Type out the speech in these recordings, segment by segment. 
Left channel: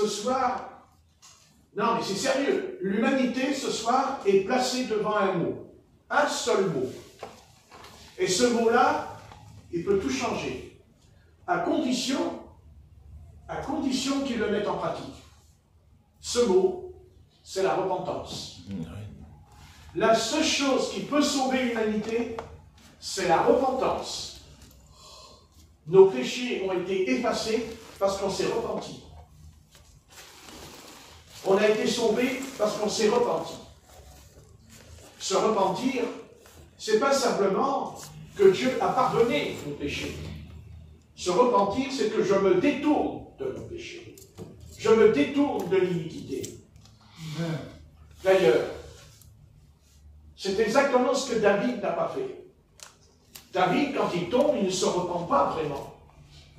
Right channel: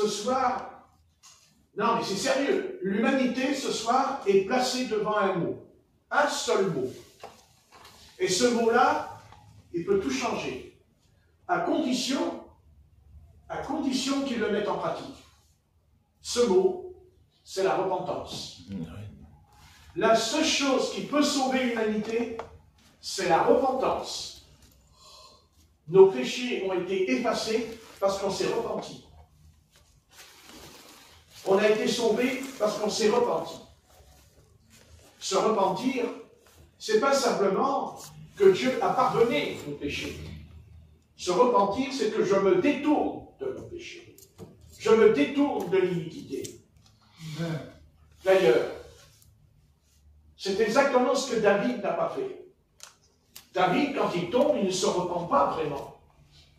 ce soir, non mais c'est sérieux, l'humanité ce soir est placée devant un mot, un seul mot. Et ce mot-là, il peut tout changer, à condition qu'il le mette en pratique. Ce mot, c'est la repentance. La seule chose qui peut sauver l'humanité, c'est la repentance. Nos péchés ont été effacés parce qu'on s'est repenti. On a été sauvés parce qu'on s'est repenti. Se repentir, c'est pas simplement que Dieu a pardonné nos péchés. Se repentir, c'est que je me détourne de mon péché. Je me détourne de l'iniquité. D'ailleurs, c'est exactement ce que David n'a pas fait. David, quand il tombe, il ne se repent pas vraiment.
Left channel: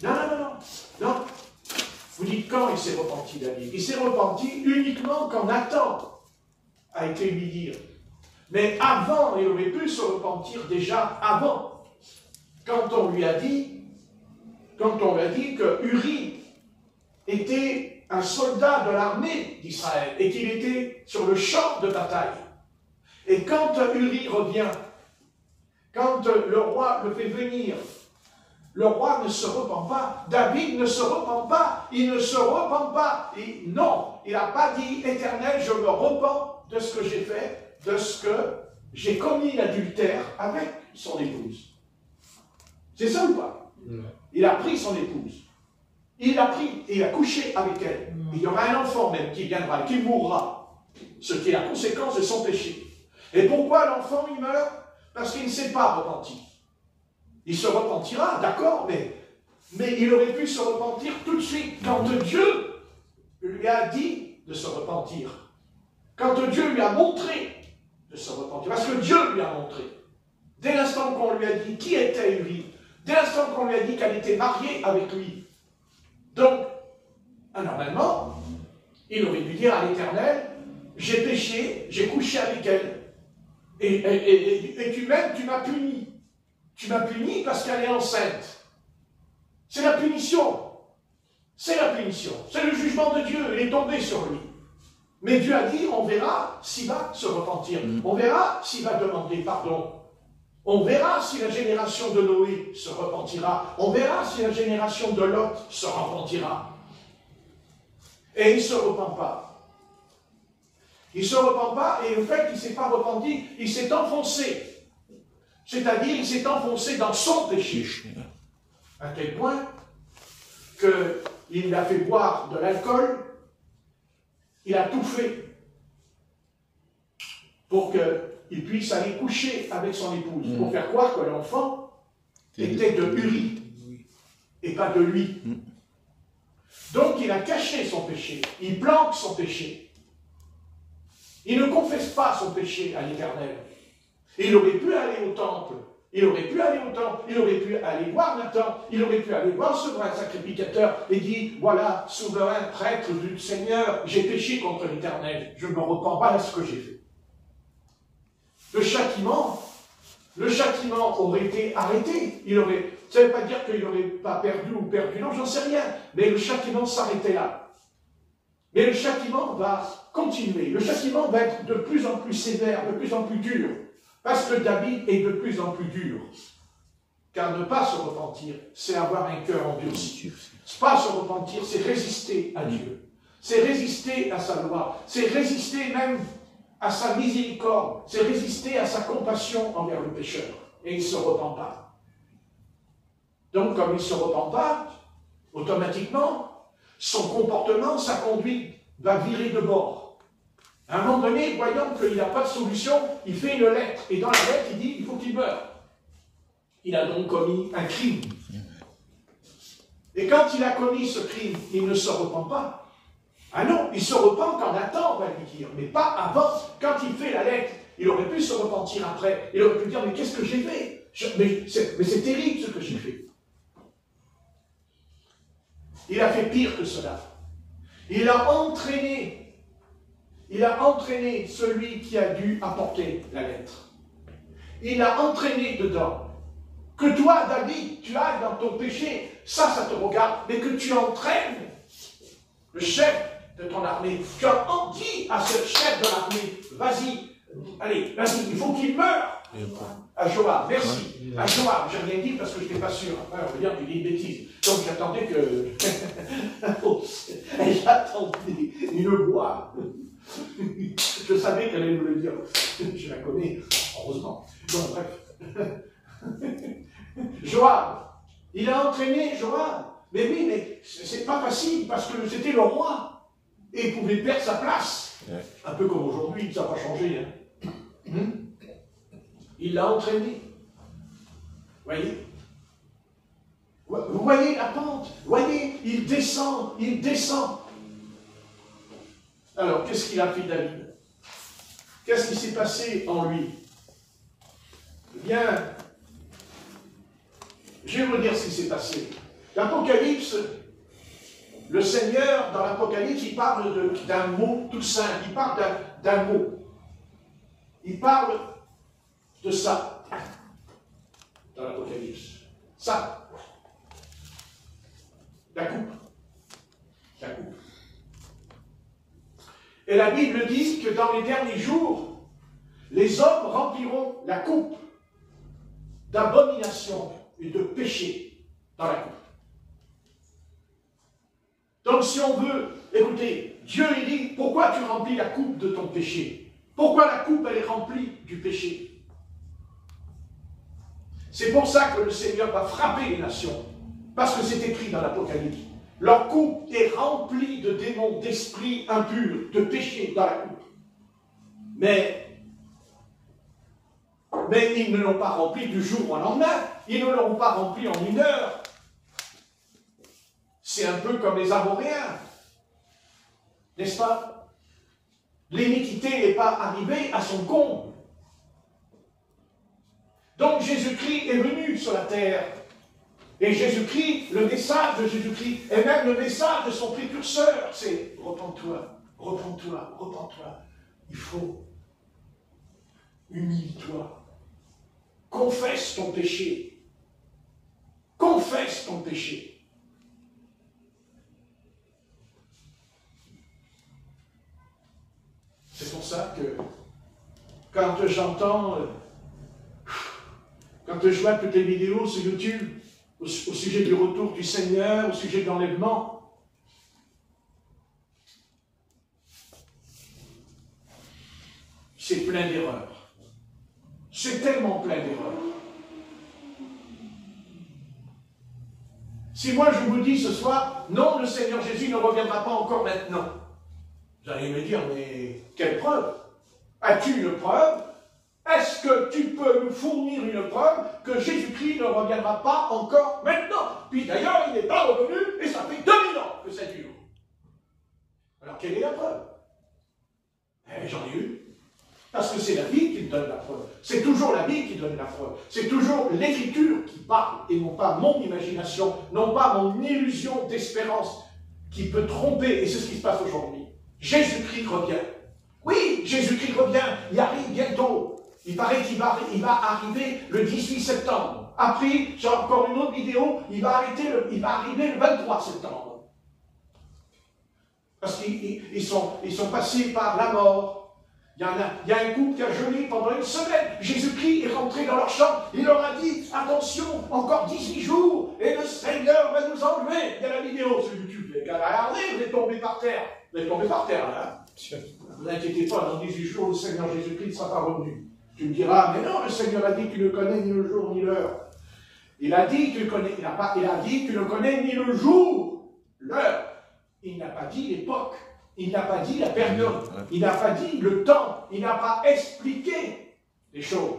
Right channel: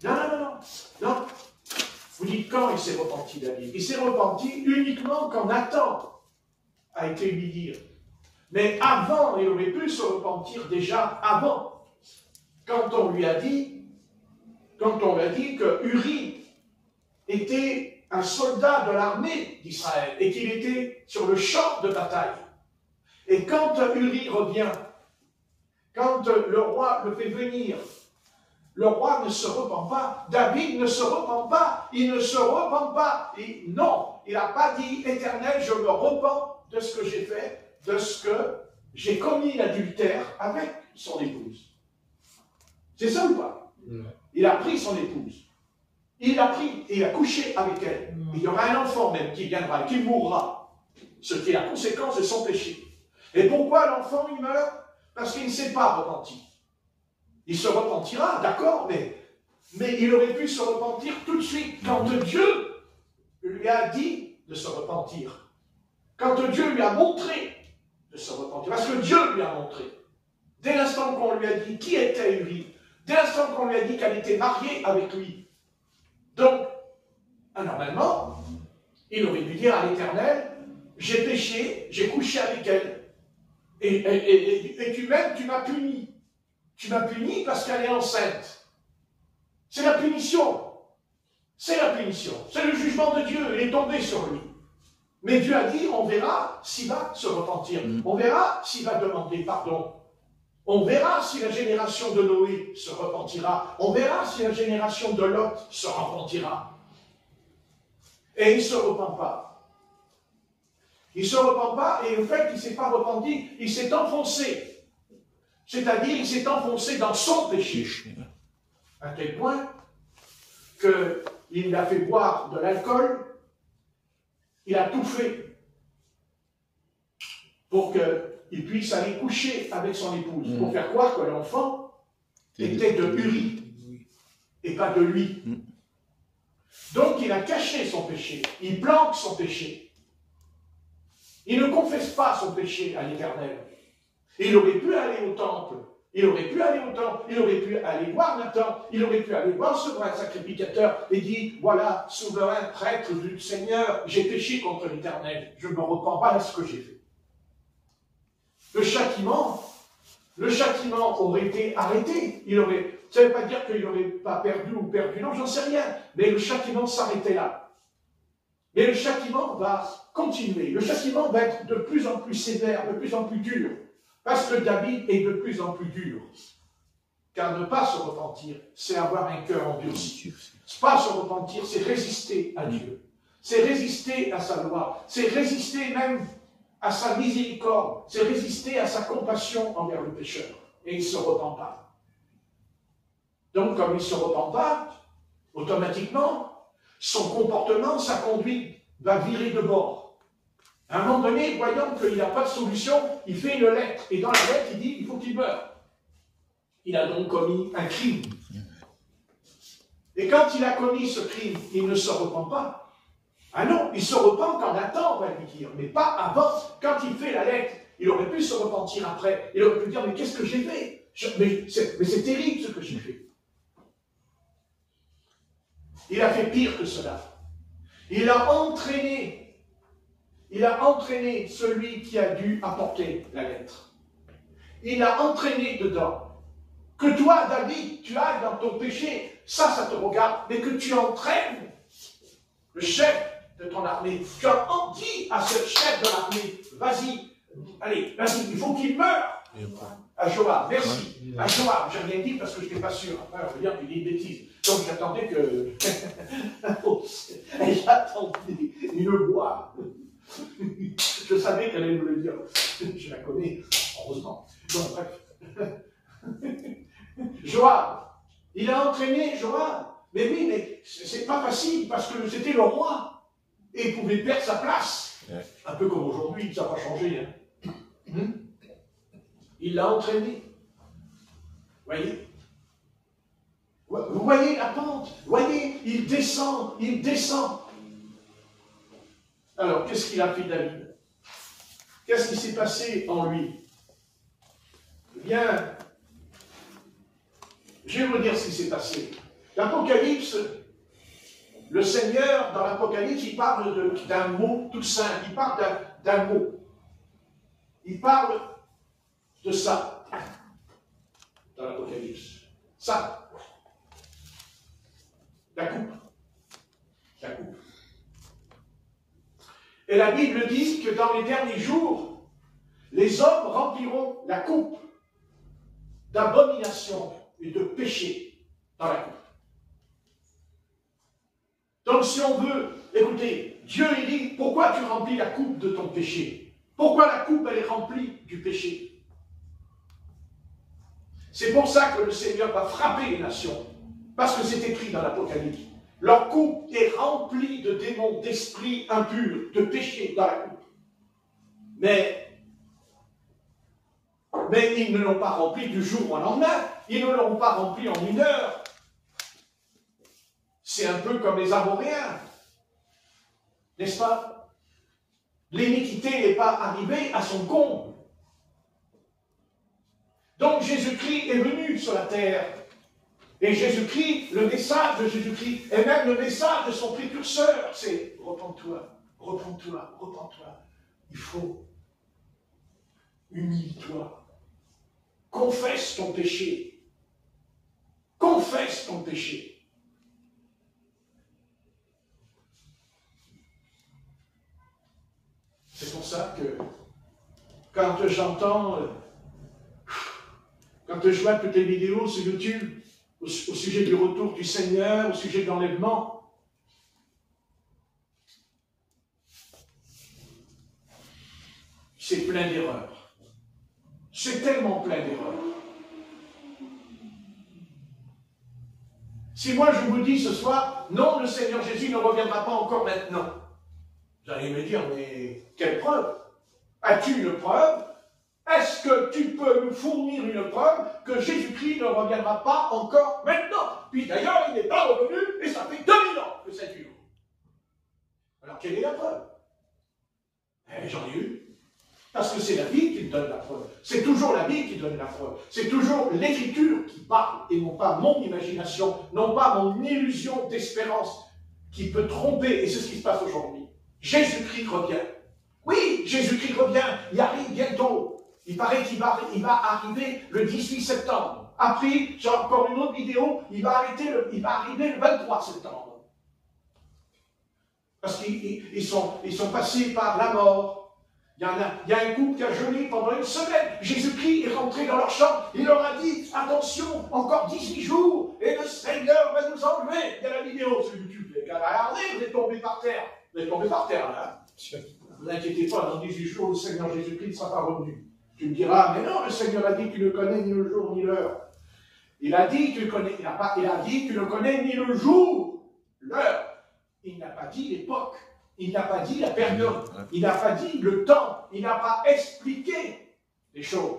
Non. Vous dites quand il s'est repenti, David? Il s'est repenti uniquement quand Nathan a été humilié. Mais avant, il aurait pu se repentir déjà avant. Quand on lui a dit que Uri était un soldat de l'armée d'Israël et qu'il était sur le champ de bataille. Et quand Uri revient, quand le roi le fait venir, le roi ne se repent pas, David ne se repent pas, il ne se repent pas. Et non, il n'a pas dit, Éternel, je me repens de ce que j'ai fait, de ce que j'ai commis l'adultère avec son épouse. C'est ça ou pas? Il a pris son épouse. Il l'a pris et a couché avec elle. Il y aura un enfant même qui viendra, qui mourra. Ce qui est la conséquence de son péché. Et pourquoi l'enfant il meurt? Parce qu'il ne s'est pas repenti. Il se repentira, d'accord, mais il aurait pu se repentir tout de suite quand Dieu lui a dit de se repentir. Quand Dieu lui a montré de se repentir. Parce que Dieu lui a montré. Dès l'instant qu'on lui a dit qui était Uri, dès l'instant qu'on lui a dit qu'elle était mariée avec lui. Donc, normalement, il aurait dû dire à l'Éternel, j'ai péché, j'ai couché avec elle. Et tu m'aimes, tu m'as puni. Tu m'as puni parce qu'elle est enceinte. C'est la punition. C'est la punition. C'est le jugement de Dieu. Il est tombé sur lui. Mais Dieu a dit, on verra s'il va se repentir. On verra s'il va demander pardon. On verra si la génération de Noé se repentira. On verra si la génération de Lot se repentira. Et il ne se repent pas. Il ne se repent pas, et le fait qu'il ne s'est pas repenti, il s'est enfoncé. C'est-à-dire, il s'est enfoncé dans son péché. À tel point qu'il l'a fait boire de l'alcool, il a tout fait pour qu'il puisse aller coucher avec son épouse, pour faire croire que l'enfant était de Uri, et pas de lui. Donc il a caché son péché, il planque son péché. Il ne confesse pas son péché à l'Éternel. Il aurait pu aller au temple, il aurait pu aller voir Nathan, il aurait pu aller voir le souverain sacrificateur et dire, voilà, souverain prêtre du Seigneur, j'ai péché contre l'Éternel, je ne me repens pas de ce que j'ai fait. Le châtiment aurait été arrêté. Ça ne veut pas dire qu'il n'aurait pas perdu ou perdu, non, j'en sais rien, mais le châtiment s'arrêtait là. Mais le châtiment va continuer. Le châtiment va être de plus en plus sévère, de plus en plus dur. Parce que David est de plus en plus dur. Car ne pas se repentir, c'est avoir un cœur endurci. Ne pas se repentir, c'est résister à Dieu. C'est résister à sa loi. C'est résister même à sa miséricorde. C'est résister à sa compassion envers le pécheur. Et il ne se repent pas. Donc, comme il ne se repent pas, automatiquement, son comportement, sa conduite va virer de bord. À un moment donné, voyant qu'il n'a pas de solution, il fait une lettre. Et dans la lettre, il dit, il faut qu'il meure. Il a donc commis un crime. Et quand il a commis ce crime, il ne se repent pas. Ah non, il se repent quand Nathan va lui dire, mais pas avant. Quand il fait la lettre, il aurait pu se repentir après. Il aurait pu dire, mais qu'est-ce que j'ai fait? Mais c'est terrible ce que j'ai fait. Il a fait pire que cela. Il a entraîné celui qui a dû apporter la lettre. Il a entraîné dedans. Que toi, David, tu ailles dans ton péché, ça te regarde, mais que tu entraînes le chef de ton armée. Tu as dit à ce chef de l'armée, vas-y, allez, vas-y, il faut qu'il meure. À Joab, merci. À Joab, j'ai rien dit parce que je n'étais pas sûr. Après, on va dire qu'il dit une bêtise. Donc j'attendais que... j'attendais une voix. Je savais qu'elle allait me le dire. Je la connais, heureusement. Donc, bref. Joab, il a entraîné Joab. Mais oui, mais c'est pas facile parce que c'était le roi. Et il pouvait perdre sa place. Un peu comme aujourd'hui, ça n'a pas changé. Hein. Il l'a entraîné. Vous voyez? Vous voyez la pente? Vous voyez, il descend, il descend. Alors, qu'est-ce qu'il a fait David? Qu'est-ce qui s'est passé en lui? Bien, je vais vous dire ce qui s'est passé. L'Apocalypse, le Seigneur, dans l'Apocalypse, il parle d'un mot tout simple. Il parle d'un mot. Il parle de ça, dans l'Apocalypse. Ça. La coupe. La coupe. Et la Bible dit que dans les derniers jours, les hommes rempliront la coupe d'abomination et de péché dans la coupe. Donc si on veut, écoutez, Dieu il dit, pourquoi tu remplis la coupe de ton péché? Pourquoi la coupe elle est remplie du péché? C'est pour ça que le Seigneur va frapper les nations. Parce que c'est écrit dans l'Apocalypse. Leur coupe est remplie de démons, d'esprits impurs, de péchés dans la coupe. Mais ils ne l'ont pas remplie du jour au lendemain. Ils ne l'ont pas remplie en une heure. C'est un peu comme les Amoréens. N'est-ce pas? L'iniquité n'est pas arrivée à son comble. Donc Jésus-Christ est venu sur la terre. Et Jésus-Christ, le message de Jésus-Christ, et même le message de son précurseur, c'est repens-toi, repens-toi, repens-toi. Il faut unis-toi. Confesse ton péché. Confesse ton péché. C'est pour ça que quand j'entends, quand je vois toutes les vidéos sur YouTube, au sujet du retour du Seigneur, au sujet de l'enlèvement, c'est plein d'erreurs. C'est tellement plein d'erreurs. Si moi je vous dis ce soir, non, le Seigneur Jésus ne reviendra pas encore maintenant, vous allez me dire, mais quelle preuve? As-tu une preuve? Est-ce que tu peux nous fournir une preuve que Jésus-Christ ne reviendra pas encore maintenant? Puis d'ailleurs, il n'est pas revenu et ça fait 2000 ans que ça dure. Alors quelle est la preuve? J'en ai eu. Parce que c'est la vie qui donne la preuve. C'est toujours la vie qui donne la preuve. C'est toujours l'Écriture qui parle et non pas mon imagination, non pas mon illusion d'espérance qui peut tromper. Et c'est ce qui se passe aujourd'hui. Jésus-Christ revient. Oui, Jésus-Christ revient. Il arrive bientôt. Il paraît qu'il va arriver le 18 septembre. Après, j'ai encore une autre vidéo, il va arriver le 23 septembre. Parce qu'ils sont passés par la mort. Il y a un couple qui a jeûné pendant une semaine. Jésus-Christ est rentré dans leur chambre. Il leur a dit, attention, encore 18 jours, et le Seigneur va nous enlever. Il y a la vidéo sur YouTube. Les gars, regardez, vous êtes tombés par terre. Vous êtes tombés par terre, là. Ne vous inquiétez pas, dans 18 jours, le Seigneur Jésus-Christ ne sera pas revenu. Tu me diras, mais non, le Seigneur a dit qu'il ne connaît ni le jour ni l'heure. Il a dit qu'il connaît, il a dit qu'il ne connaît ni le jour, l'heure. Il n'a pas dit l'époque. Il n'a pas dit la période. Il n'a pas dit le temps. Il n'a pas expliqué les choses.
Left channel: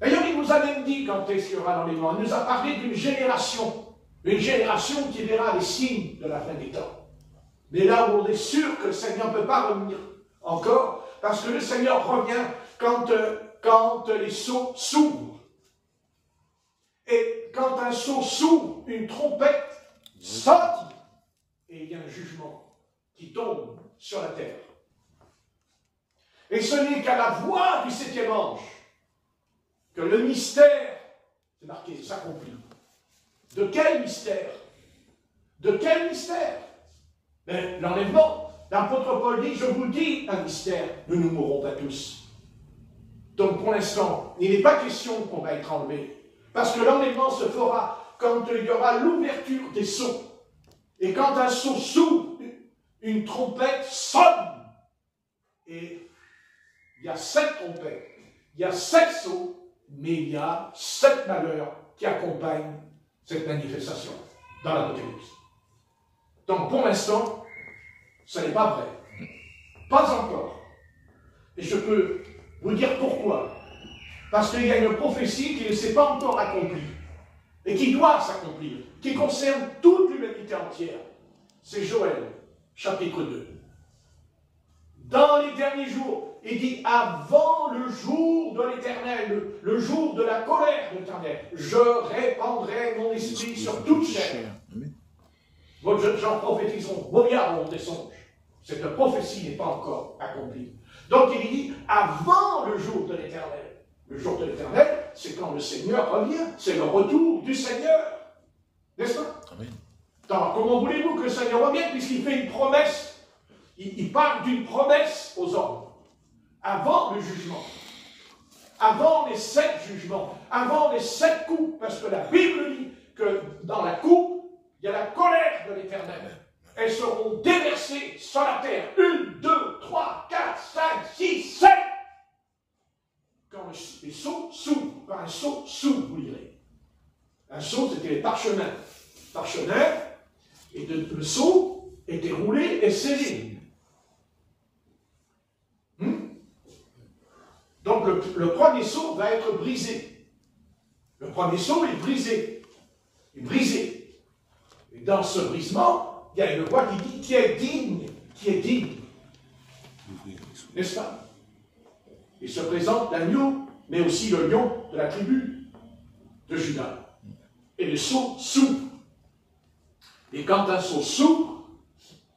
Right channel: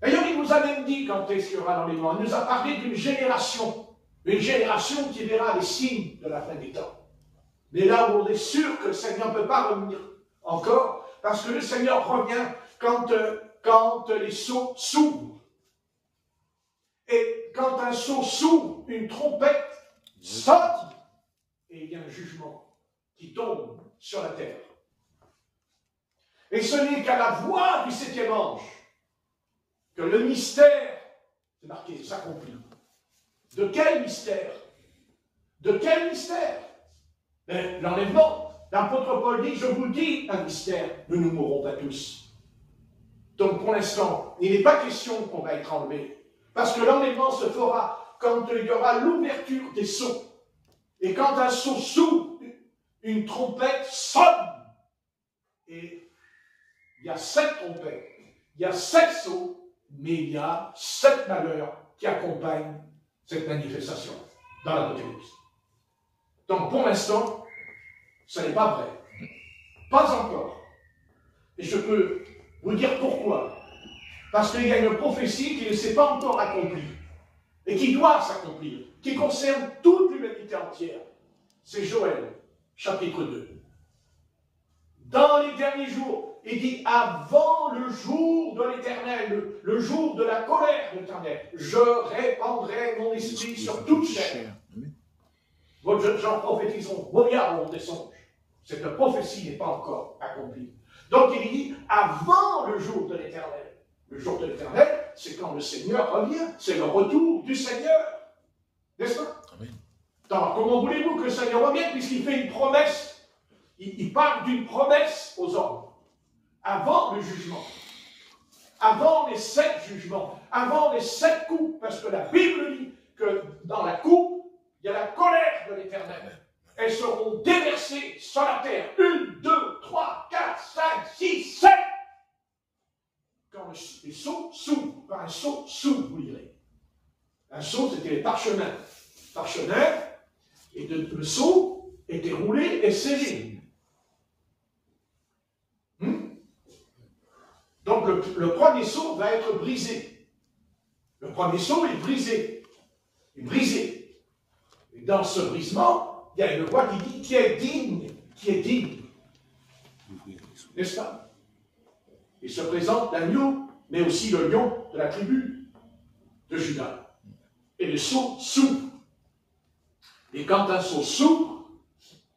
D'ailleurs, il nous a même dit quand est-ce qu'il y aura dans les mois. Il nous a parlé d'une génération. Une génération qui verra les signes de la fin des temps. Mais là où on est sûr que le Seigneur ne peut pas revenir encore, parce que le Seigneur revient quand les sceaux s'ouvrent. Et quand un sceau s'ouvre, une trompette sonne, et il y a un jugement qui tombe sur la terre. Et ce n'est qu'à la voix du septième ange que le mystère, c'est marqué, s'accomplit. De quel mystère? De quel mystère? Mais l'enlèvement, l'apôtre Paul dit, je vous dis un mystère, nous ne mourrons pas tous. Donc pour l'instant, il n'est pas question qu'on va être enlevé. Parce que l'enlèvement se fera quand il y aura l'ouverture des sceaux. Et quand un sceau s'ouvre, une trompette sonne. Et il y a 7 trompettes, il y a 7 sceaux, mais il y a 7 malheurs qui accompagnent cette manifestation dans l'Apocalypse. Donc pour l'instant, ce n'est pas vrai. Pas encore. Et je peux vous dire pourquoi. Parce qu'il y a une prophétie qui ne s'est pas encore accomplie et qui doit s'accomplir, qui concerne toute l'humanité entière. C'est Joël, chapitre 2. Dans les derniers jours, il dit, avant le jour de l'Éternel, le jour de la colère de l'Éternel, je répandrai mon esprit sur toute chair. Vos jeunes gens prophétiseront, vos milliards des songes. Cette prophétie n'est pas encore accomplie. Donc il dit, avant le jour de l'Éternel. Le jour de l'Éternel, c'est quand le Seigneur revient. C'est le retour du Seigneur. N'est-ce pas? Alors, comment voulez-vous que le Seigneur revienne, puisqu'il fait une promesse? Il parle d'une promesse aux hommes. Avant le jugement. Avant les 7 jugements. Avant les 7 coups. Parce que la Bible dit que dans la coupe, il y a la colère de l'Éternel. Elles seront déversées sur la terre. 1, 2, 3, 4, 5, 6, 7. Quand les sceaux s'ouvrent, quand un sceau s'ouvre, vous lirez. Un sceau, c'était les parchemins. Parchemin, et le sceau était roulé et scellé. Donc le premier sceau va être brisé. Le premier sceau est brisé. Il est brisé. Et dans ce brisement, il y a une voix qui dit qui est digne, qui est digne. N'est-ce pas? Il se présente l'agneau, mais aussi le lion de la tribu de Juda. Et le sceau s'ouvre. Et quand un sceau s'ouvre,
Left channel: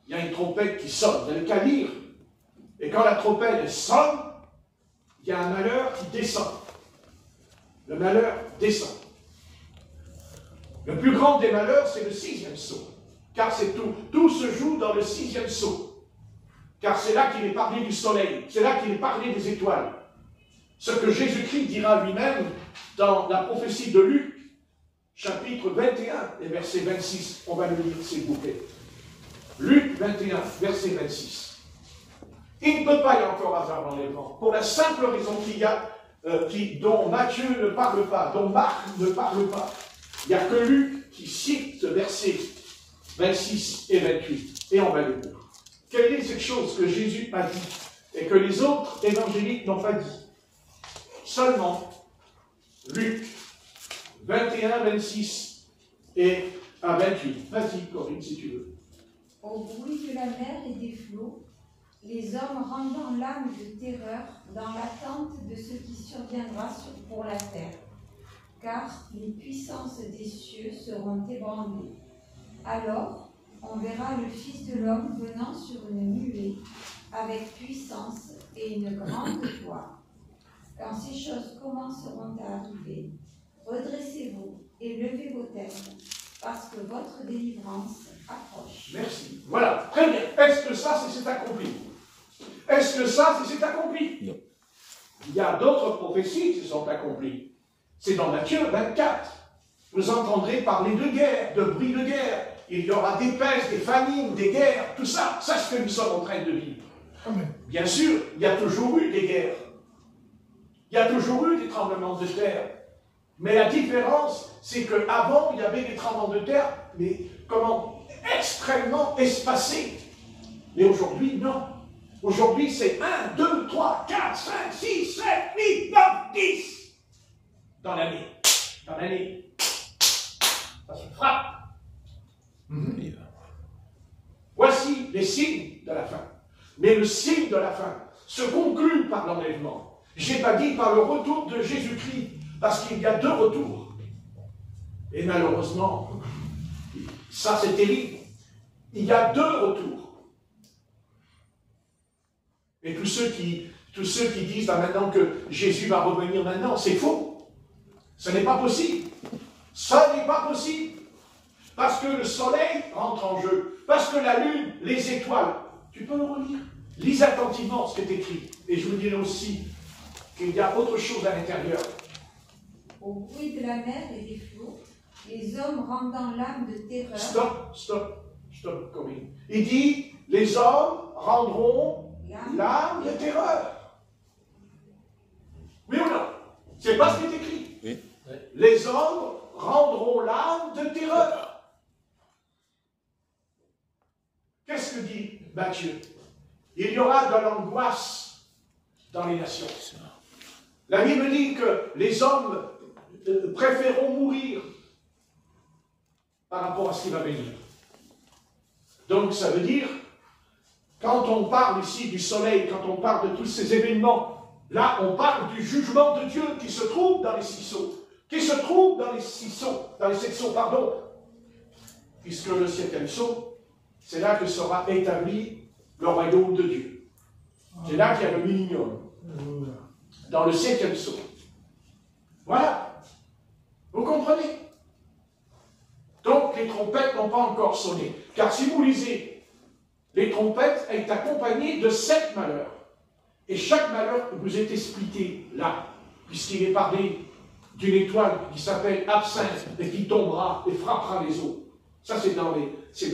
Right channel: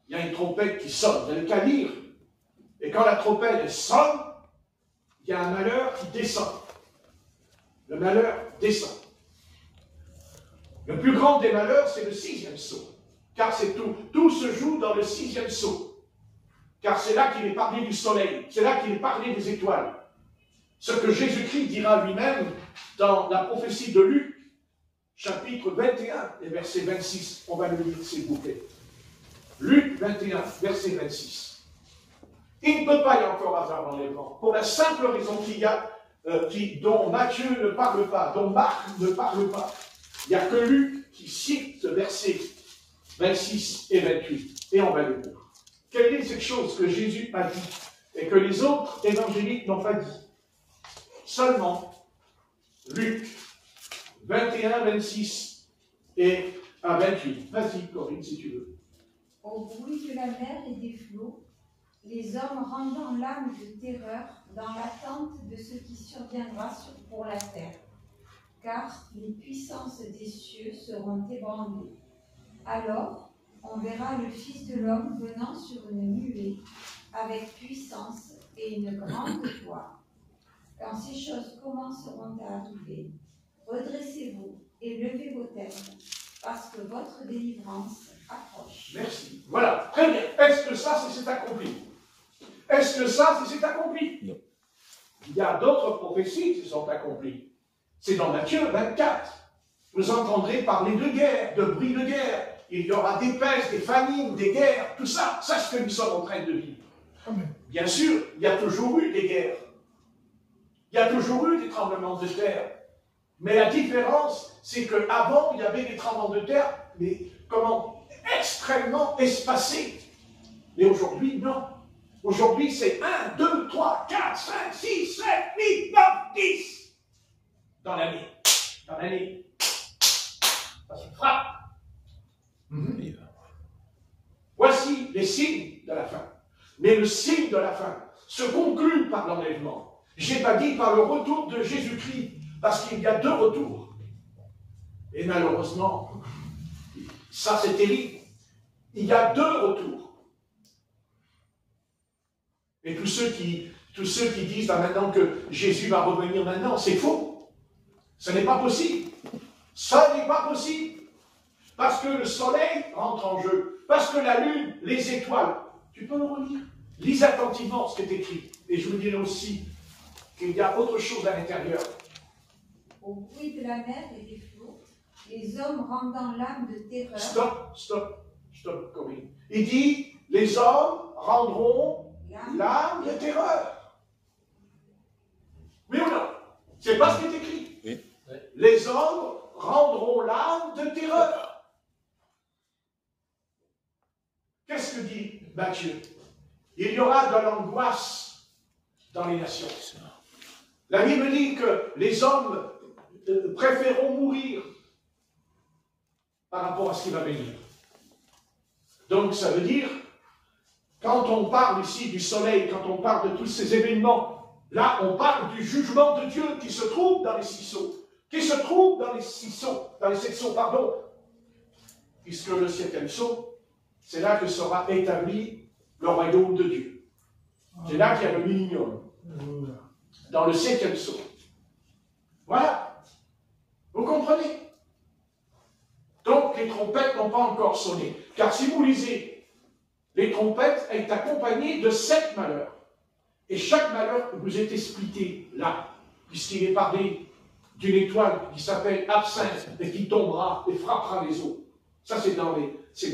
il y a une trompette qui sonne. Vous n'avez qu'à lire. Et quand la trompette sonne, il y a un malheur qui descend. Le malheur descend. Le plus grand des malheurs, c'est le 6e sceau. Car c'est tout se joue dans le 6e sceau. Car c'est là qu'il est parlé du soleil. C'est là qu'il est parlé des étoiles. Ce que Jésus-Christ dira lui-même dans la prophétie de Luc, chapitre 21 et verset 26. On va le lire, s'il vous plaît. Luc 21, verset 26. Il ne peut pas y encore avoir l'enlèvement, pour la simple raison qu'il y a, dont Matthieu ne parle pas, dont Marc ne parle pas. Il n'y a que Luc qui cite ce verset 26 et 28. Et on va le lire. Quelle est cette chose que Jésus a dit et que les autres évangéliques n'ont pas dit? Seulement Luc 21, 26 et à 28. Vas-y, Corinne, si tu veux. Au bruit de la mer et des flots, les hommes rendant l'âme de terreur dans l'attente de ce qui surviendra pour la terre, car les puissances des cieux seront ébranlées. Alors, on verra le Fils de l'homme venant sur une nuée, avec puissance et une grande gloire. Quand ces choses commenceront à arriver, redressez-vous et levez vos têtes, parce que votre délivrance approche. Merci. Voilà, très bien. Est-ce que ça, c'est accompli? Est-ce que ça, c'est accompli? Non. Il y a d'autres prophéties qui se sont accomplies. C'est dans Matthieu 24. Vous entendrez parler de guerre, de bruit de guerre. Il y aura des pestes, des famines, des guerres, tout ça. Ça, c'est ce que nous sommes en train de vivre. Bien sûr, il y a toujours eu des guerres. Il y a toujours eu des tremblements de terre. Mais la différence, c'est qu'avant, il y avait des tremblements de terre, mais extrêmement espacés. Mais aujourd'hui, non. Aujourd'hui, c'est 1, 2, 3, 4, 5, 6, 7, 8, 9, 10 dans l'année. Dans l'année. Ça se frappe. Voici les signes de la fin. Mais le signe de la fin se conclut par l'enlèvement. Je n'ai pas dit par le retour de Jésus-Christ, parce qu'il y a 2 retours. Et malheureusement, ça c'est terrible. Il y a 2 retours. Et tous ceux qui disent maintenant que Jésus va revenir maintenant, c'est faux. Ce n'est pas possible. Ça n'est pas possible. parce que le soleil rentre en jeu, parce que la lune, les étoiles. Tu peux le relire. Lis attentivement ce qui est écrit. Et je vous dirai aussi qu'il y a autre chose à l'intérieur. Au bruit de la mer et des flots, les hommes rendant l'âme de terreur. Stop, Corinne. Il dit, les hommes rendront l'âme de terreur. Oui ou non? C'est pas ce qui est écrit. Oui. Les hommes rendront l'âme de terreur. Qu'est-ce que dit Matthieu? Il y aura de l'angoisse dans les nations. La Bible dit que les hommes préféreront mourir par rapport à ce qui va venir. Donc ça veut dire, quand on parle ici du soleil, quand on parle de tous ces événements, là on parle du jugement de Dieu qui se trouve dans les sceaux, dans les 7 sceaux, pardon, puisque le 7e sceau, c'est là que sera établi le royaume de Dieu. C'est là qu'il y a le millénium, dans le 7e sceau. Voilà. Vous comprenez? Donc les trompettes n'ont pas encore sonné. Car si vous lisez, les trompettes est accompagnées de 7 malheurs. Et chaque malheur vous est expliqué là, puisqu'il est parlé d'une étoile qui s'appelle Absinthe et qui tombera et frappera les eaux. Ça, c'est dans les 7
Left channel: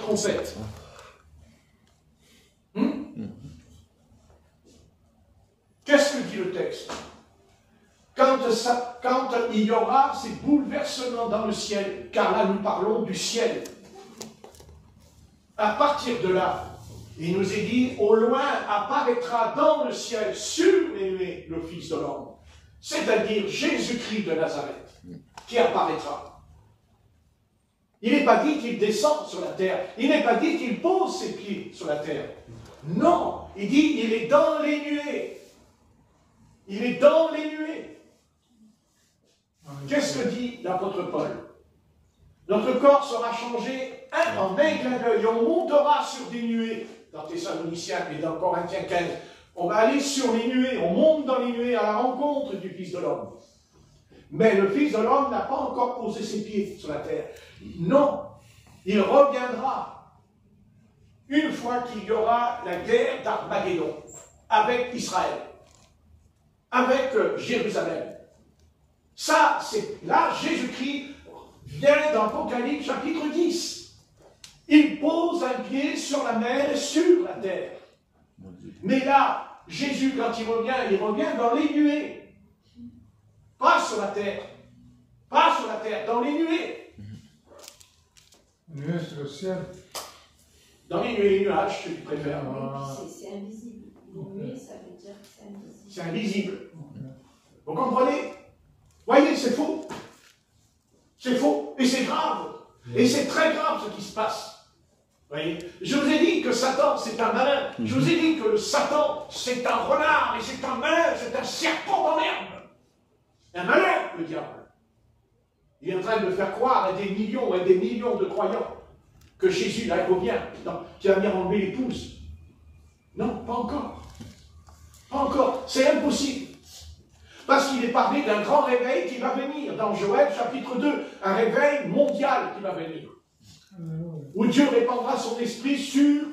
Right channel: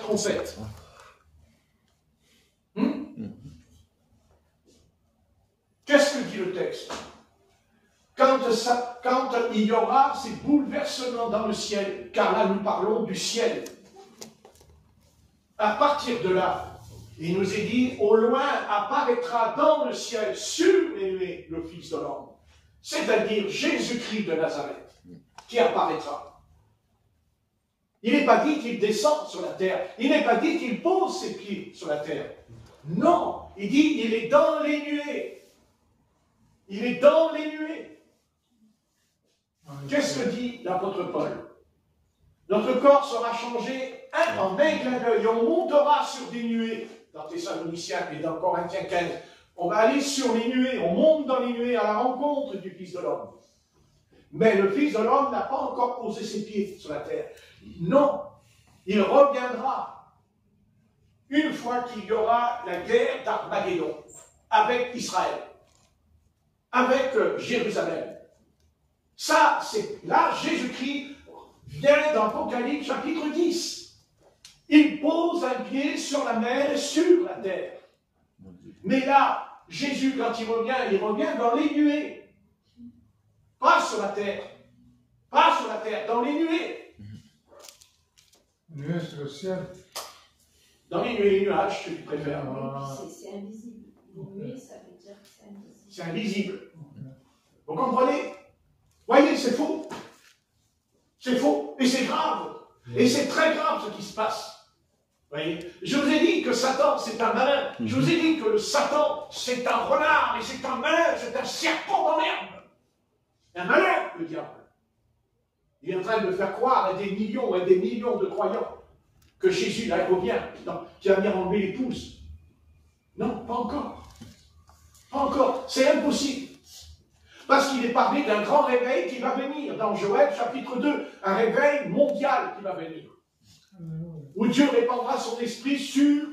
trompettes. Qu'est-ce que dit le texte? Quand il y aura ces bouleversements dans le ciel, car là nous parlons du ciel, à partir de là, il nous est dit, au loin apparaîtra dans le ciel, sur les nuées, le Fils de l'homme, c'est-à-dire Jésus-Christ de Nazareth, qui apparaîtra. Il n'est pas dit qu'il descend sur la terre, il n'est pas dit qu'il pose ses pieds sur la terre. Non, il dit, il est dans les nuées. Il est dans les nuées. Qu'est-ce que dit l'apôtre Paul? Notre corps sera changé en un clin d'œil et on montera sur des nuées. Dans Thessaloniciens et dans Corinthiens 15, on va aller sur les nuées, on monte dans les nuées à la rencontre du Fils de l'homme. Mais le Fils de l'homme n'a pas encore posé ses pieds sur la terre. Non, il reviendra une fois qu'il y aura la guerre d'Armageddon avec Israël, avec Jérusalem. Ça, c'est là, Jésus-Christ vient dans l'Apocalypse chapitre 10. Il pose un pied sur la mer et sur la terre. Mais là, Jésus, quand il revient dans les nuées. Pas sur la terre. Pas sur la terre, dans les nuées. Nuées sur le ciel. Dans les nuées et les nuages, si tu préfères. C'est invisible. Nuée, ça veut dire que c'est invisible. C'est invisible. Vous comprenez? Voyez, c'est faux. C'est faux. Et c'est grave. Et c'est très grave ce qui se passe. Voyez, je vous ai dit que Satan, c'est un malin. Je vous ai dit que Satan, c'est un renard, et c'est un malin, c'est un serpent dans l'herbe. Un malin, le diable. Il est en train de faire croire à des millions et des millions de croyants que Jésus, là, il revient, qui va venir enlever l'épouse. Non, pas encore. Pas encore. C'est impossible. Parce qu'il est parlé d'un grand réveil qui va venir. Dans Joël, chapitre 2, un réveil mondial qui va venir. Où Dieu répandra son esprit sur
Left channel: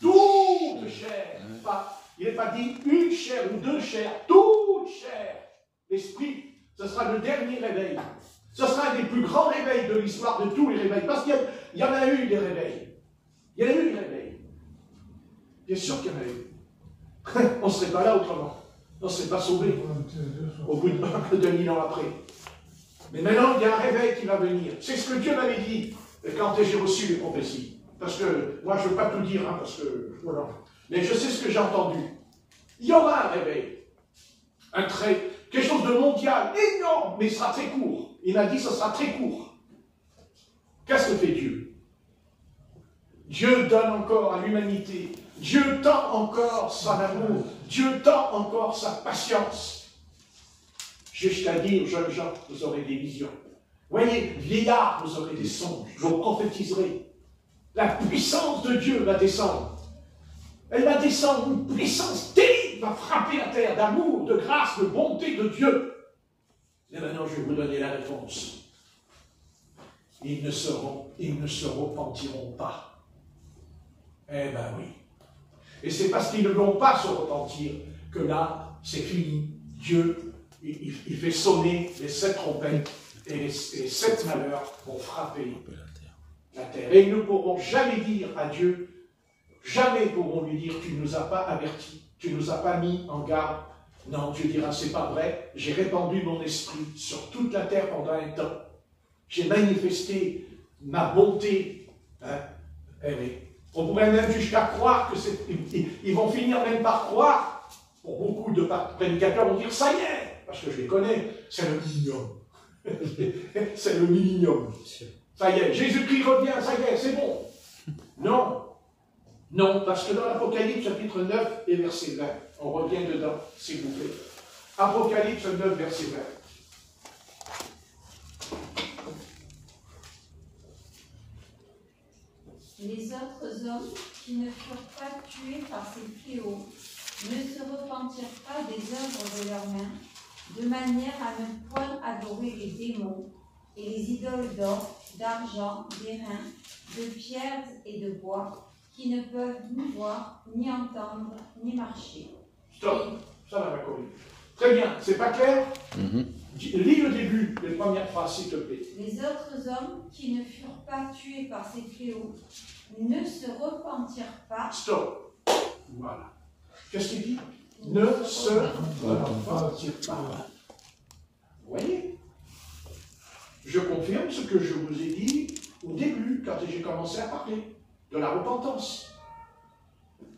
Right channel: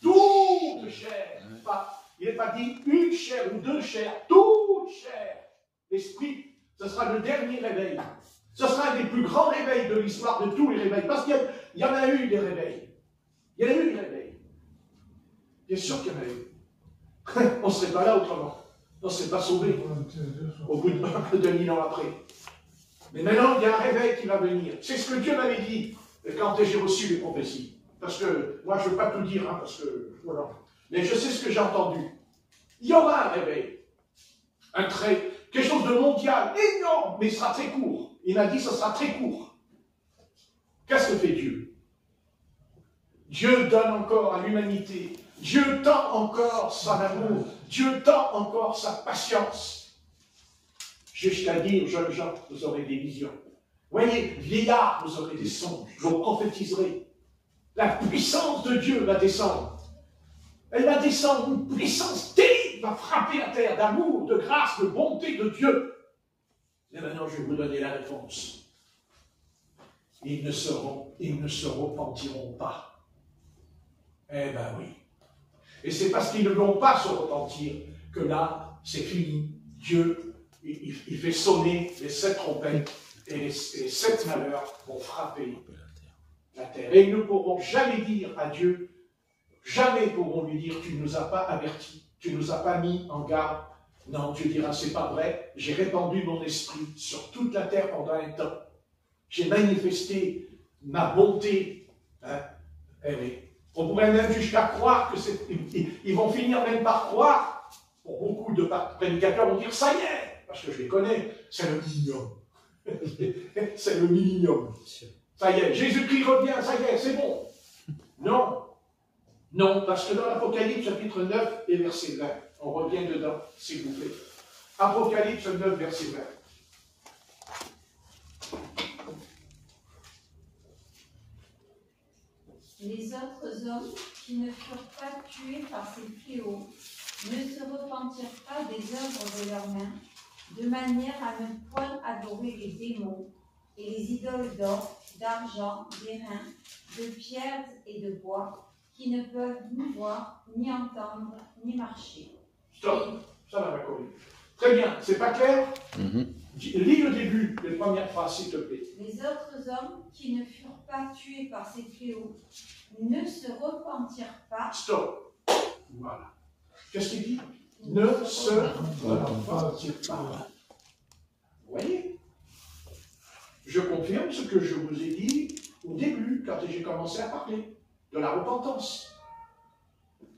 toute chair. Il n'est pas dit une chair ou deux chairs, toute chair. L'esprit, ce sera le dernier réveil. Ce sera un des plus grands réveils de l'histoire de tous les réveils. Parce qu'il y en a eu des réveils. Il y en a eu des réveils. Bien sûr qu'il y en a eu. On ne serait pas là autrement. On ne serait pas sauvé au bout de 2000 ans après. Mais maintenant, il y a un réveil qui va venir. C'est ce que Dieu m'avait dit quand j'ai reçu les prophéties. Parce que, moi, je ne veux pas tout dire, hein, parce que, voilà. Mais je sais ce que j'ai entendu. Il y aura un réveil. Quelque chose de mondial, énorme, mais ce sera très court. Il m'a dit, ce sera très court. Qu'est-ce que fait Dieu? Dieu donne encore à l'humanité. Dieu tend encore son amour. Dieu tend encore sa patience. Jusqu'à dire, jeunes gens, vous aurez des visions. Voyez, vieillards, vous aurez des songes. Je vous prophétiserai. La puissance de Dieu va descendre. Elle va descendre, une puissance terrible va frapper la terre d'amour, de grâce, de bonté de Dieu. Et maintenant, je vais vous donner la réponse. ils ne se repentiront pas. Eh ben oui. Et c'est parce qu'ils ne vont pas se repentir que là, c'est fini. Dieu, il fait sonner les 7 trompettes et les 7 malheurs vont frapper la terre. Et ils ne pourront jamais dire à Dieu, jamais pourront lui dire, tu ne nous as pas avertis, tu ne nous as pas mis en garde. Non, Dieu dira, c'est pas vrai, j'ai répandu mon esprit sur toute la terre pendant un temps. J'ai manifesté ma bonté. Hein? On pourrait même jusqu'à croire que c'est... Ils vont finir même par croire. Pour beaucoup de prédicateurs vont dire, ça y est, parce que je les connais, c'est le millénium. C'est le millénium. Ça y est, Jésus-Christ revient, ça y est, c'est bon. Non. Non, parce que dans l'Apocalypse, chapitre 9 et verset 20, on revient dedans, s'il vous plaît. Apocalypse 9, verset 20. Les autres hommes qui ne furent pas tués par ces fléaux ne se repentirent pas des œuvres de leurs mains, de manière à ne point adorer les démons et les idoles d'or, d'argent, d'airain, de pierre et de bois, qui ne peuvent ni voir, ni entendre, ni marcher. Stop, ça va connu. Très bien, c'est pas clair? Lis le début, les premières phrases, s'il te plaît. Les autres hommes qui ne furent pas tués par ces fléaux ne se repentirent pas. Stop. Voilà. Qu'est-ce qu'il dit? Ne se repentirent pas. Vous voyez? Je confirme ce que je vous ai dit au début, quand j'ai commencé à parler de la repentance.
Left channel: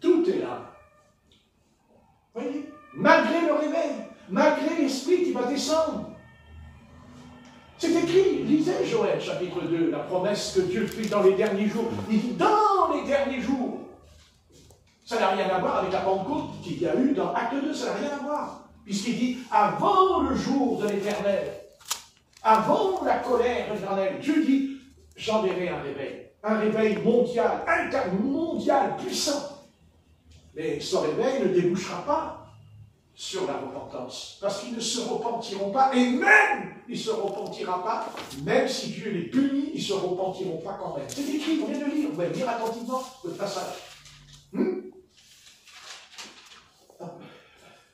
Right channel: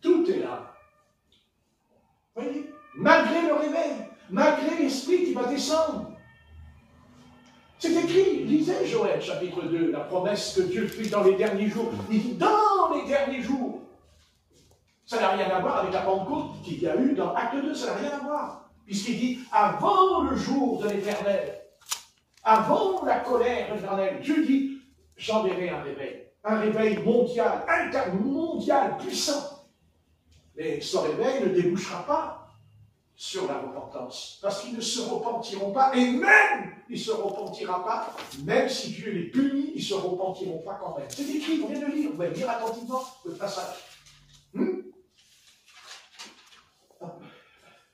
Tout est là. Vous voyez? Malgré le réveil, malgré l'esprit qui va descendre. C'est écrit, lisez Joël chapitre 2, la promesse que Dieu fait dans les derniers jours. Il dit dans les derniers jours. Ça n'a rien à voir avec la Pentecôte qu'il y a eu dans Acte 2, ça n'a rien à voir. Puisqu'il dit avant le jour de l'Éternel, avant la colère de l'Éternel, Dieu dit j'enverrai un réveil mondial, intermondial, puissant. Mais ce réveil ne débouchera pas sur la repentance, parce qu'ils ne se repentiront pas, et même il ne se repentira pas, même si Dieu les punit, ils ne se repentiront pas quand même. C'est écrit, vous venez de lire, vous allez lire attentivement le passage.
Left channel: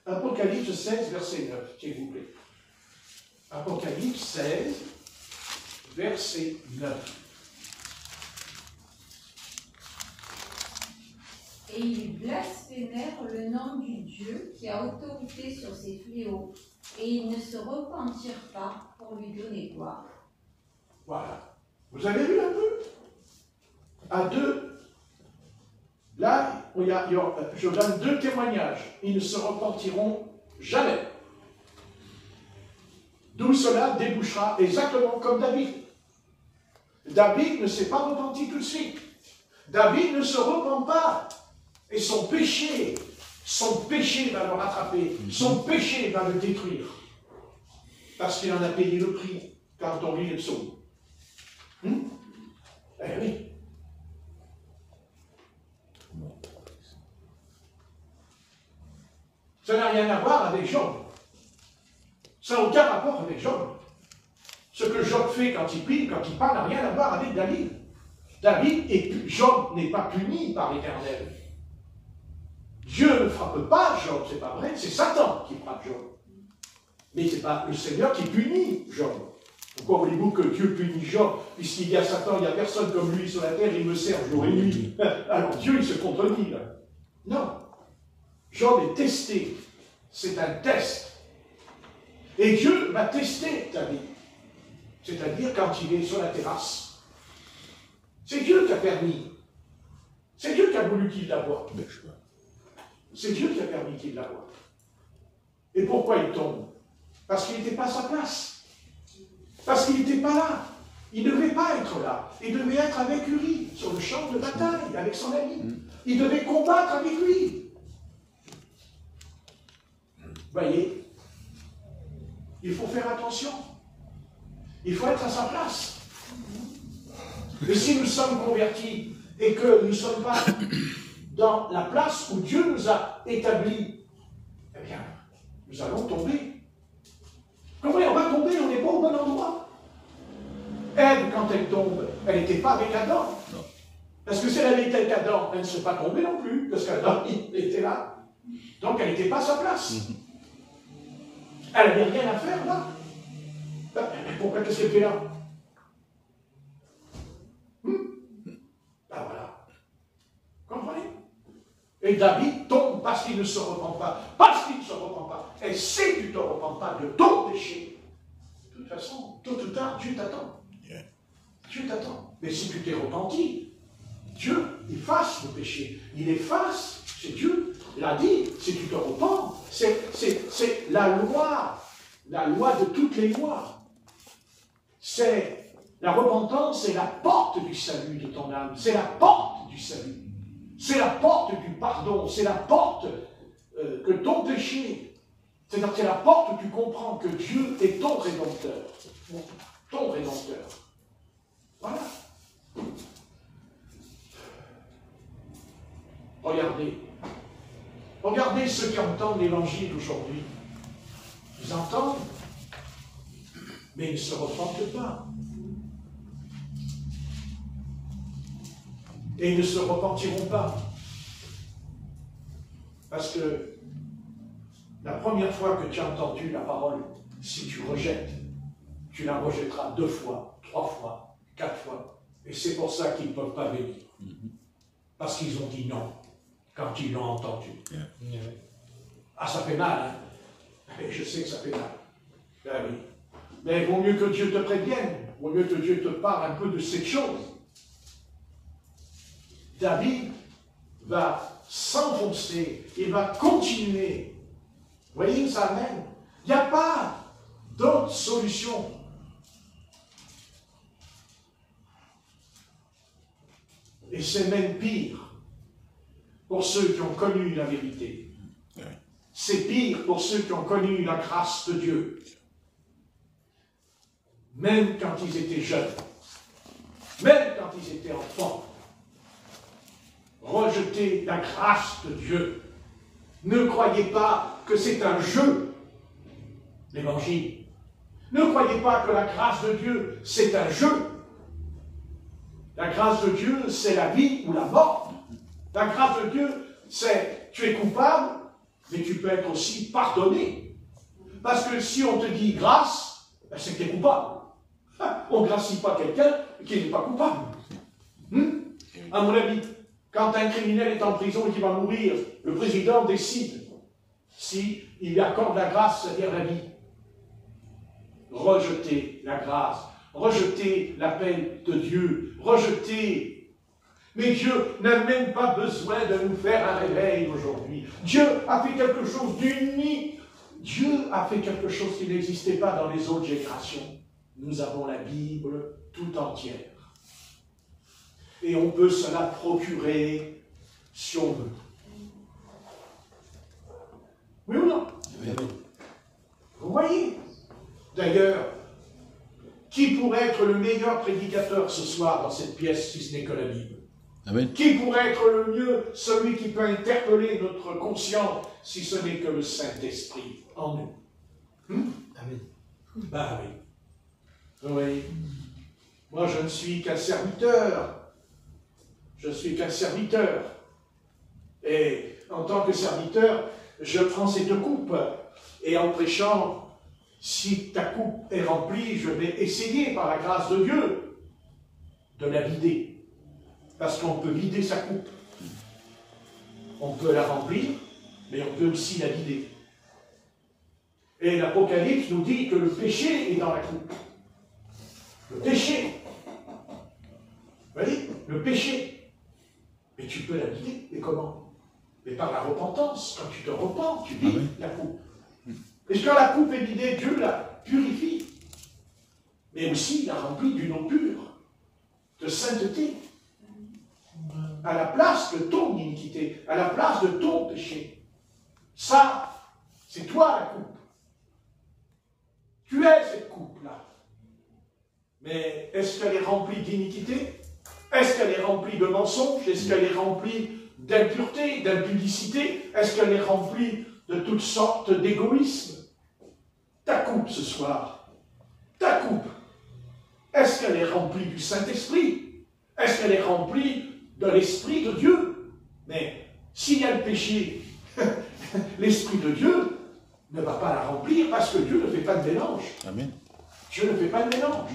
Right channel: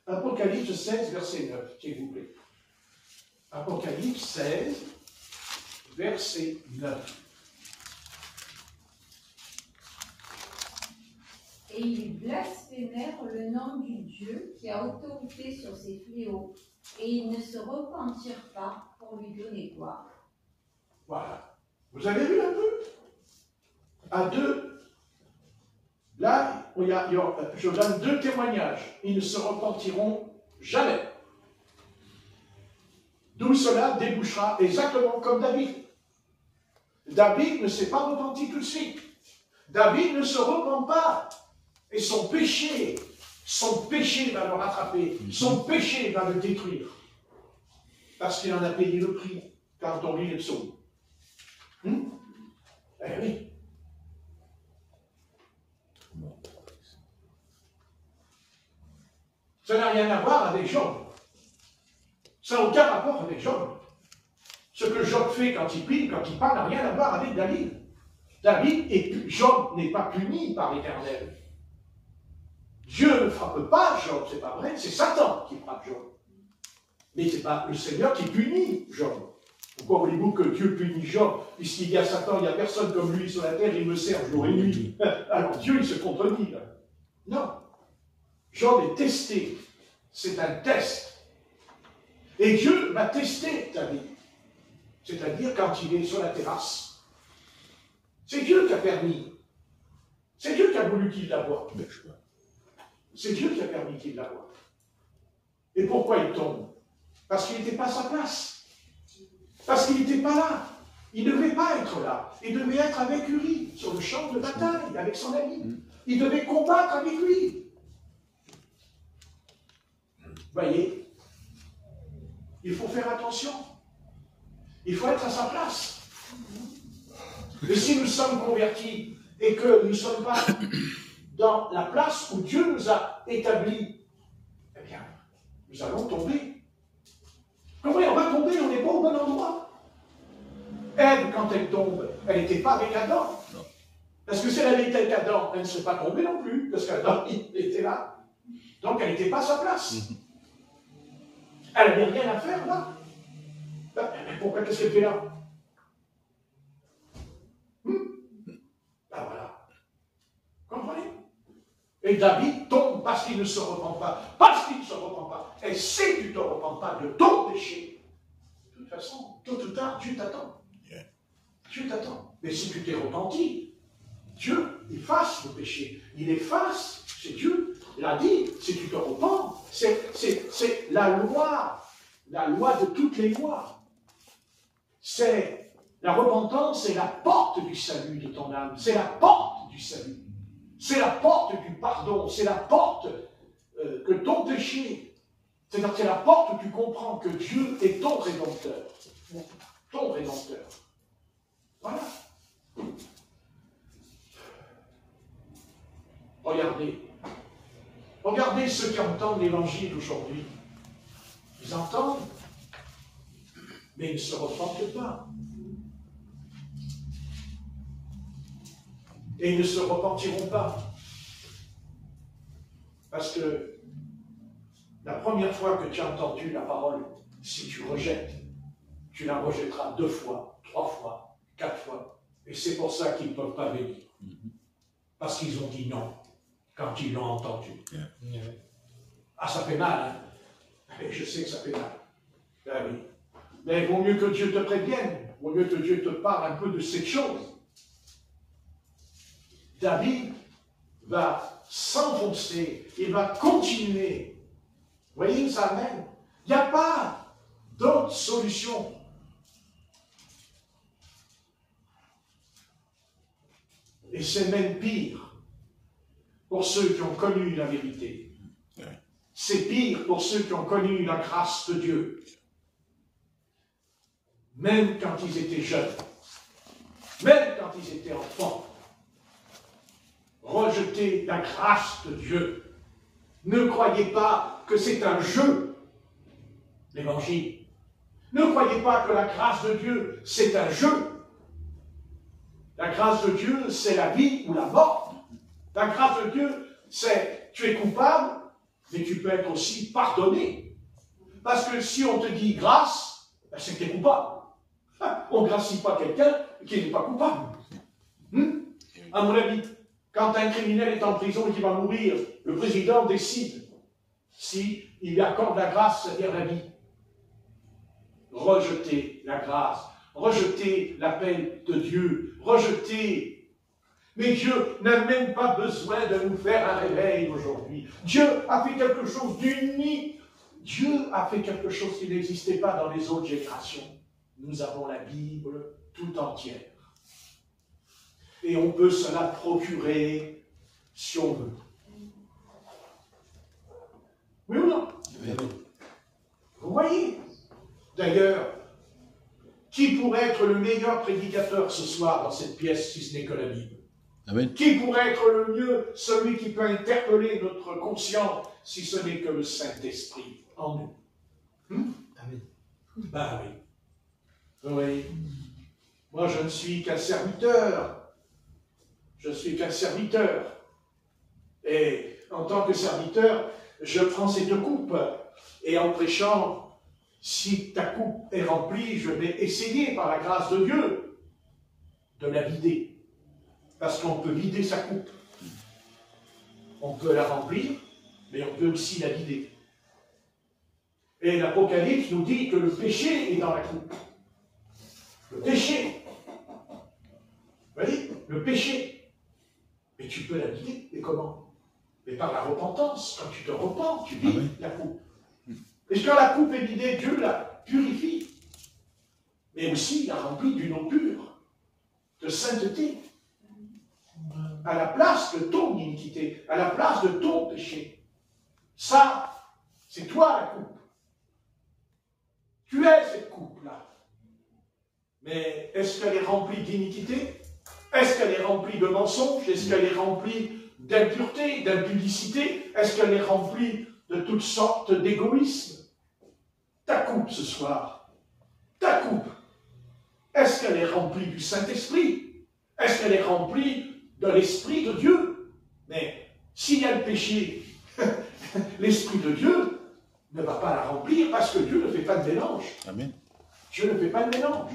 Apocalypse 16, verset 9, s'il vous plaît. Apocalypse 16, verset 9. Et ils blasphémèrent le nom du Dieu qui a autorité sur ces fléaux, et ils ne se repentirent pas pour lui donner gloire. Voilà. Vous avez vu un peu? À deux. Là, je donne 2 témoignages. Ils ne se repentiront jamais. D'où cela débouchera exactement comme David. David ne s'est pas repenti tout de suite. David ne se repent pas. Et son péché va le rattraper. Son péché va le détruire. Parce qu'il en a payé le prix quand on lit les psaumes. Eh oui. Ça n'a rien à voir avec Job. Ça n'a aucun rapport avec Job. Ce que Job fait quand il prie, quand il parle, n'a rien à voir avec David. Job n'est pas puni par l'Éternel. Dieu ne frappe pas Job, c'est pas vrai, c'est Satan qui frappe Job. Mais c'est pas le Seigneur qui punit Job. Pourquoi voulez-vous que Dieu punit Job? Puisqu'il y a Satan, il n'y a personne comme lui sur la terre, il me sert jour et nuit. Alors Dieu, il se contredit là. Non. Job est testé. C'est un test. Et Dieu va tester ta vie. C'est-à-dire quand il est sur la terrasse. C'est Dieu qui a permis. C'est Dieu qui a voulu qu'il la voie. C'est Dieu qui a permis qu'il la voie. Et pourquoi il tombe? Parce qu'il n'était pas à sa place. Parce qu'il n'était pas là. Il ne devait pas être là. Il devait être avec Uri, sur le champ de bataille, avec son ami. Il devait combattre avec lui. Voyez, il faut faire attention. Il faut être à sa place. Et si nous sommes convertis et que nous ne sommes pas dans la place où Dieu nous a établis, eh bien, nous allons tomber. Comment on va tomber? On n'est pas au bon endroit. Ève, quand elle tombe, elle n'était pas avec Adam. Parce que si elle avait été avec Adam, elle ne serait pas tombée non plus, parce qu'Adam, il était là. Donc elle n'était pas à sa place. Elle n'avait rien à faire là. Mais pourquoi qu'est-ce qu'elle fait là? Ben voilà. Comprenez? Et David tombe parce qu'il ne se repent pas. Parce qu'il ne se repent pas. Et si tu ne te repens pas de ton péché, de toute façon, tôt ou tard, Dieu t'attend. Dieu t'attend. Mais si tu t'es repenti, Dieu efface le péché. Il efface, c'est Dieu l'a dit, si tu te repens. C'est la loi de toutes les lois. C'est la repentance, c'est la porte du salut de ton âme. C'est la porte du salut. C'est la porte du pardon. C'est la porte que ton péché. C'est la porte où tu comprends que Dieu est ton rédempteur. Ton rédempteur. Voilà. Regardez. Regardez ceux qui entendent l'évangile aujourd'hui. Ils entendent, mais ils ne se repentent pas. Et ils ne se repentiront pas. Parce que la première fois que tu as entendu la parole, si tu rejettes, tu la rejetteras 2 fois, 3 fois, 4 fois. Et c'est pour ça qu'ils ne peuvent pas venir. Parce qu'ils ont dit non, quand ils l'ont entendu. Ah, ça fait mal, hein? Et je sais que ça fait mal. Ben oui. Mais il vaut mieux que Dieu te prévienne. Il vaut mieux que Dieu te parle un peu de cette chose. David va s'enfoncer, il va continuer. Vous voyez, ça même. Il n'y a pas d'autre solution. Et c'est même pire pour ceux qui ont connu la vérité. C'est pire pour ceux qui ont connu la grâce de Dieu. Même quand ils étaient jeunes, même quand ils étaient enfants, rejeter la grâce de Dieu. Ne croyez pas que c'est un jeu, l'évangile. Ne croyez pas que la grâce de Dieu, c'est un jeu. La grâce de Dieu, c'est la vie ou la mort. La grâce de Dieu, c'est tu es coupable, mais tu peux être aussi pardonné. Parce que si on te dit grâce, ben c'est que tu es coupable. On ne gracie pas quelqu'un qui n'est pas coupable. À mon avis, quand un criminel est en prison et qu'il va mourir, le président décide s'il lui accorde la grâce, c'est-à-dire la vie. Rejeter la grâce, rejeter l'appel de Dieu, rejeter. Mais Dieu n'a même pas besoin de nous faire un réveil aujourd'hui. Dieu a fait quelque chose d'unique. Dieu a fait quelque chose qui n'existait pas dans les autres générations. Nous avons la Bible tout entière. Et on peut se la procurer si on veut. Oui ou non? Vous voyez? D'ailleurs, qui pourrait être le meilleur prédicateur ce soir dans cette pièce si ce n'est que la Bible? Amen. Qui pourrait être le mieux celui qui peut interpeller notre conscience si ce n'est que le Saint-Esprit en nous? Amen. Ben oui. Vous voyez? Moi, je ne suis qu'un serviteur. Je suis qu'un serviteur. Et en tant que serviteur, je prends cette coupe. Et en prêchant, si ta coupe est remplie, je vais essayer, par la grâce de Dieu, de la vider. Parce qu'on peut vider sa coupe. On peut la remplir, mais on peut aussi la vider. Et l'Apocalypse nous dit que le péché est dans la coupe. Le péché. Vous voyez? Le péché. Mais tu peux la vider. Et comment? Mais par la repentance. Quand tu te repens, tu vides la coupe. Et quand la coupe est vidée, Dieu la purifie. Mais aussi, il la remplit d'une eau pure, de sainteté. À la place de ton iniquité, à la place de ton péché. Ça, c'est toi la coupe. Tu es cette coupe-là. Mais est-ce qu'elle est remplie d'iniquité? Est-ce qu'elle est remplie de mensonges? Est-ce qu'elle est remplie d'impureté, d'impudicité? Est-ce qu'elle est remplie de toutes sortes d'égoïsme? Ta coupe ce soir, ta coupe, Est-ce qu'elle est remplie du Saint-Esprit? Est-ce qu'elle est remplie de l'Esprit de Dieu? Mais s'il y a le péché, l'Esprit de Dieu ne va pas la remplir parce que Dieu ne fait pas de mélange. Amen. Dieu ne fait pas de mélange.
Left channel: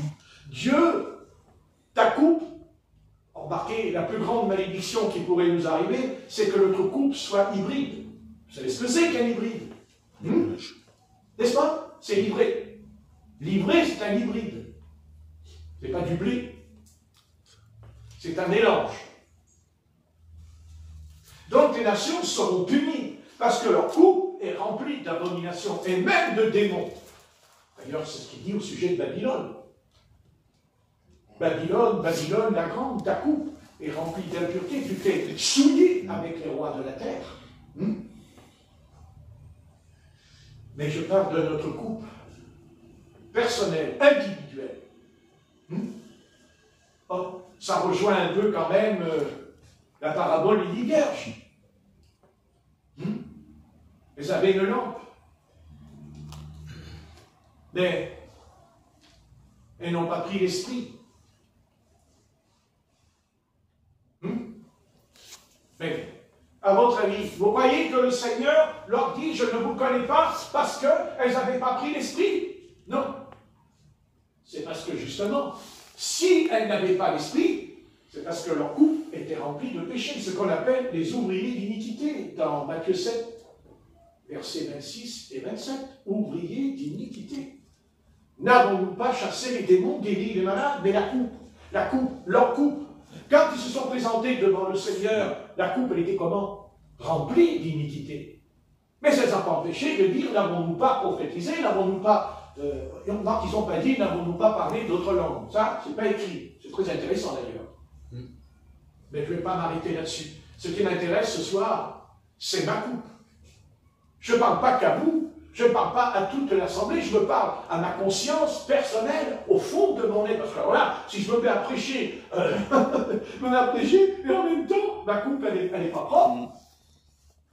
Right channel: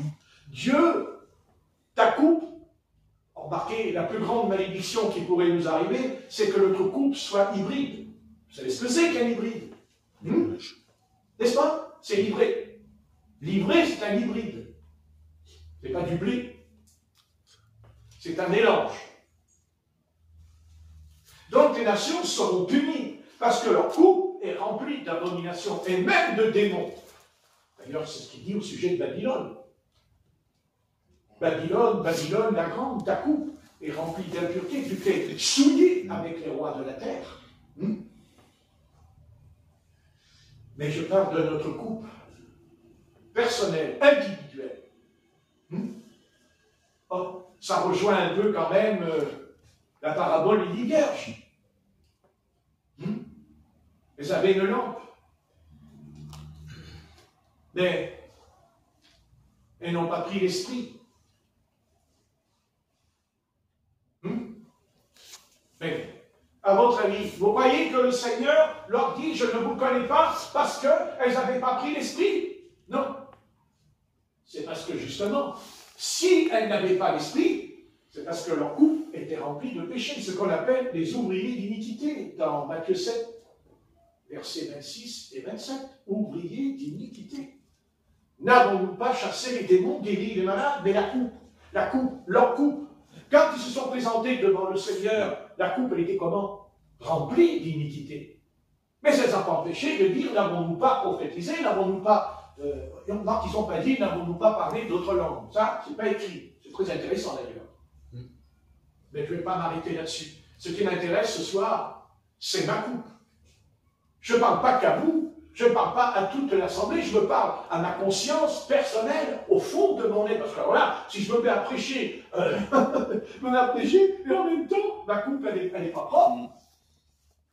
Dieu, ta coupe, remarquez, la plus grande malédiction qui pourrait nous arriver, c'est que notre coupe soit hybride. Vous savez ce que c'est qu'un hybride? N'est-ce pas? C'est l'ivré. L'ivré, c'est un hybride. Ce n'est pas du blé. C'est un mélange. Donc les nations seront punies parce que leur coupe est remplie d'abominations et même de démons. D'ailleurs, c'est ce qu'il dit au sujet de Babylone. Babylone, Babylone, la grande, ta coupe est remplie d'impureté, tu t'es souillé avec les rois de la terre. Mais je parle de notre coupe personnelle, individuelle. Oh, ça rejoint un peu quand même la parabole des 10 vierges. Elles avaient une lampe. Mais elles n'ont pas pris l'esprit. Mais, à votre avis, vous croyez que le Seigneur leur dit « Je ne vous connais pas » parce qu'elles n'avaient pas pris l'esprit? Non. C'est parce que justement, si elles n'avaient pas l'esprit, c'est parce que leur coupe était remplie de péché, ce qu'on appelle les ouvriers d'iniquité, dans Matthieu 7, versets 26 et 27. Ouvriers d'iniquité. N'avons-nous pas chassé les démons, guéri les malades? Mais la coupe, leur coupe. Quand ils se sont présentés devant le Seigneur, la coupe, elle était comment? Remplie d'iniquité. Mais ça ne les a pas empêchés de dire, n'avons-nous pas prophétisé, n'avons-nous pas... ils n'ont pas dit, n'avons-nous pas parlé d'autres langues. Ça, c'est pas écrit. C'est très intéressant d'ailleurs. Mais je ne vais pas m'arrêter là-dessus. Ce qui m'intéresse ce soir, c'est ma coupe. Je ne parle pas qu'à vous, je ne parle pas à toute l'Assemblée, je me parle à ma conscience personnelle, au fond de mon être. Parce que voilà, si je me mets à prêcher, et en même temps, ma coupe, elle n'est pas propre.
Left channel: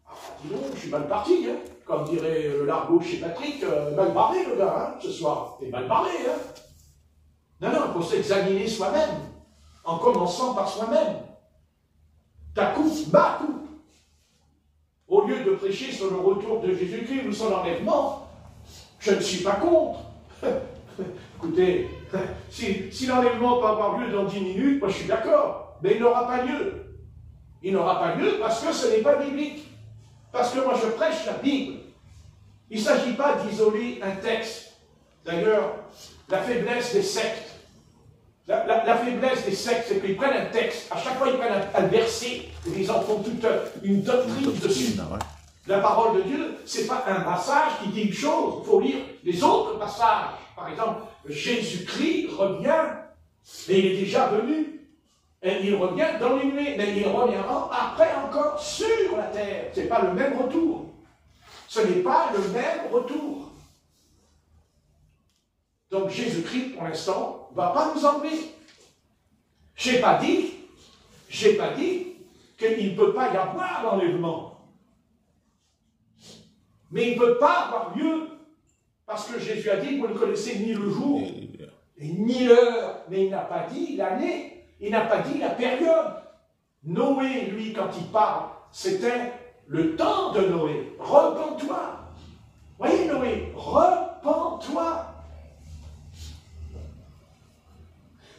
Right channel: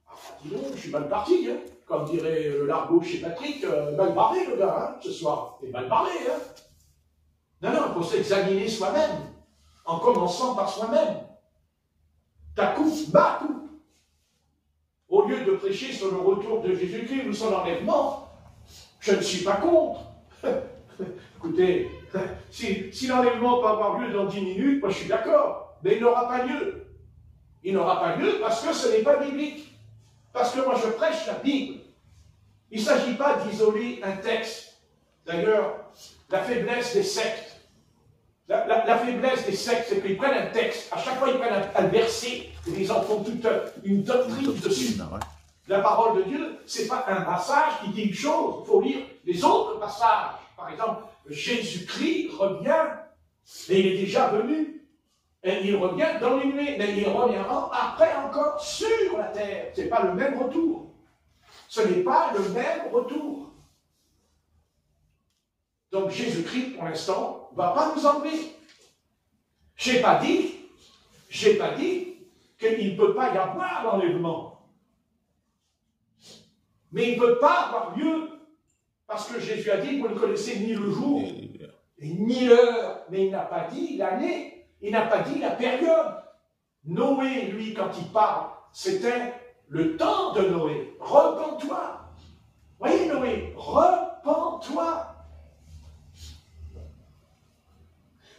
Alors, dis donc, je suis mal parti, hein. Comme dirait le largo chez Patrick, mal barré le gars, hein, ce soir. T'es mal barré, hein. Non, il faut s'examiner soi-même, en commençant par soi-même. Ta coupe, ma coupe. Au lieu de prêcher sur le retour de Jésus-Christ ou son enlèvement, je ne suis pas contre. Écoutez, si l'enlèvement peut avoir lieu dans 10 minutes, moi je suis d'accord, mais il n'aura pas lieu. Il n'aura pas lieu parce que ce n'est pas biblique. Parce que moi je prêche la Bible. Il ne s'agit pas d'isoler un texte. D'ailleurs, la faiblesse des sectes, la faiblesse des sectes, c'est qu'ils prennent un texte, à chaque fois ils prennent un verset, et ils en font toute une doctrine dessus. La parole de Dieu, ce n'est pas un passage qui dit une chose, il faut lire les autres passages. Par exemple, Jésus-Christ revient, mais il est déjà venu. Et il revient dans les nuées, mais il reviendra après encore sur la terre. Ce n'est pas le même retour. Ce n'est pas le même retour. Donc Jésus-Christ, pour l'instant, ne va pas nous enlever. Je n'ai pas dit qu'il ne peut pas y avoir d'enlèvement. Mais il ne peut pas avoir lieu, parce que Jésus a dit, vous ne connaissez ni le jour, ni l'heure, mais il n'a pas dit l'année, il n'a pas dit la période. Noé, lui, quand il parle, c'était le temps de Noé. Repens-toi. Voyez Noé, repens-toi.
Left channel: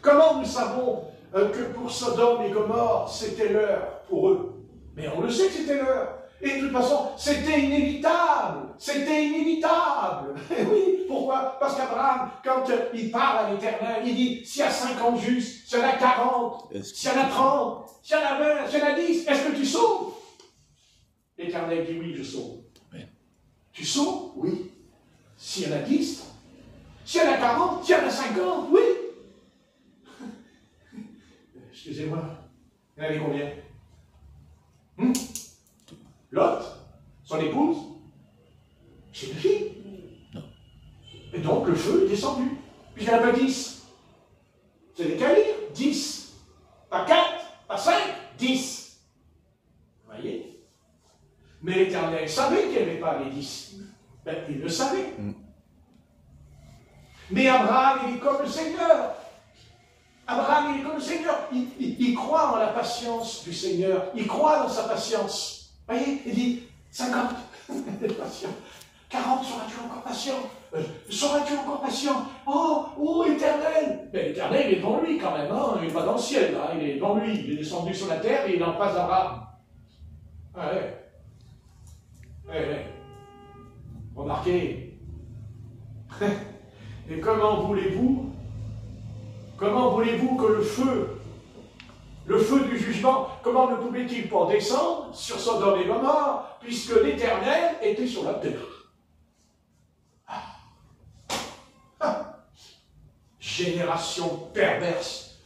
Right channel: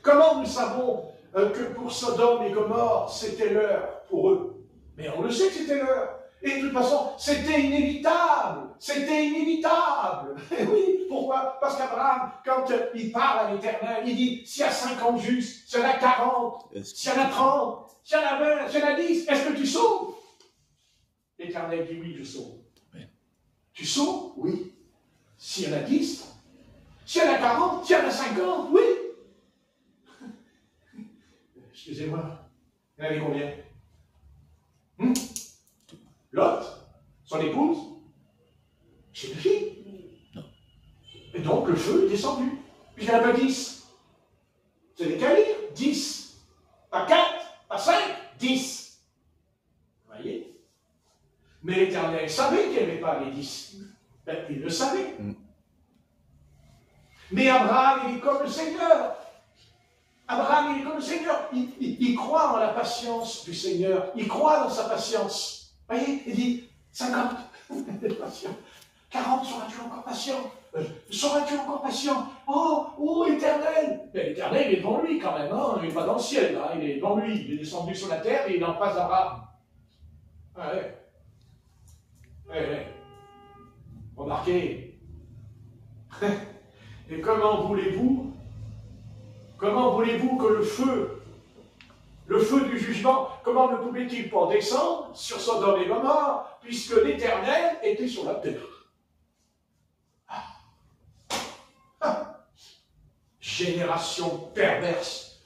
Comment nous savons que pour Sodome et Gomorrhe, c'était l'heure pour eux? Mais on le sait que c'était l'heure. Et de toute façon, c'était inévitable. C'était inévitable. Et oui, pourquoi? Parce qu'Abraham, quand il parle à l'Éternel, il dit, s'il y a 50 justes, s'il y en a 40, s'il y en a 30, s'il y en a 20, s'il y en a 10, est-ce que tu sauves? L'Éternel dit, oui, je sauve. Tu sauves? Oui. S'il y en a 10, s'il y en a 40, s'il y en a 50, oui. Excusez-moi, il y en avait combien? Lot, son épouse, c'est une fille. Et donc le feu est descendu. Puis il n'y en a pas 10. Vous avez qu'à lire, 10. Pas 4, pas 5, 10. Vous voyez? Mais l'Éternel savait qu'il n'y avait pas les 10. Ben, il le savait. Mais Abraham, il est comme le Seigneur. il croit en la patience du Seigneur. Il croit dans sa patience. Vous voyez, il dit 50, patient. 40, seras-tu encore patient? Seras-tu encore patient? Oh, éternel! Mais l'éternel, il est devant lui quand même, hein? Il n'est pas dans le ciel, hein? Il est devant lui. Il est descendu sur la terre et il est en face d'Abraham. Ah ouais. Ouais. Remarquez. Et comment voulez-vous que le feu du jugement, comment ne pouvait-il pas descendre sur Sodome et Gomorrhe, puisque l'Éternel était sur la terre? Génération perverse,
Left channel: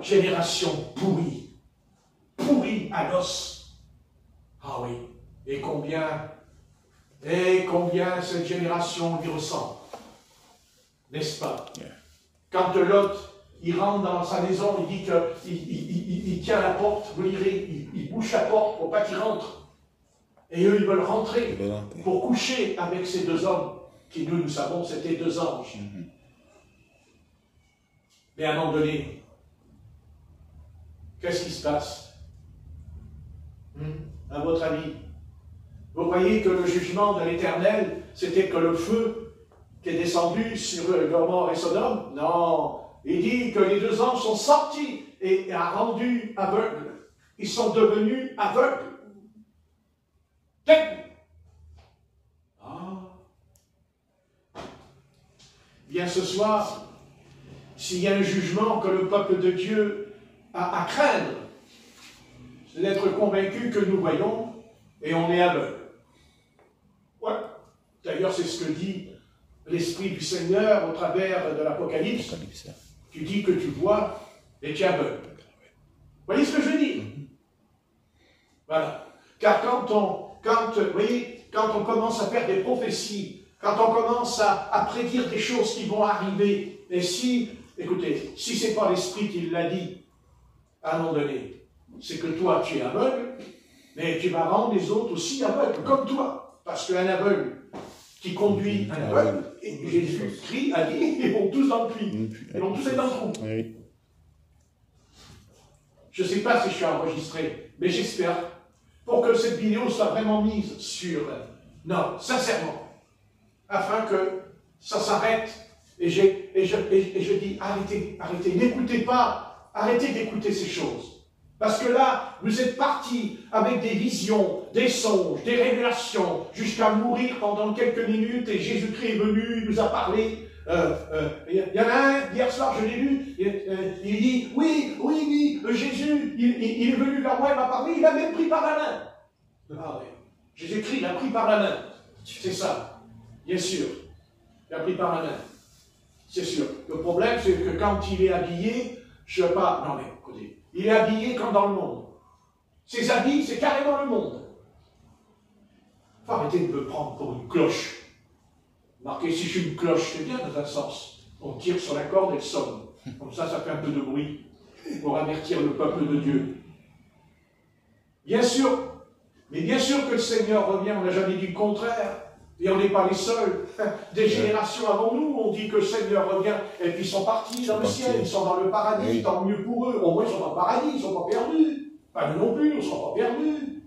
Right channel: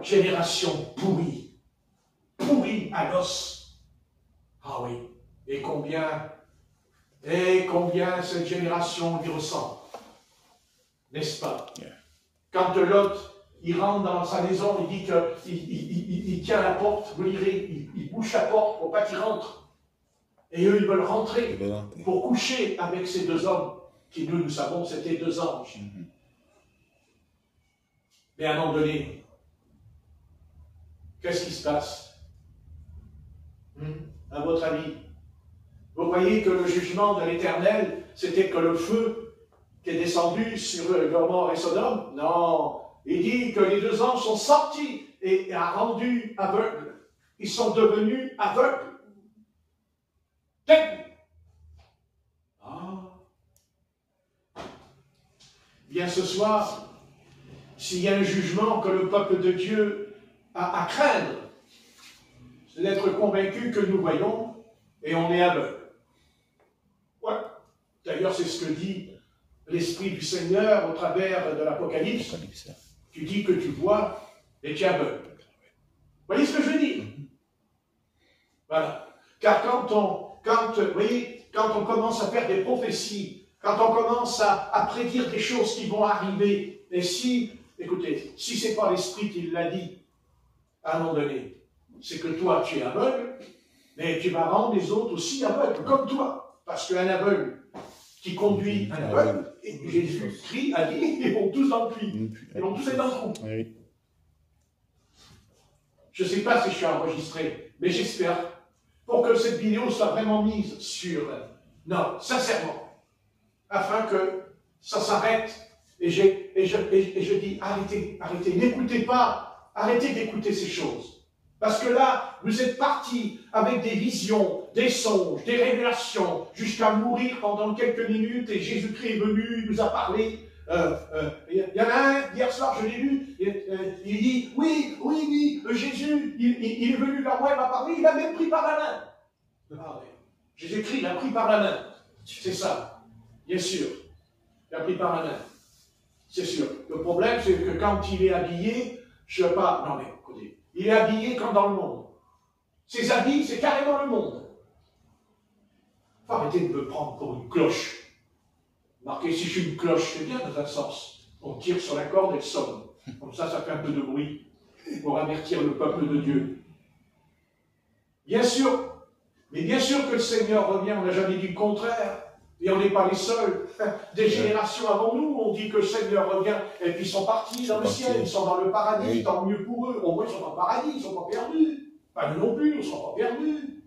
génération pourrie à l'os. Ah oui, et combien cette génération lui ressemble, n'est-ce pas? Quand Lot, il rentre dans sa maison, il dit qu'il tient la porte, vous lirez, il bouche la porte pour pas qu'il rentre. Et eux, ils veulent rentrer pour coucher avec ces deux hommes, qui nous savons, c'était deux anges. Mais à un moment donné, qu'est-ce qui se passe? À votre avis? Vous croyez que le jugement de l'Éternel, c'était que le feu qui est descendu sur Gomorrhe et Sodome? Non. Il dit que les deux anges sont sortis et a rendu aveugles. Ils sont devenus aveugles. Bien ce soir, s'il y a un jugement que le peuple de Dieu a à craindre, c'est d'être convaincu que nous voyons et on est aveugle. Ouais. D'ailleurs, c'est ce que dit l'Esprit du Seigneur au travers de l'Apocalypse. Tu dis que tu vois et tu es aveugle. Vous voyez ce que je dis? Voilà. Car quand on commence à faire des prophéties, quand on commence à prédire des choses qui vont arriver, et écoutez, si ce n'est pas l'Esprit qui l'a dit, à un moment donné, c'est que toi, tu es aveugle, mais tu vas rendre les autres aussi aveugles, comme toi. Parce qu'un aveugle qui conduit un aveugle, et Jésus-Christ a dit, ils vont tous dans le puits. Ils vont tous être dans le trou. Oui. Je ne sais pas si je suis enregistré, mais j'espère, pour que cette vidéo soit vraiment mise sur... Non, sincèrement, afin que ça s'arrête. Et je dis, arrêtez, n'écoutez pas, arrêtez d'écouter ces choses. Parce que là, vous êtes partis avec des visions, des songes, des révélations, jusqu'à mourir pendant quelques minutes, et Jésus-Christ est venu, il nous a parlé. Il y en a un, hier soir, je l'ai lu, il dit, oui, Jésus, il est venu vers moi, il m'a parlé, il a même pris par la main. Ah ouais. Jésus-Christ l'a pris par la main. C'est ça, bien sûr. Il a pris par la main. C'est sûr. Le problème, c'est que quand il est habillé, je ne sais pas, non mais écoutez, il est habillé comme dans le monde. Ses habits, c'est carrément le monde. Il faut arrêter de me prendre pour une cloche. Marquez, si je suis une cloche, c'est bien dans un sens. On tire sur la corde et elle sonne. Comme ça fait un peu de bruit pour avertir le peuple de Dieu. Bien sûr, mais bien sûr que le Seigneur revient, on n'a jamais dit le contraire. Et on n'est pas les seuls. Des générations avant nous, on dit que le Seigneur revient. Et puis ils sont partis dans le ciel, ils sont dans le paradis, oui. Tant mieux pour eux. Au moins ils sont dans le paradis, ils ne sont pas perdus. Pas nous non plus, ils ne sont pas perdus.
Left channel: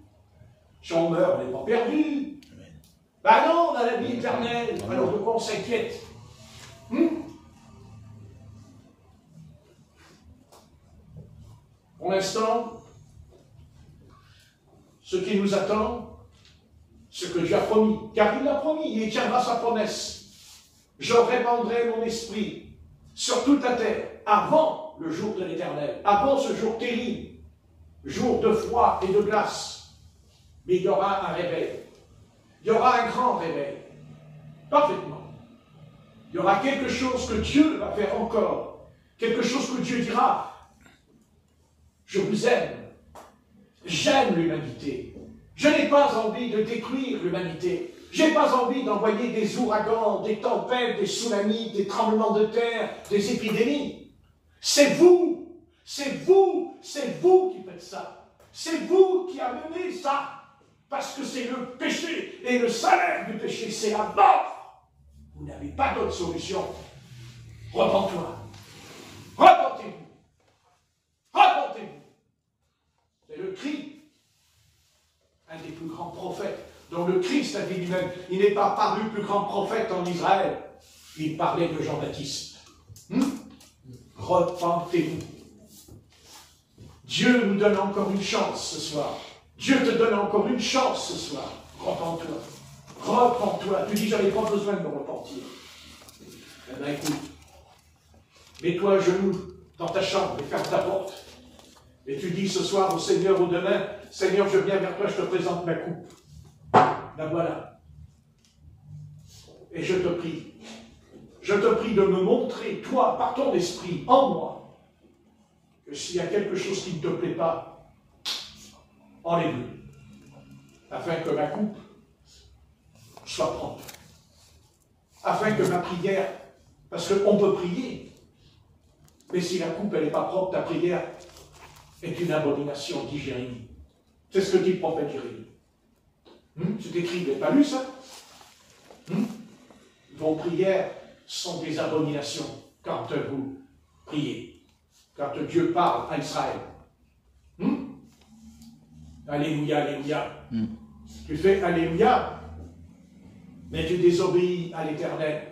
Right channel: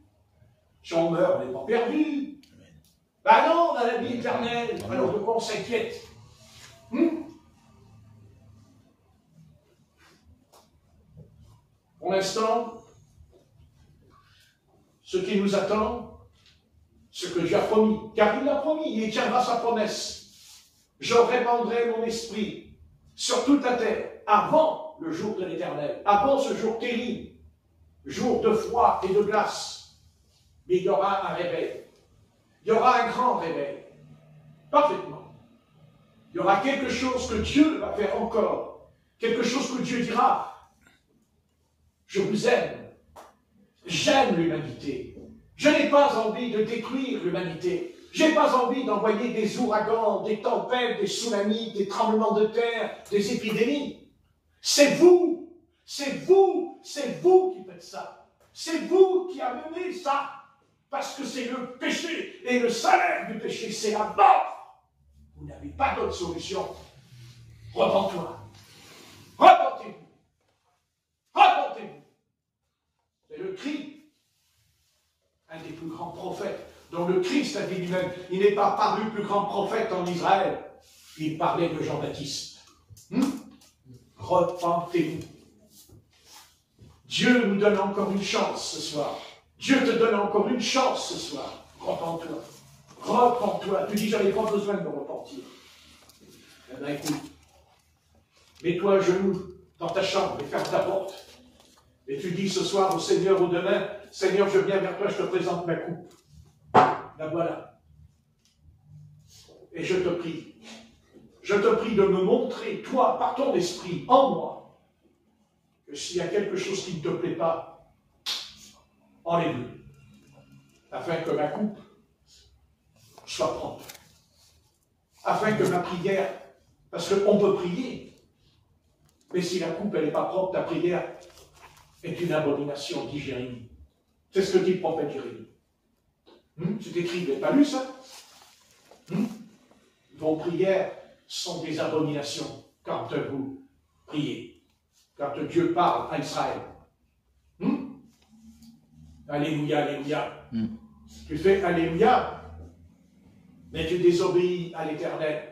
Si on meurt, on n'est pas perdus. Ben non, on a la vie éternelle. Alors de quoi on s'inquiète? Pour l'instant, ce qui nous attend, ce que Dieu a promis, car il l'a promis, et il tiendra sa promesse. Je répandrai mon esprit sur toute la terre, avant le jour de l'Éternel, avant ce jour terrible, jour de froid et de glace. Mais il y aura un réveil. Il y aura un grand réveil. Parfaitement. Il y aura quelque chose que Dieu va faire encore. Quelque chose que Dieu dira. Je vous aime. J'aime l'humanité. Je n'ai pas envie de détruire l'humanité. Je n'ai pas envie d'envoyer des ouragans, des tempêtes, des tsunamis, des tremblements de terre, des épidémies. C'est vous qui faites ça. C'est vous qui amenez ça. Parce que c'est le péché. Et le salaire du péché, c'est la mort. Vous n'avez pas d'autre solution. Repentez-moi. Repentez-vous. cri. Un des plus grands prophètes, dont le Christ a dit lui-même, il n'est pas paru plus grand prophète en Israël. Il parlait de Jean-Baptiste. Repentez-vous. Dieu nous donne encore une chance ce soir. Dieu te donne encore une chance ce soir. Repends-toi. Repends-toi. Tu dis, j'en ai pas besoin de me repentir. Eh bien, écoute. Mets-toi à genoux dans ta chambre et ferme ta porte. Et tu dis ce soir au Seigneur ou demain, Seigneur, je viens vers toi, je te présente ma coupe. La voilà. Et je te prie de me montrer, toi, par ton esprit, en moi, que s'il y a quelque chose qui ne te plaît pas, enlève-le, afin que ma coupe soit propre. Afin que ma prière, parce qu'on peut prier, mais si la coupe elle n'est pas propre, ta prière est une abomination, dit Jérémie. C'est ce que dit le prophète Jérémie. C'est écrit, vous n'avez pas lu ça? Vos prières sont des abominations quand vous priez, quand Dieu parle à Israël. Alléluia, alléluia. Tu fais alléluia, mais tu désobéis à l'Éternel.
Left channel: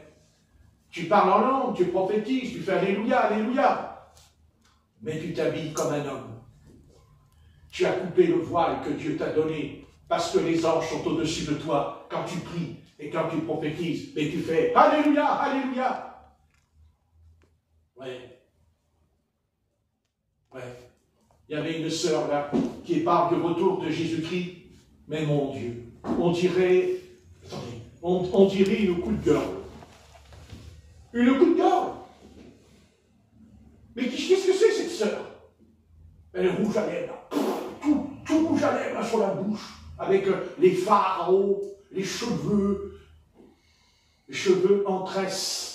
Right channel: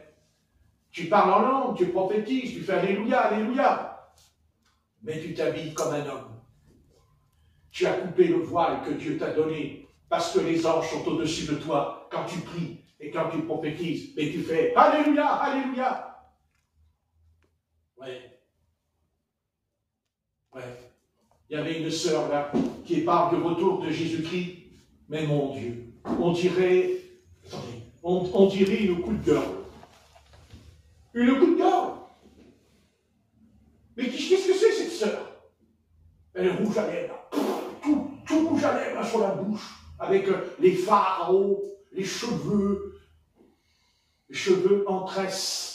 Tu parles en langue, tu prophétises, tu fais alléluia, alléluia, mais tu t'habilles comme un homme. Tu as coupé le voile que Dieu t'a donné, parce que les anges sont au-dessus de toi quand tu pries et quand tu prophétises, mais tu fais alléluia, alléluia. Ouais. Il y avait une sœur là qui parle du retour de Jésus-Christ, mais mon Dieu, on dirait une coup de gorge. Une coup de gorge. Mais qu'est-ce que c'est cette sœur? Elle est rouge à lèvres, tout rouge à lèvres sur la bouche, avec les fards en haut, les cheveux en tresse.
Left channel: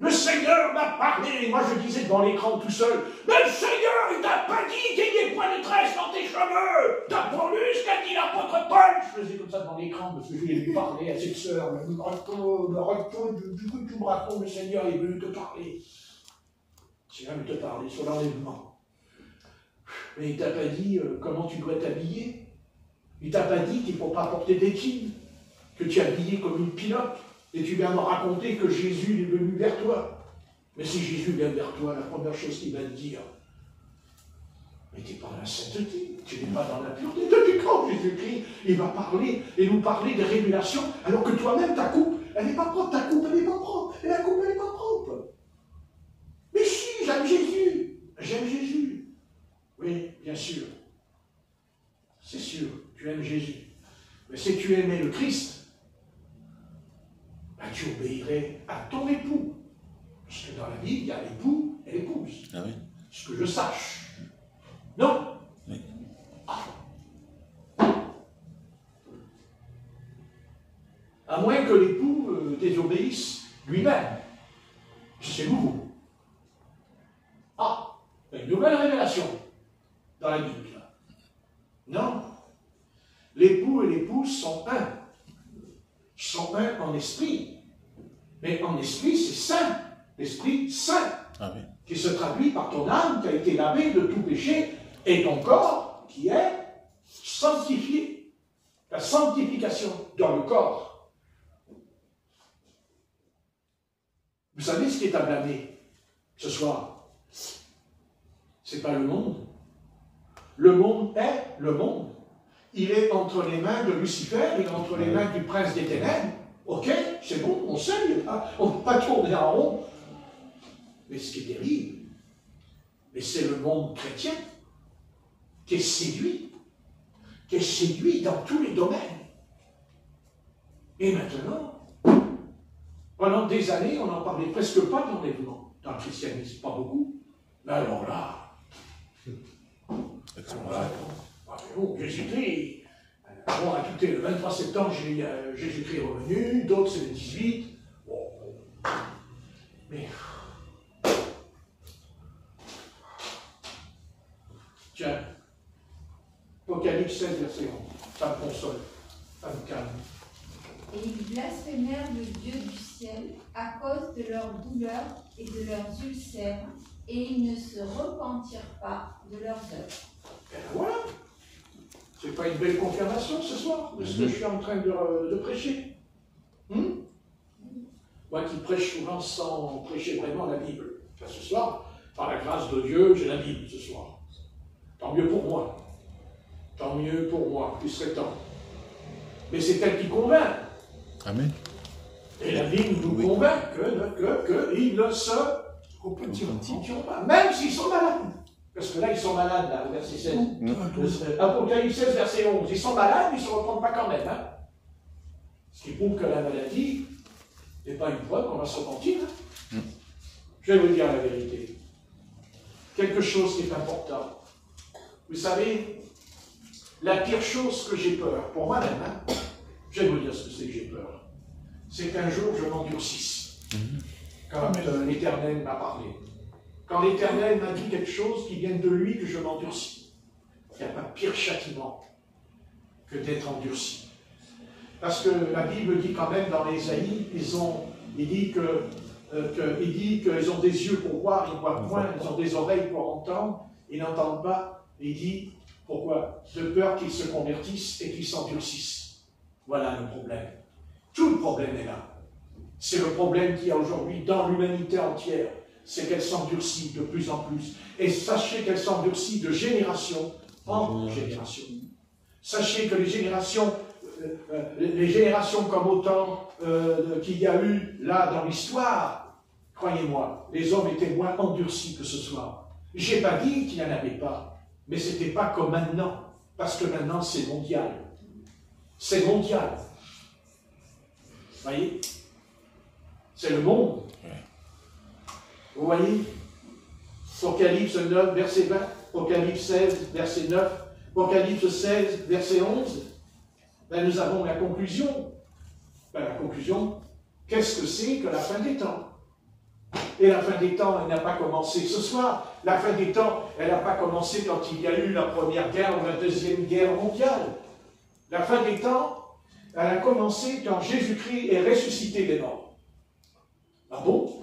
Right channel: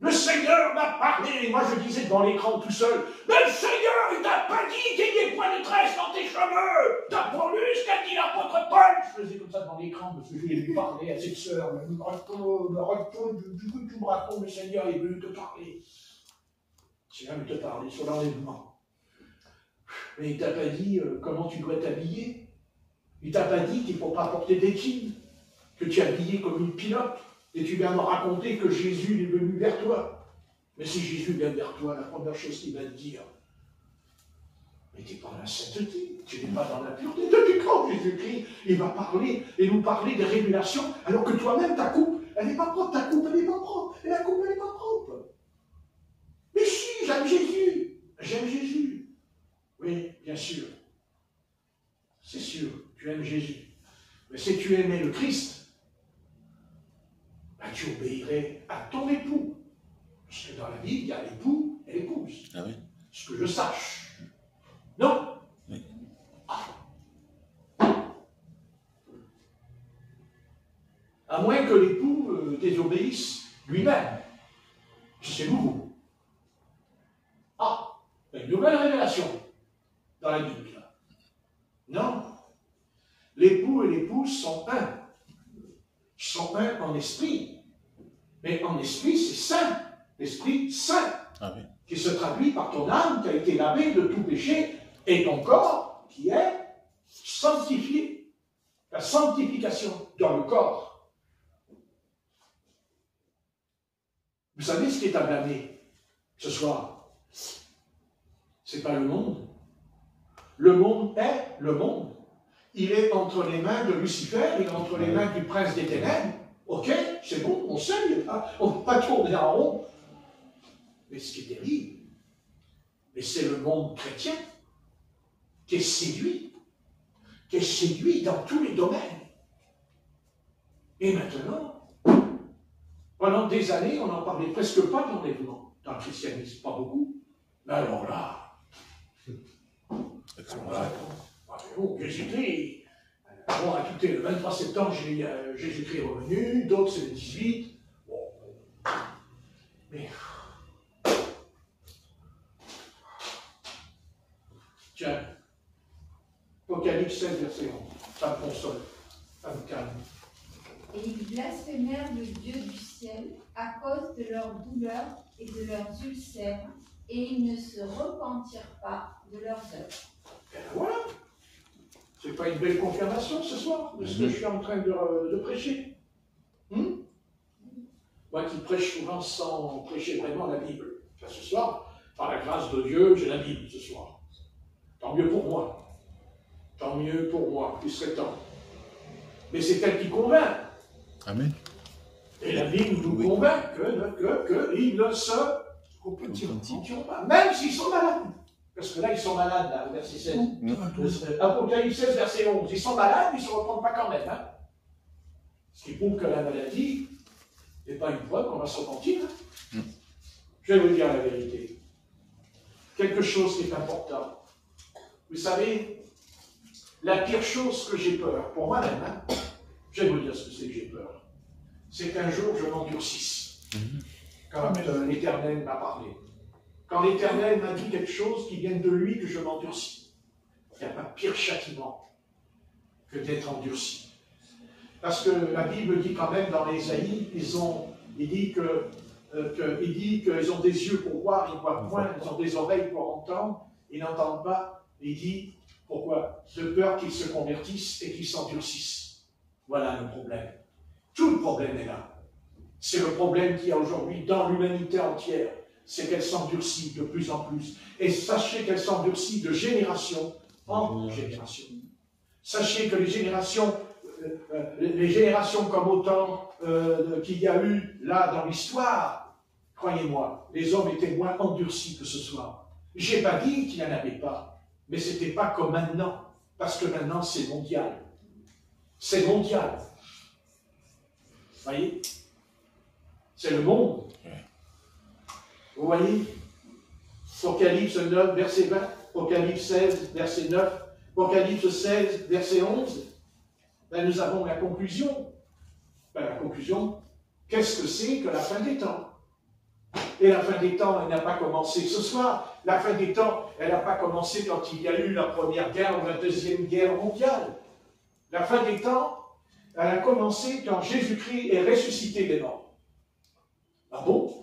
Le Seigneur m'a parlé, moi je disais devant l'écran tout seul, mais le Seigneur il t'a pas dit qu'il y ait point de tresse dans tes cheveux, t'as pas lu ce qu'a dit l'apôtre Paul. Je faisais comme ça devant l'écran parce que je voulais lui parler à cette sœur, du coup tu me racontes, le Seigneur est venu te parler. C'est venu te parler sur l'enlèvement. Mais il t'a pas dit comment tu dois t'habiller. Il t'a pas dit qu'il ne faut pas porter des jeans, que tu es habillé comme une pilote. Et tu viens me raconter que Jésus est venu vers toi. Mais si Jésus vient vers toi, la première chose qu'il va te dire, mais tu n'es pas dans la sainteté, tu n'es pas dans la pureté. Depuis quand Jésus-Christ, il va parler et nous parler des révélations, alors que toi-même, ta coupe, elle n'est pas propre, ta coupe, elle n'est pas propre, et la coupe, elle n'est pas propre. Mais si, j'aime Jésus, Oui, bien sûr. C'est sûr, tu aimes Jésus. Mais si tu aimais le Christ, tu obéirais à ton époux. Parce que dans la vie, il y a l'époux et l'épouse. Ah oui. Ce que je sache. Non. Oui. À moins que l'époux désobéisse lui-même. C'est nouveau. Une nouvelle révélation dans la Bible. Non. L'époux et l'épouse sont un. Ils sont un en esprit. Mais en esprit, c'est saint. L'esprit saint. Ah oui. Qui se traduit par ton âme qui a été lavée de tout péché et ton corps qui est sanctifié. La sanctification dans le corps. Vous savez ce qui est à blâmer ce soir? C'est pas le monde. Le monde est le monde. Il est entre les mains de Lucifer et entre les mains du prince des ténèbres. Ok, c'est bon, on sait, on ne peut pas tourner en rond. Mais ce qui est terrible, c'est le monde chrétien qui est séduit dans tous les domaines. Et maintenant, pendant des années, on n'en parlait presque pas d'enlèvement dans le christianisme, pas beaucoup. Mais alors là, Jésus-Christ, moi, écoutez, le 23 septembre, Jésus-Christ est revenu, d'autres c'est le 18. Bon. Mais. Tiens, Apocalypse 16, verset 11. Ça me console, ça me calme. Et ils blasphémèrent le Dieu du ciel à cause de leurs douleurs et de leurs ulcères, et ils ne se repentirent pas de leurs œuvres. Et ben voilà. C'est pas une belle confirmation ce soir de ce que je suis en train de prêcher. Moi qui prêche souvent sans prêcher vraiment la Bible. Enfin, ce soir, par la grâce de Dieu, j'ai la Bible ce soir. Tant mieux pour moi. Tant mieux pour moi, plus serait temps. Mais c'est elle qui convainc. Amen. Et la Bible nous convainc qu'ils ne se repentiront pas, même s'ils sont malades. Parce que là, ils sont malades, là, au verset 16. Apocalypse 16, verset 11. Ils sont malades, mais ils ne se reprennent pas quand même. Hein. Ce qui prouve que la maladie n'est pas une preuve qu'on va se repentir. Hein. Je vais vous dire la vérité. Quelque chose qui est important. Vous savez, la pire chose que j'ai peur, pour moi-même, hein, je vais vous dire ce que c'est que j'ai peur. C'est qu'un jour je m'endurcisse. Quand l'Éternel m'a parlé. Quand l'Éternel m'a dit quelque chose qui vienne de lui, que je m'endurcis. Il n'y a pas de pire châtiment que d'être endurci. Parce que la Bible dit quand même dans Ésaïe, il dit qu'ils ont des yeux pour voir, ils ne voient point, ils ont des oreilles pour entendre, ils n'entendent pas. Il dit, pourquoi? De peur qu'ils se convertissent et qu'ils s'endurcissent. Voilà le problème. Tout le problème est là. C'est le problème qu'il y a aujourd'hui dans l'humanité entière. C'est qu'elle s'endurcit de plus en plus. Et sachez qu'elle s'endurcit de génération en génération. Sachez que les générations comme autant qu'il y a eu là dans l'histoire, croyez-moi, les hommes étaient moins endurcis que ce soir. Je n'ai pas dit qu'il n'y en avait pas, mais ce n'était pas comme maintenant, parce que maintenant c'est mondial. C'est mondial. Vous voyez? C'est le monde. Vous voyez? Apocalypse 9, verset 20, Apocalypse 16, verset 9, Apocalypse 16, verset 11. Ben, nous avons la conclusion. Ben, la conclusion, qu'est-ce que c'est que la fin des temps? Et la fin des temps, elle n'a pas commencé ce soir. La fin des temps, elle n'a pas commencé quand il y a eu la première guerre ou la deuxième guerre mondiale. La fin des temps, elle a commencé quand Jésus-Christ est ressuscité des morts. Ah bon?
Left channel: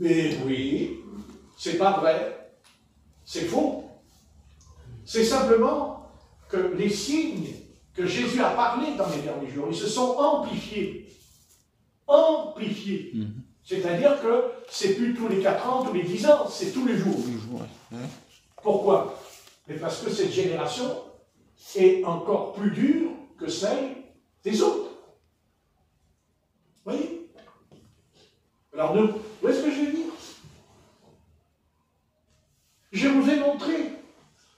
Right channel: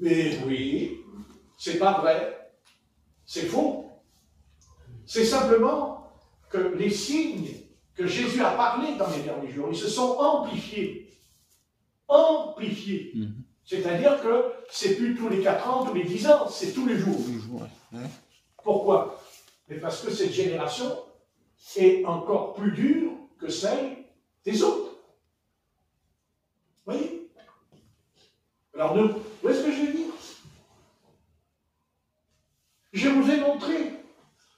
Mais oui, c'est pas vrai. C'est faux. C'est simplement que les signes que Jésus a parlé dans les derniers jours, ils se sont amplifiés. Amplifiés. C'est-à-dire que c'est plus tous les 4 ans, tous les 10 ans, c'est tous les jours. Pourquoi? Mais parce que cette génération est encore plus dure que celle des autres. Vous voyez? Alors, où est-ce que je vais dire? Je vous ai montré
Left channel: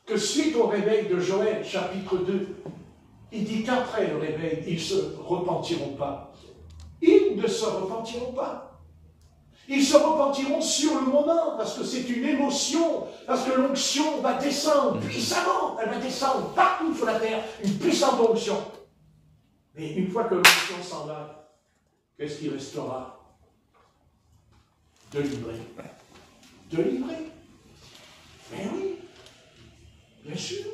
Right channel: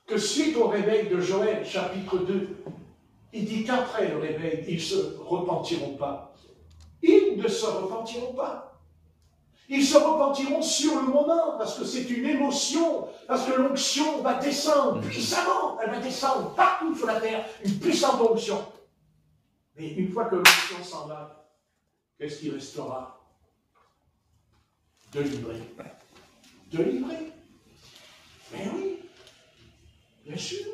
que suite au réveil de Joël, chapitre 2, il dit qu'après le réveil, ils ne se repentiront pas. Ils ne se repentiront pas. Ils se repentiront sur le moment, parce que c'est une émotion, parce que l'onction va descendre puissamment, elle va descendre partout sur la terre, une puissante onction. Mais une fois que l'onction s'en va, qu'est-ce qui restera? De livrer. De livrer. Mais oui, bien sûr.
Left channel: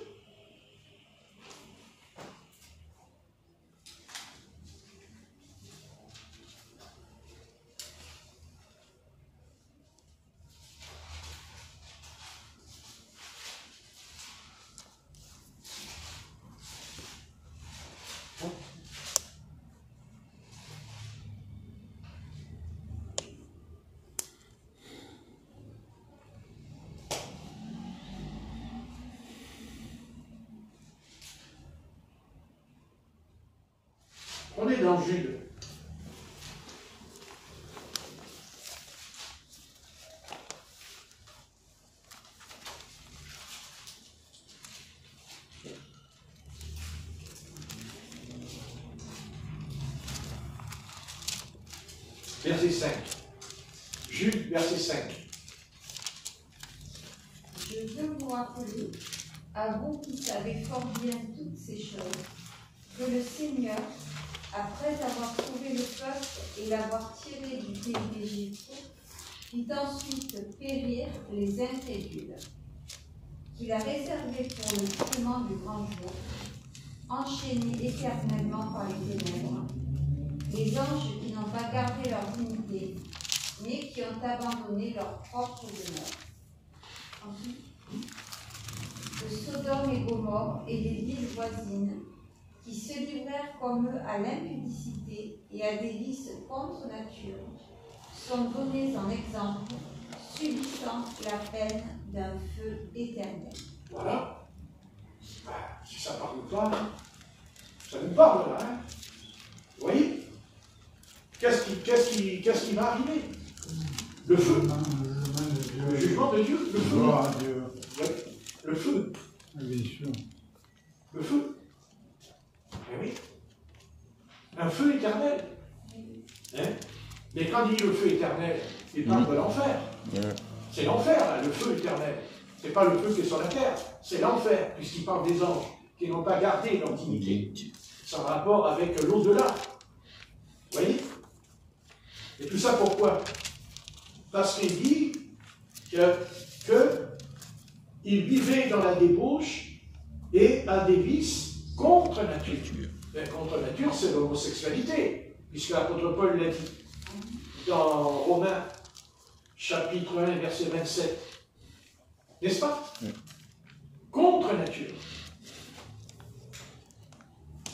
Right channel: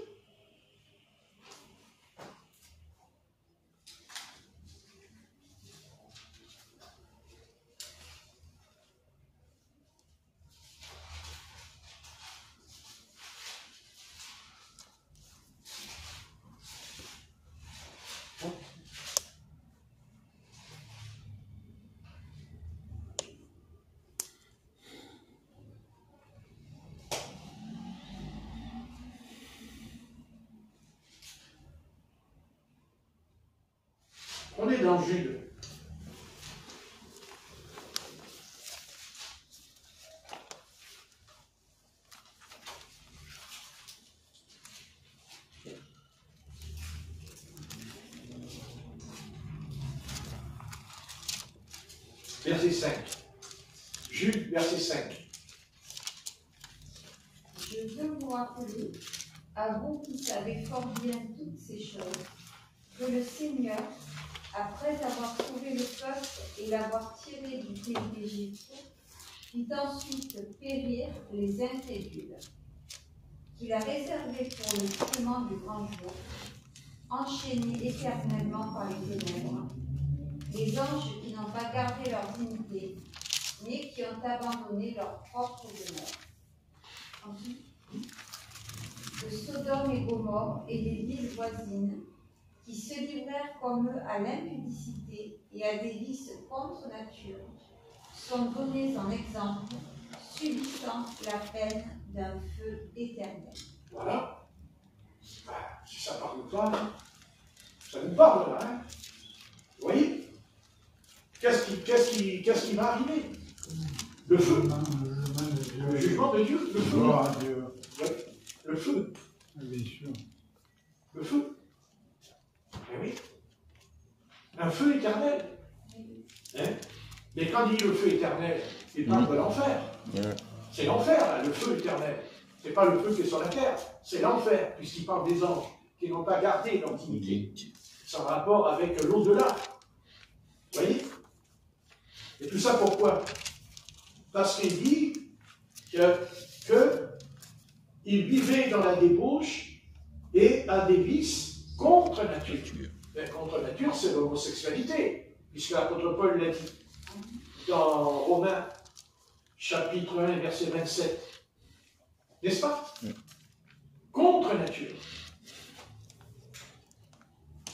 On est dans Jude. Verset 5. Jude, verset 5. Je veux vous rappeler, à vous qui savez fort bien toutes ces choses, que le Seigneur, après avoir sauvé le peuple et l'avoir tiré du pays d'Égypte, fit ensuite périr les incrédules, qu'il a réservés pour le jugement du grand jour, enchaînés éternellement par les ténèbres, les anges qui n'ont pas gardé leur dignité, mais qui ont abandonné leur propre demeure. Ensuite, de Sodome et Gomorrhe encore et des villes voisines, qui se livrèrent comme eux à l'impudicité et à des vices contre nature, sont donnés en exemple, subissant la peine d'un feu éternel. Voilà. Si ça parle pas, ça nous parle là. Hein. Vous voyez? Qu'est-ce qui va arriver? Le feu. Le jugement de Dieu. Le feu. Oui. Le feu. Bien sûr. Le feu. Ah oui. Un feu éternel. Hein? Mais quand il dit le feu éternel, il parle de l'enfer. C'est l'enfer, là, le feu éternel. Ce n'est pas le feu qui est sur la terre, c'est l'enfer, puisqu'il parle des anges qui n'ont pas gardé l'intimité. C'est en rapport avec l'au-delà. Vous voyez? Et tout ça pourquoi? Parce qu'il dit qu'il vivait dans la débauche et a des vices contre nature. Et contre nature, c'est l'homosexualité, puisque l'apôtre Paul l'a dit dans Romains, chapitre 1, verset 27. N'est-ce pas? Contre nature.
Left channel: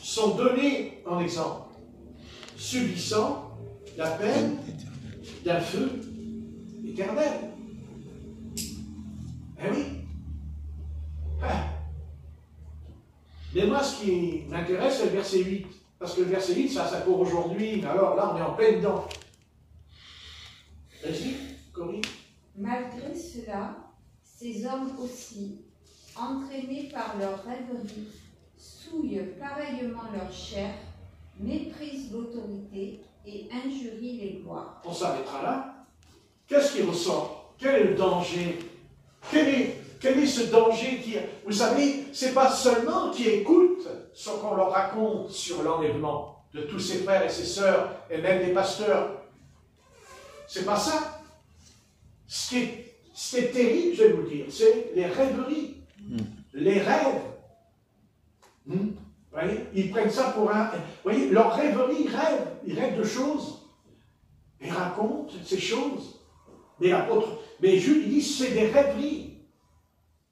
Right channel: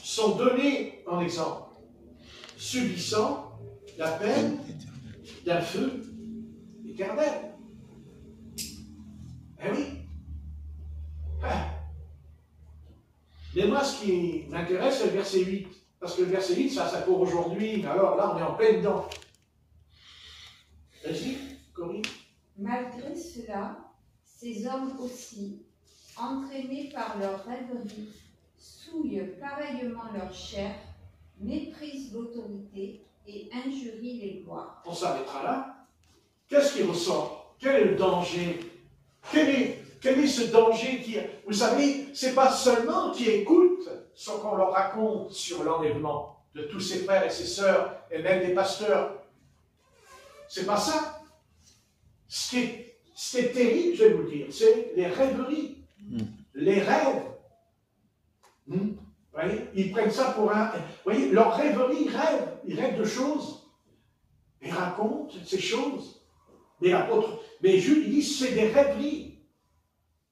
Sont donnés en exemple, subissant la peine d'un feu éternel. Eh oui. Ah. Mais moi, ce qui m'intéresse, c'est le verset 8. Parce que le verset 8, ça pour aujourd'hui. Mais alors là, on est en plein dedans. Vas-y, Corinne. Malgré cela, ces hommes aussi, entraînés par leur rêverie, souillent pareillement leur chair, méprisent l'autorité et injurient les gloires. On s'arrêtera là. Qu'est-ce qui ressort? Quel est le danger? Quel est ce danger qui... Vous savez, ce n'est pas seulement qui écoutent ce qu'on leur raconte sur l'enlèvement de tous ses frères et ses sœurs, et même des pasteurs. C'est pas ça. Ce qui est terrible, je vais vous le dire, c'est les rêveries, les rêves. Vous voyez, ils prennent ça pour un... Vous voyez, leur rêverie, ils rêvent de choses. Ils racontent ces choses. Mais Jules, il dit, c'est des rêveries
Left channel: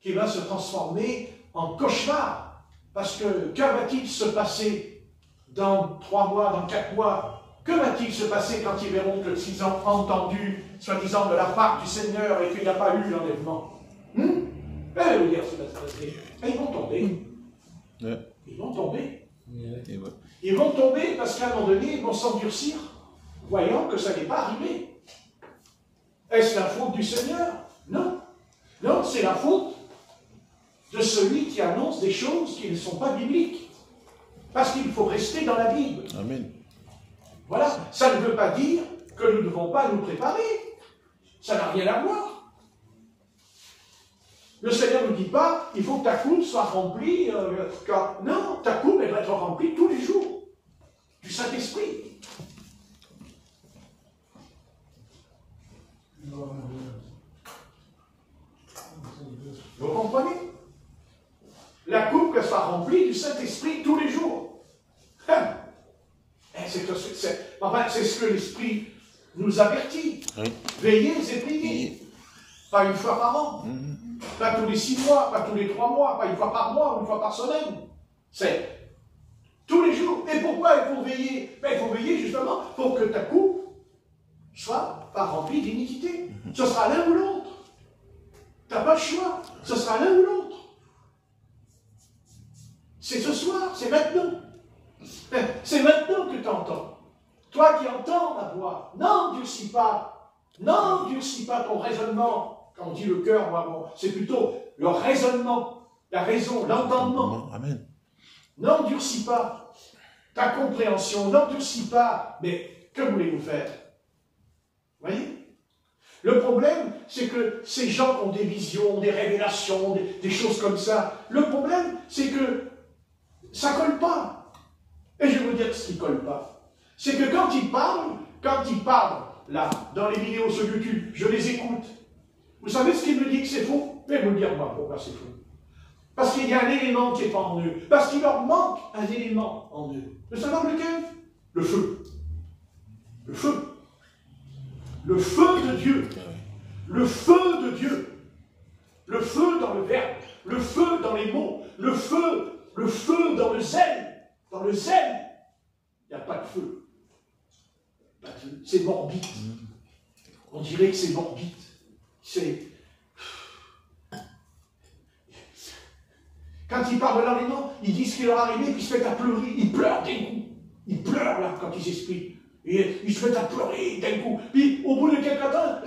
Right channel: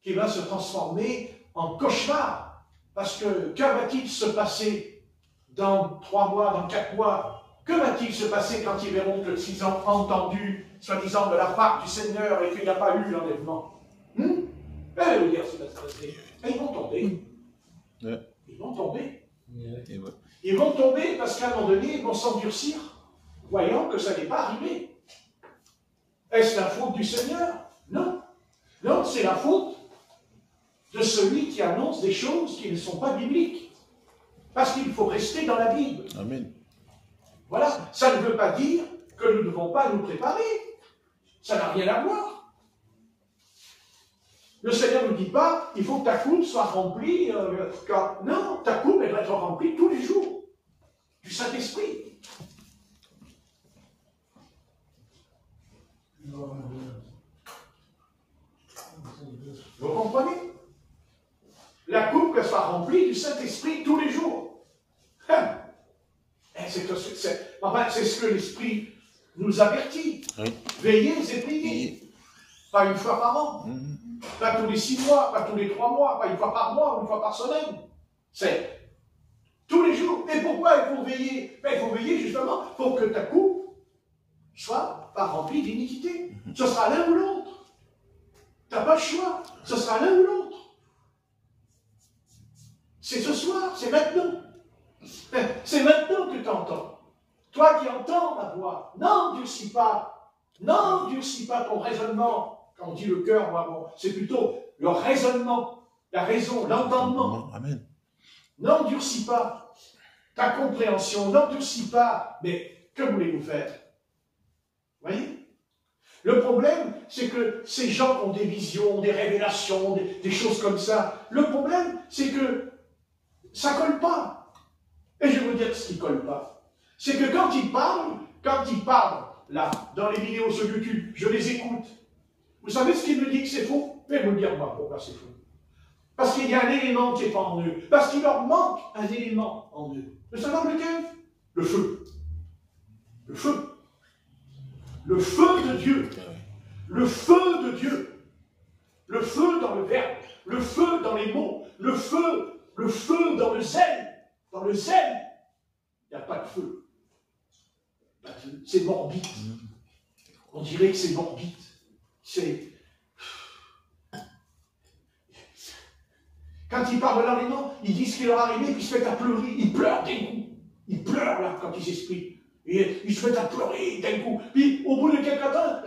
qui vont se transformer en cauchemar. Parce que va-t-il se passer dans 3 mois, dans 4 mois? Que va-t-il se passer quand ils verront que s'ils ont entendu, soi-disant, de la part du Seigneur et qu'il n'y a pas eu l'enlèvement? Ils vont tomber. Ils vont tomber. Ils vont tomber parce qu'à un moment donné, ils vont s'endurcir, voyant que ça n'est pas arrivé. Est-ce la faute du Seigneur? Non. Non, c'est la faute de celui qui annonce des choses qui ne sont pas bibliques. Parce qu'il faut rester dans la Bible. Amen. Voilà, ça ne veut pas dire que nous ne devons pas nous préparer. Ça n'a rien à voir. Le Seigneur ne nous dit pas, il faut que ta coupe soit remplie. Non, ta coupe, elle doit être remplie tous les jours. Du Saint-Esprit. Vous comprenez? La coupe, qu'elle soit remplie du Saint-Esprit tous les jours. C'est ce que l'Esprit nous avertit. Oui. Veillez et priez. Pas une fois par an. Pas tous les 6 mois, pas tous les 3 mois, pas une fois par mois, une fois par semaine. C'est tous les jours. Et pourquoi il faut veiller? Il faut veiller justement pour que ta coupe soit pas remplie d'iniquité. Ce sera l'un ou l'autre. Tu n'as pas le choix. Ce sera l'un ou l'autre. C'est ce soir, c'est maintenant. C'est maintenant que tu entends. Toi qui entends ma voix, n'endurcis pas. N'endurcis pas ton raisonnement. Quand on dit le cœur, moi, c'est plutôt le raisonnement, la raison, l'entendement. Amen. N'endurcis pas ta compréhension, n'endurcis pas. Mais que voulez-vous faire? Vous voyez? Le problème, c'est que ces gens ont des visions, des révélations, des choses comme ça. Le problème, c'est que ça ne colle pas. Et je vais vous dire ce qui ne colle pas. C'est que quand ils parlent, là, dans les vidéos sur YouTube, je les écoute. Vous savez ce qu'ils me disent que c'est faux? Je vais vous dire, moi, pourquoi c'est faux. Parce qu'il y a un élément qui n'est pas en eux. Parce qu'il leur manque un élément en eux. Vous savez lequel? Le feu. Le feu. Le feu de Dieu. Le feu de Dieu. Le feu dans le Verbe. le feu dans les mots, le feu dans le zèle. Dans le zèle, il n'y a pas de feu. C'est morbide. On dirait que c'est morbide. Quand il parle dans les mots, il dit ce qui leur est arrivé, puis ils se mettent à pleurer. Ils pleurent d'un coup. Ils pleurent là quand ils s'expriment. Ils se mettent à pleurer d'un coup. Puis au bout de quelques temps,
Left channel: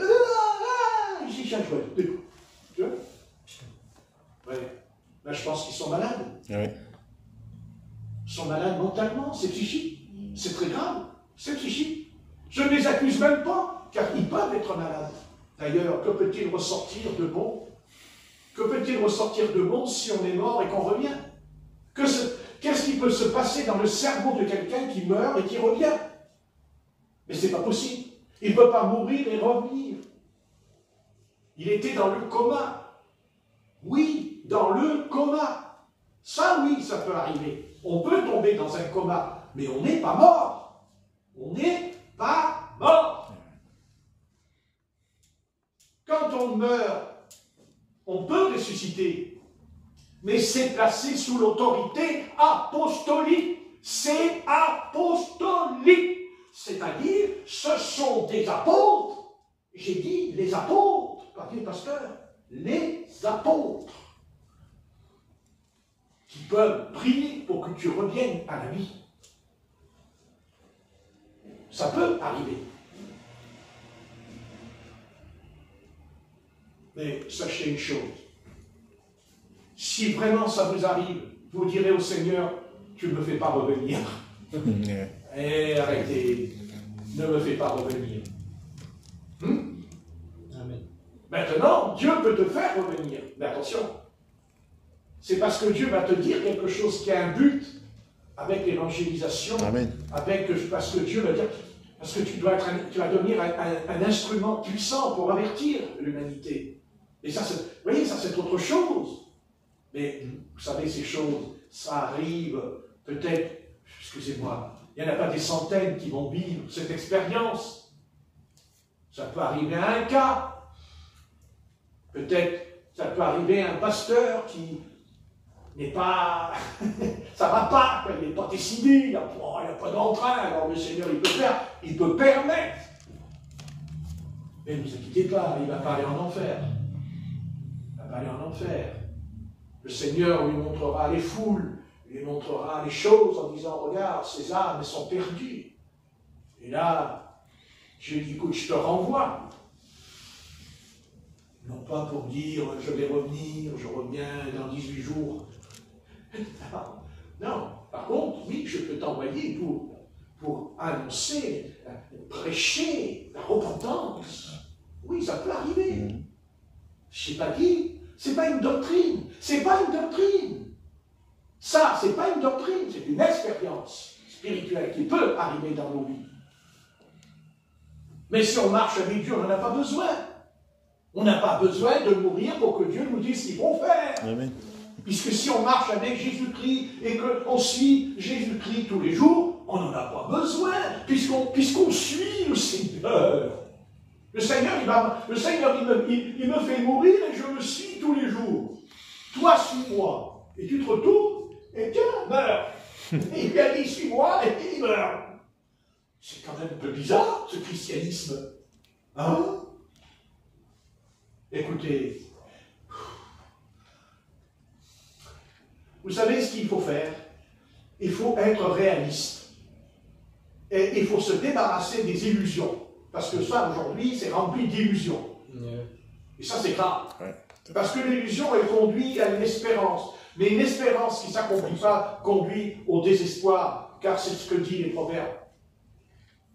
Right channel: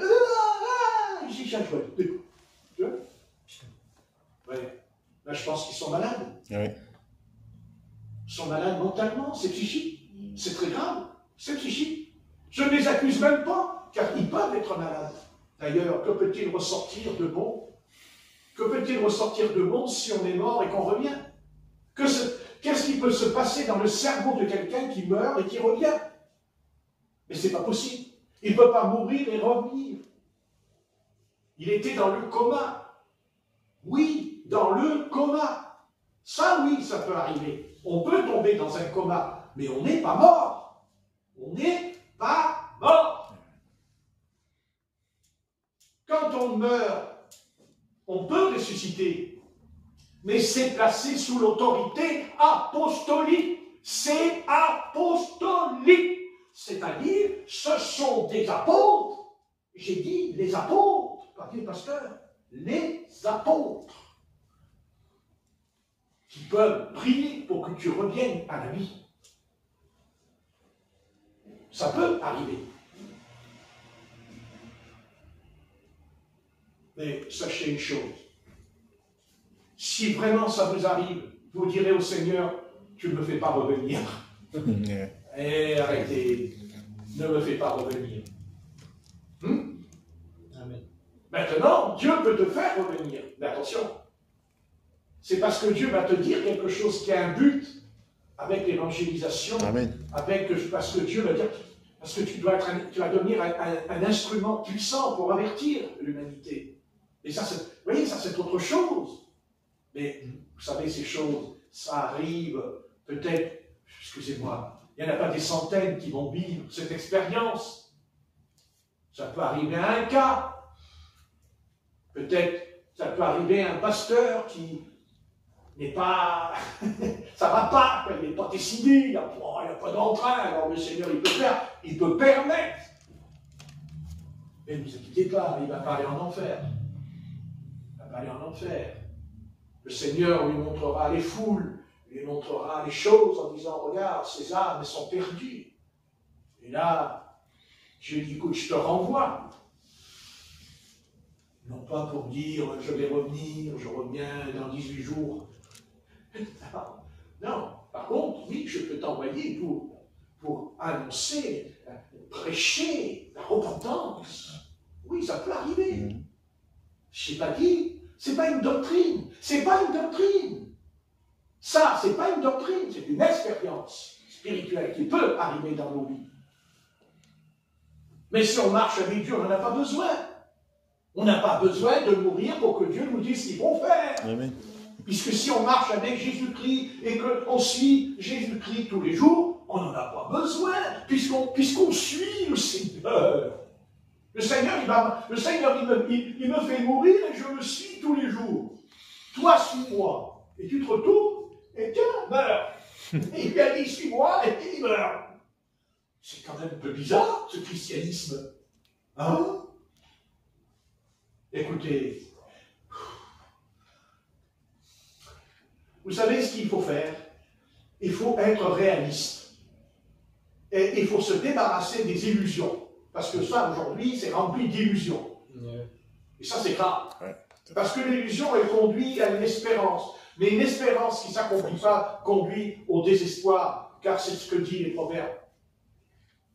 ils s'y changent. Tu vois? Ouais. Là, je pense qu'ils sont malades. Oui. Ils sont malades mentalement, c'est psychique. C'est très grave. C'est psychique. Je ne les accuse même pas, car ils peuvent être malades. D'ailleurs, que peut-il ressortir de bon? Que peut-il ressortir de bon si on est mort et qu'on revient? Qu'est-ce qui peut se passer dans le cerveau de quelqu'un qui meurt et qui revient? Mais ce n'est pas possible. Il ne peut pas mourir et revenir. Il était dans le coma. Oui, dans le coma. Ça, oui, ça peut arriver. On peut tomber dans un coma, mais on n'est pas mort. On n'est pas mort. Quand on meurt, on peut ressusciter, mais c'est placé sous l'autorité apostolique. C'est apostolique. C'est-à-dire, ce sont des apôtres. J'ai dit les apôtres, pas les pasteurs, les apôtres, qui peuvent prier pour que tu reviennes à la vie. Ça peut arriver. Mais sachez une chose, si vraiment ça vous arrive, vous direz au Seigneur, tu ne me fais pas revenir. Et arrêtez, ne me fais pas revenir. Amen. Maintenant, Dieu peut te faire revenir. Mais attention, c'est parce que Dieu va te dire quelque chose qui a un but avec l'évangélisation, parce que Dieu va dire, parce que tu vas devenir un instrument puissant pour avertir l'humanité. Et ça, vous voyez, ça c'est autre chose. Mais vous savez, ces choses, ça arrive peut-être, excusez-moi, il n'y en a pas des centaines qui vont vivre cette expérience. Ça peut arriver à un cas. Peut-être, ça peut arriver à un pasteur qui n'est pas... ça ne va pas, il n'est pas décidé, il n'y a pas d'entrain. Alors le Seigneur, il peut permettre. Mais ne vous inquiétez pas, il ne va pas aller en enfer. Il ne va pas aller en enfer. Le Seigneur lui montrera les foules, lui montrera les choses en disant, regarde, ces âmes, elles sont perdues. Et là, Dieu dit, écoute, je te renvoie. Non pas pour dire, je vais revenir, je reviens dans 18 jours. Non, par contre, oui, je peux t'envoyer pour annoncer, prêcher la repentance. Oui, ça peut arriver. Je n'ai pas dit, c'est pas une doctrine. C'est pas une doctrine. Ça, c'est pas une doctrine, c'est une expérience spirituelle qui peut arriver dans nos vies. Mais si on marche avec Dieu, on n'en a pas besoin. On n'a pas besoin de mourir pour que Dieu nous dise ce qu'il faut faire. Amen. Puisque si on marche avec Jésus-Christ et qu'on suit Jésus-Christ tous les jours, on n'en a pas besoin, puisqu'on suit le Seigneur. Le Seigneur, il me fait mourir et je le suis tous les jours. Toi, suis-moi. Et tu te retournes et tiens, meurs. Et il dit, suis-moi et il meurt. C'est quand même un peu bizarre, ce christianisme. Hein? Écoutez, vous savez ce qu'il faut faire? Il faut être réaliste. Et il faut se débarrasser des illusions. Parce que ça, aujourd'hui, c'est rempli d'illusions. Et ça, c'est grave. Parce que l'illusion, elle conduit à une espérance. Mais une espérance qui ne s'accomplit pas conduit au désespoir. Car c'est ce que dit les proverbes.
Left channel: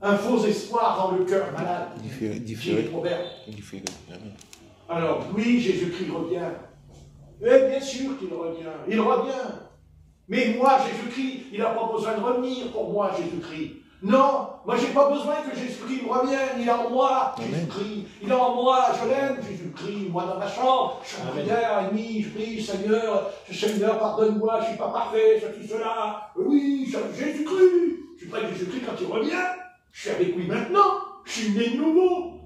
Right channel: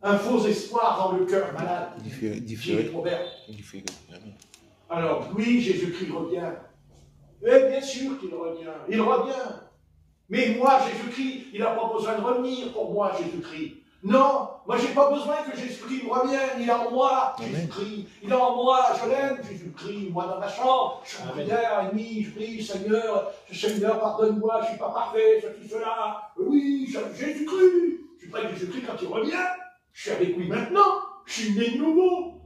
Un faux espoir rend le cœur malade. Dit les proverbes. Alors, oui, Jésus-Christ revient. Mais bien sûr qu'il revient. Il revient. Mais moi, Jésus-Christ, il n'a pas besoin de revenir pour moi, Jésus-Christ. Non, moi, je n'ai pas besoin que Jésus-Christ me revienne. Il est en moi, Jésus-Christ. Il est en moi, je l'aime, Jésus-Christ. Moi, dans ma chambre, je suis en prière, et je prie, Seigneur, pardonne-moi, je ne suis pas parfait, ceci, cela. Oui, Jésus-Christ. Je suis près de Jésus-Christ quand il revient. Je suis avec lui maintenant. Je suis né de nouveau.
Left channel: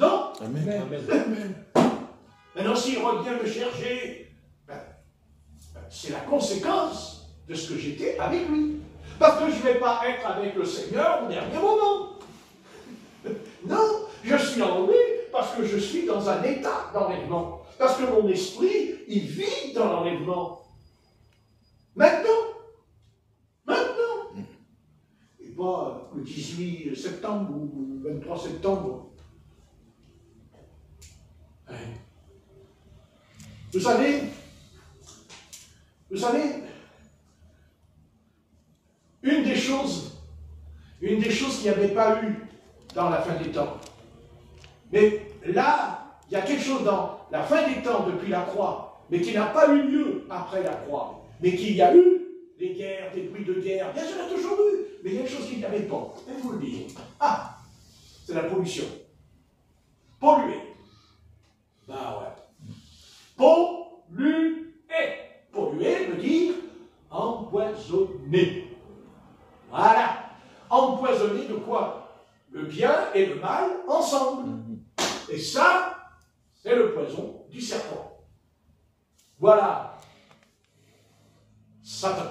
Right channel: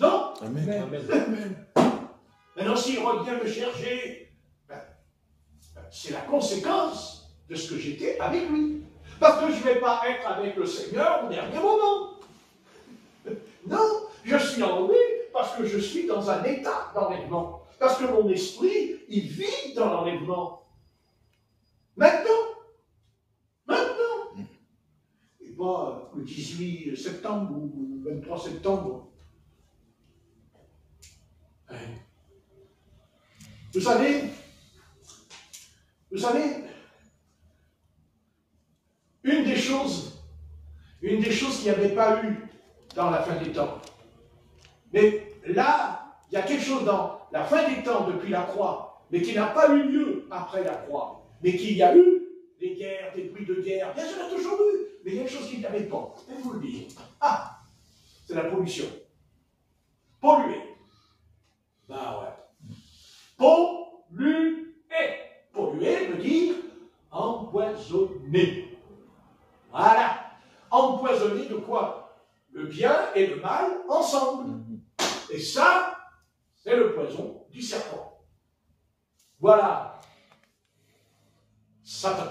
Non? Amen. Maintenant, s'il revient me chercher, c'est la conséquence de ce que j'étais avec lui. Parce que je ne vais pas être avec le Seigneur au dernier moment. Non, je suis en lui parce que je suis dans un état d'enlèvement. Parce que mon esprit, il vit dans l'enlèvement. Maintenant. Et pas le 18 septembre ou le 23 septembre. Vous savez, une des choses qu'il n'y avait pas eu dans la fin des temps, mais là, il y a quelque chose dans la fin des temps depuis la croix, mais qui n'a pas eu lieu après la croix, mais qu'il y a eu des guerres, des bruits de guerre, bien sûr, il y a toujours eu, mais il y a quelque chose qu'il n'y avait pas, je vais vous le dire. Ah, c'est la pollution. Polluer. Ben ouais. Polluer. Polluer veut dire empoisonner. Voilà. Empoisonner de quoi? Le bien et le mal ensemble. Et ça, c'est le poison du serpent. Voilà. Satan.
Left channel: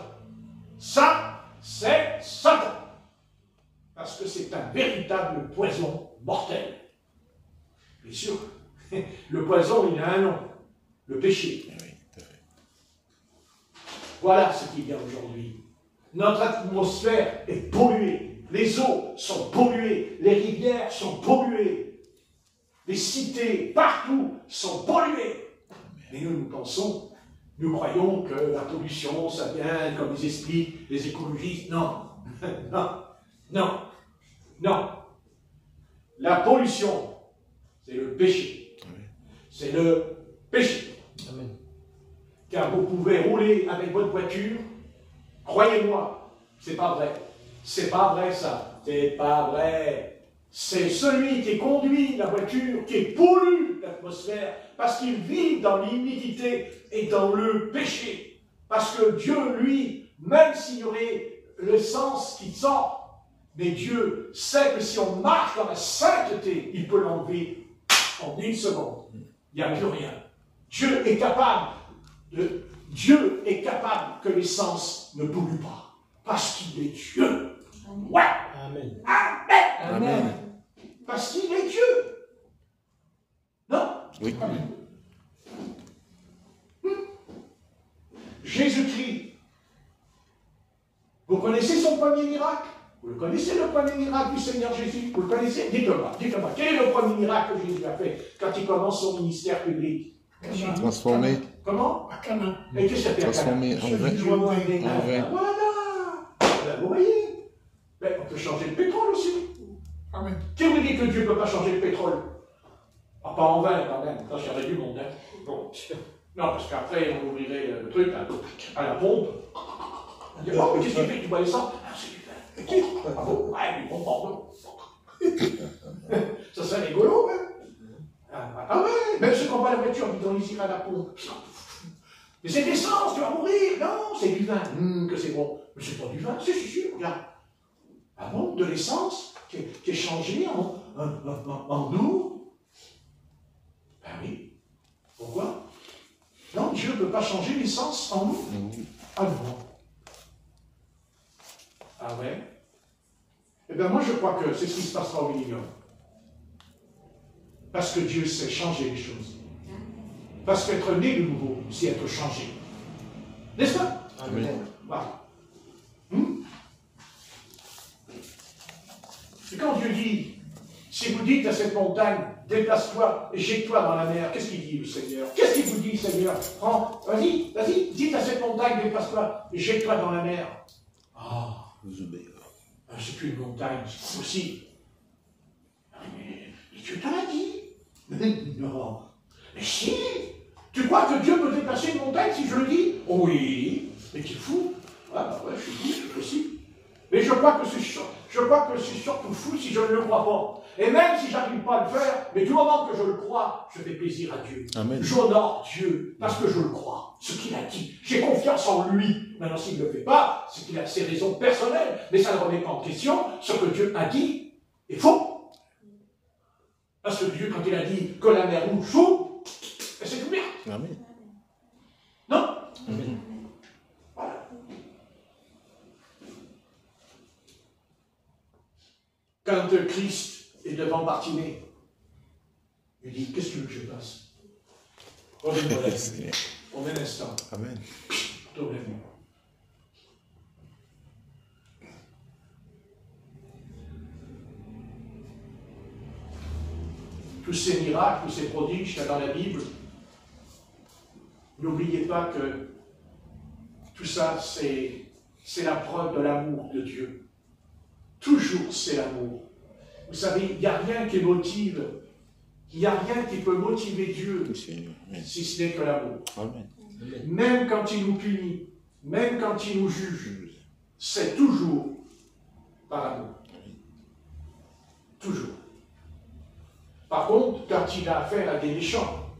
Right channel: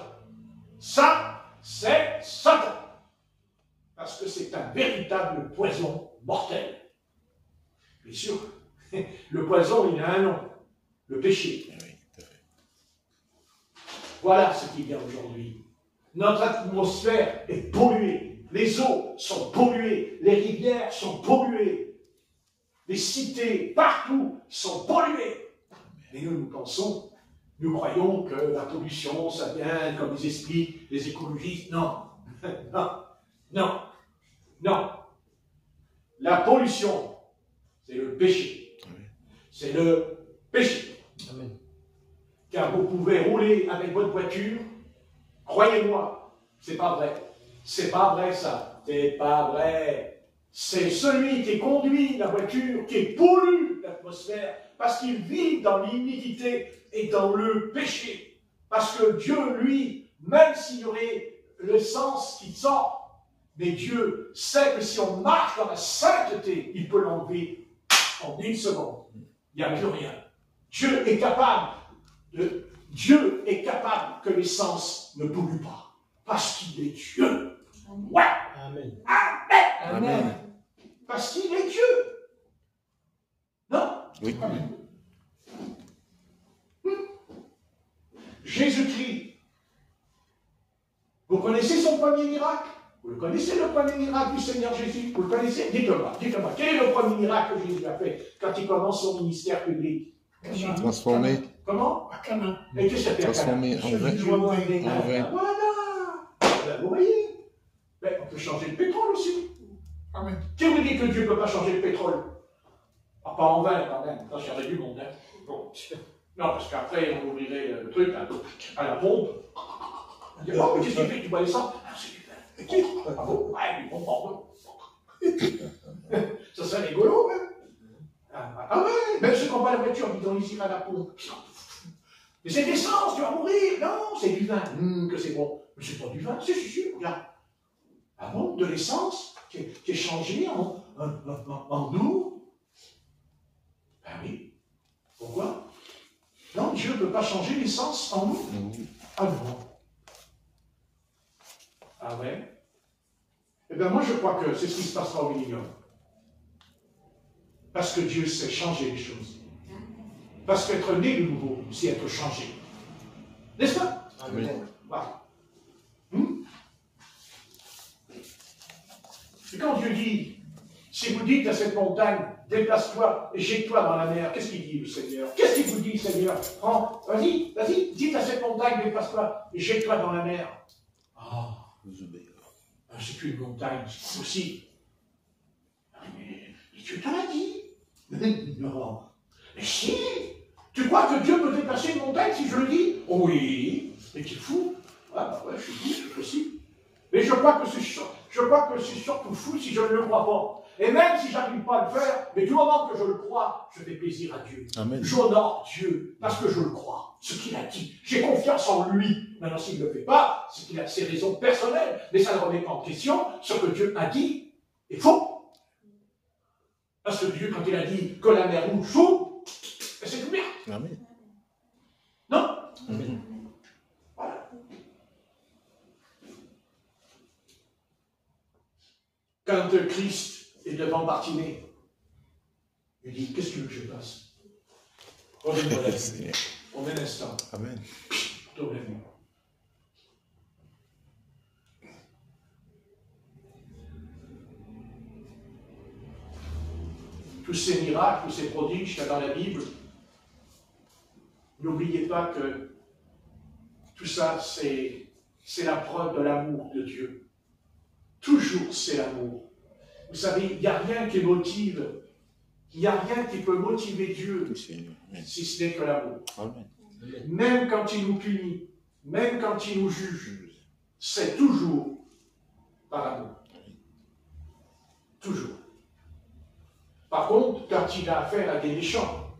Ça, c'est Satan. Parce que c'est un véritable poison mortel. Bien sûr, le poison, il a un nom. Le péché. Voilà ce qu'il y a aujourd'hui. Notre atmosphère est polluée. Les eaux sont polluées. Les rivières sont polluées. Les cités, partout, sont polluées. Mais nous pensons, nous croyons que la pollution, ça vient, comme ils expliquent les écologistes. Non, non. La pollution, c'est le péché. C'est le péché. Amen. Car vous pouvez rouler avec votre voiture, croyez-moi, c'est pas vrai. C'est pas vrai ça. C'est pas vrai. C'est celui qui conduit la voiture qui pollue l'atmosphère parce qu'il vit dans l'iniquité et dans le péché. Parce que Dieu, lui, même s'il y aurait l'essence qui sort, mais Dieu sait que si on marche dans la sainteté, il peut l'enlever en une seconde. Il n'y a plus rien. Dieu est capable que l'essence ne pollue pas. Parce qu'il est Dieu. Ouais. Amen. Amen. Amen. Parce qu'il est Dieu. Non? Oui. Jésus-Christ. Vous connaissez son premier miracle? Vous le connaissez, le premier miracle du Seigneur Jésus? Vous le connaissez? Dites-moi. Quel est le premier miracle que Jésus a fait quand il commence son ministère public? Transformé. Comment? À Cana. Et qu'est-ce qu'il a fait? Transformé en vin. Voilà. Vous voyez? Mais on peut changer le pétrole aussi. Amen. Qui vous dit que Dieu ne peut pas changer le pétrole? Ah, pas en vin quand même. Ça, c'est du monde. Hein. Bon. Non, parce qu'après, on ouvrirait le truc à la pompe. On dit, oh, qu'est-ce qu'il fait? Tu bois l'essence? Ah, c'est du vin. Ah bon? Ouais, du bon pardon. Ça serait rigolo, hein? Ah ouais, même ceux qui n'ont pas la voiture, ils ont les à la pompe. Mais c'est de l'essence, tu vas mourir. Non, c'est du vin. Que c'est bon. Mais c'est pas du vin, c'est sûr, regarde. Ah bon, de l'essence qui est changée en eau? Ben oui. Pourquoi? Non, Dieu ne peut pas changer l'essence en eau. Ah non. Ah ouais? Eh bien moi je crois que c'est ce qui se passera au millénium. Parce que Dieu sait changer les choses. Parce qu'être né de nouveau, c'est être changé. N'est-ce pas? Amen. Voilà. Et quand Dieu dit, si vous dites à cette montagne, déplace-toi et jette-toi dans la mer, qu'est-ce qu'il dit le Seigneur? Qu'est-ce qu'il vous dit, Seigneur? Prends, vas-y, dites à cette montagne, déplace-toi et jette-toi dans la mer. Ah, c'est qu'une montagne, c'est possible. Mais Dieu te l'a dit. Mais non. Mais si, tu crois que Dieu peut déplacer une montagne si je le dis? Oh oui. Mais tu es fou. Ah bah ouais, je suis fou, c'est possible. Mais je crois que c'est surtout fou si je ne le crois pas. Et même si je n'arrive pas à le faire, mais du moment que je le crois, je fais plaisir à Dieu. J'honore Dieu parce que je le crois, ce qu'il a dit. J'ai confiance en lui. Maintenant, s'il ne le fait pas, c'est qu'il a ses raisons personnelles. Mais ça ne remet pas en question ce que Dieu a dit est faux. Parce que Dieu, quand il a dit que la mer rouge s'ouvre, c'est ouvert. Amen. Non? Amen. Quand Christ est devant Bartimée, il dit, qu'est-ce que tu veux que je fasse? On un instant. Amen. Tournez-vous. Tous ces miracles, tous ces prodiges qu'il y a dans la Bible, n'oubliez pas que tout ça, c'est la preuve de l'amour de Dieu. Toujours, c'est l'amour. Vous savez, il n'y a rien qui motive, il n'y a rien qui peut motiver Dieu, si ce n'est que l'amour. Même quand il nous punit, même quand il nous juge, c'est toujours par amour. Toujours. Par contre, quand il a affaire à des méchants,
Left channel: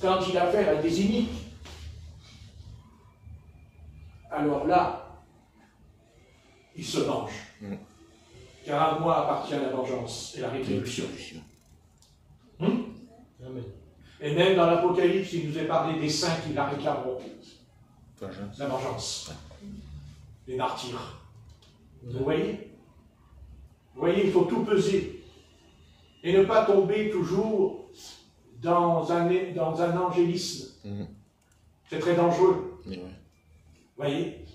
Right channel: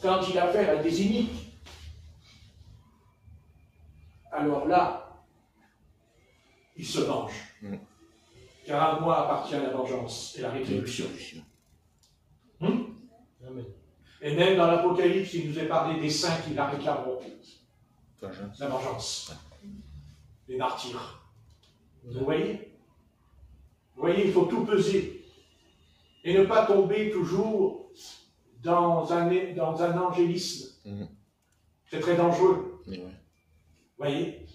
quand il a affaire à des iniques, alors là, il se venge. Car à moi appartient la vengeance et la rétribution. Et même dans l'Apocalypse, il nous est parlé des saints qui la réclameront. La vengeance. Les martyrs. Vous voyez? Vous voyez, il faut tout peser. Et ne pas tomber toujours dans un angélisme. C'est très dangereux. Vous voyez?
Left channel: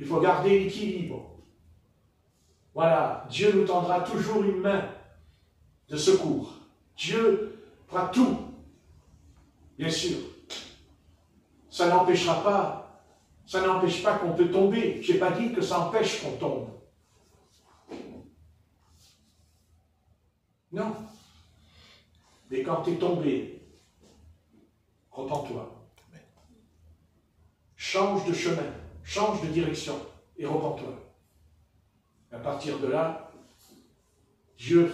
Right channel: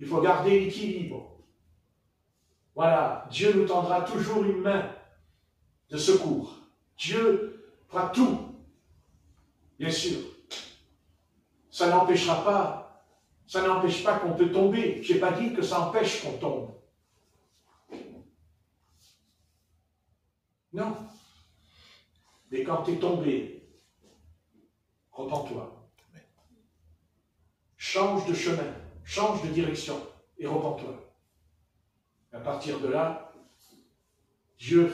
Il faut garder l'équilibre. Voilà, Dieu nous tendra toujours une main de secours. Dieu fera tout, bien sûr. Ça n'empêche pas qu'on peut tomber. Je n'ai pas dit que ça empêche qu'on tombe. Non. Mais quand tu es tombé, repens-toi. Change de chemin, change de direction et repens-toi. À partir de là, Dieu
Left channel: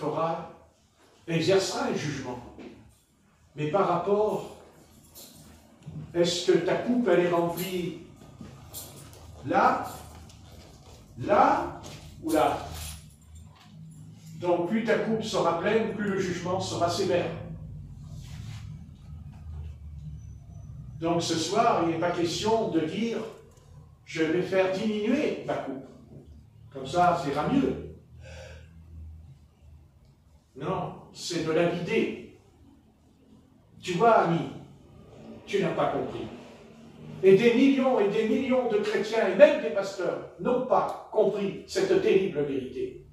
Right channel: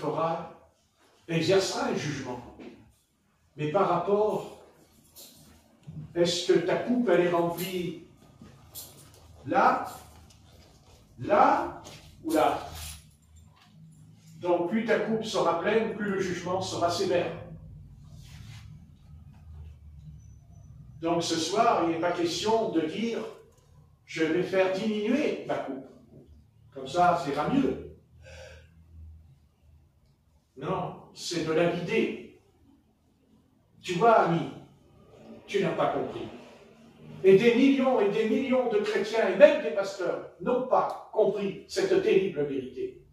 exercera un jugement. Mais par rapport, est-ce que ta coupe, elle est remplie là, là ou là? Donc plus ta coupe sera pleine, plus le jugement sera sévère. Donc ce soir, il n'est pas question de dire « je vais faire diminuer ma coupe ». Comme ça, ça ira mieux. Non, c'est de la vider. Tu vois, ami, tu n'as pas compris. Et des millions de chrétiens, et même des pasteurs, n'ont pas compris cette terrible vérité.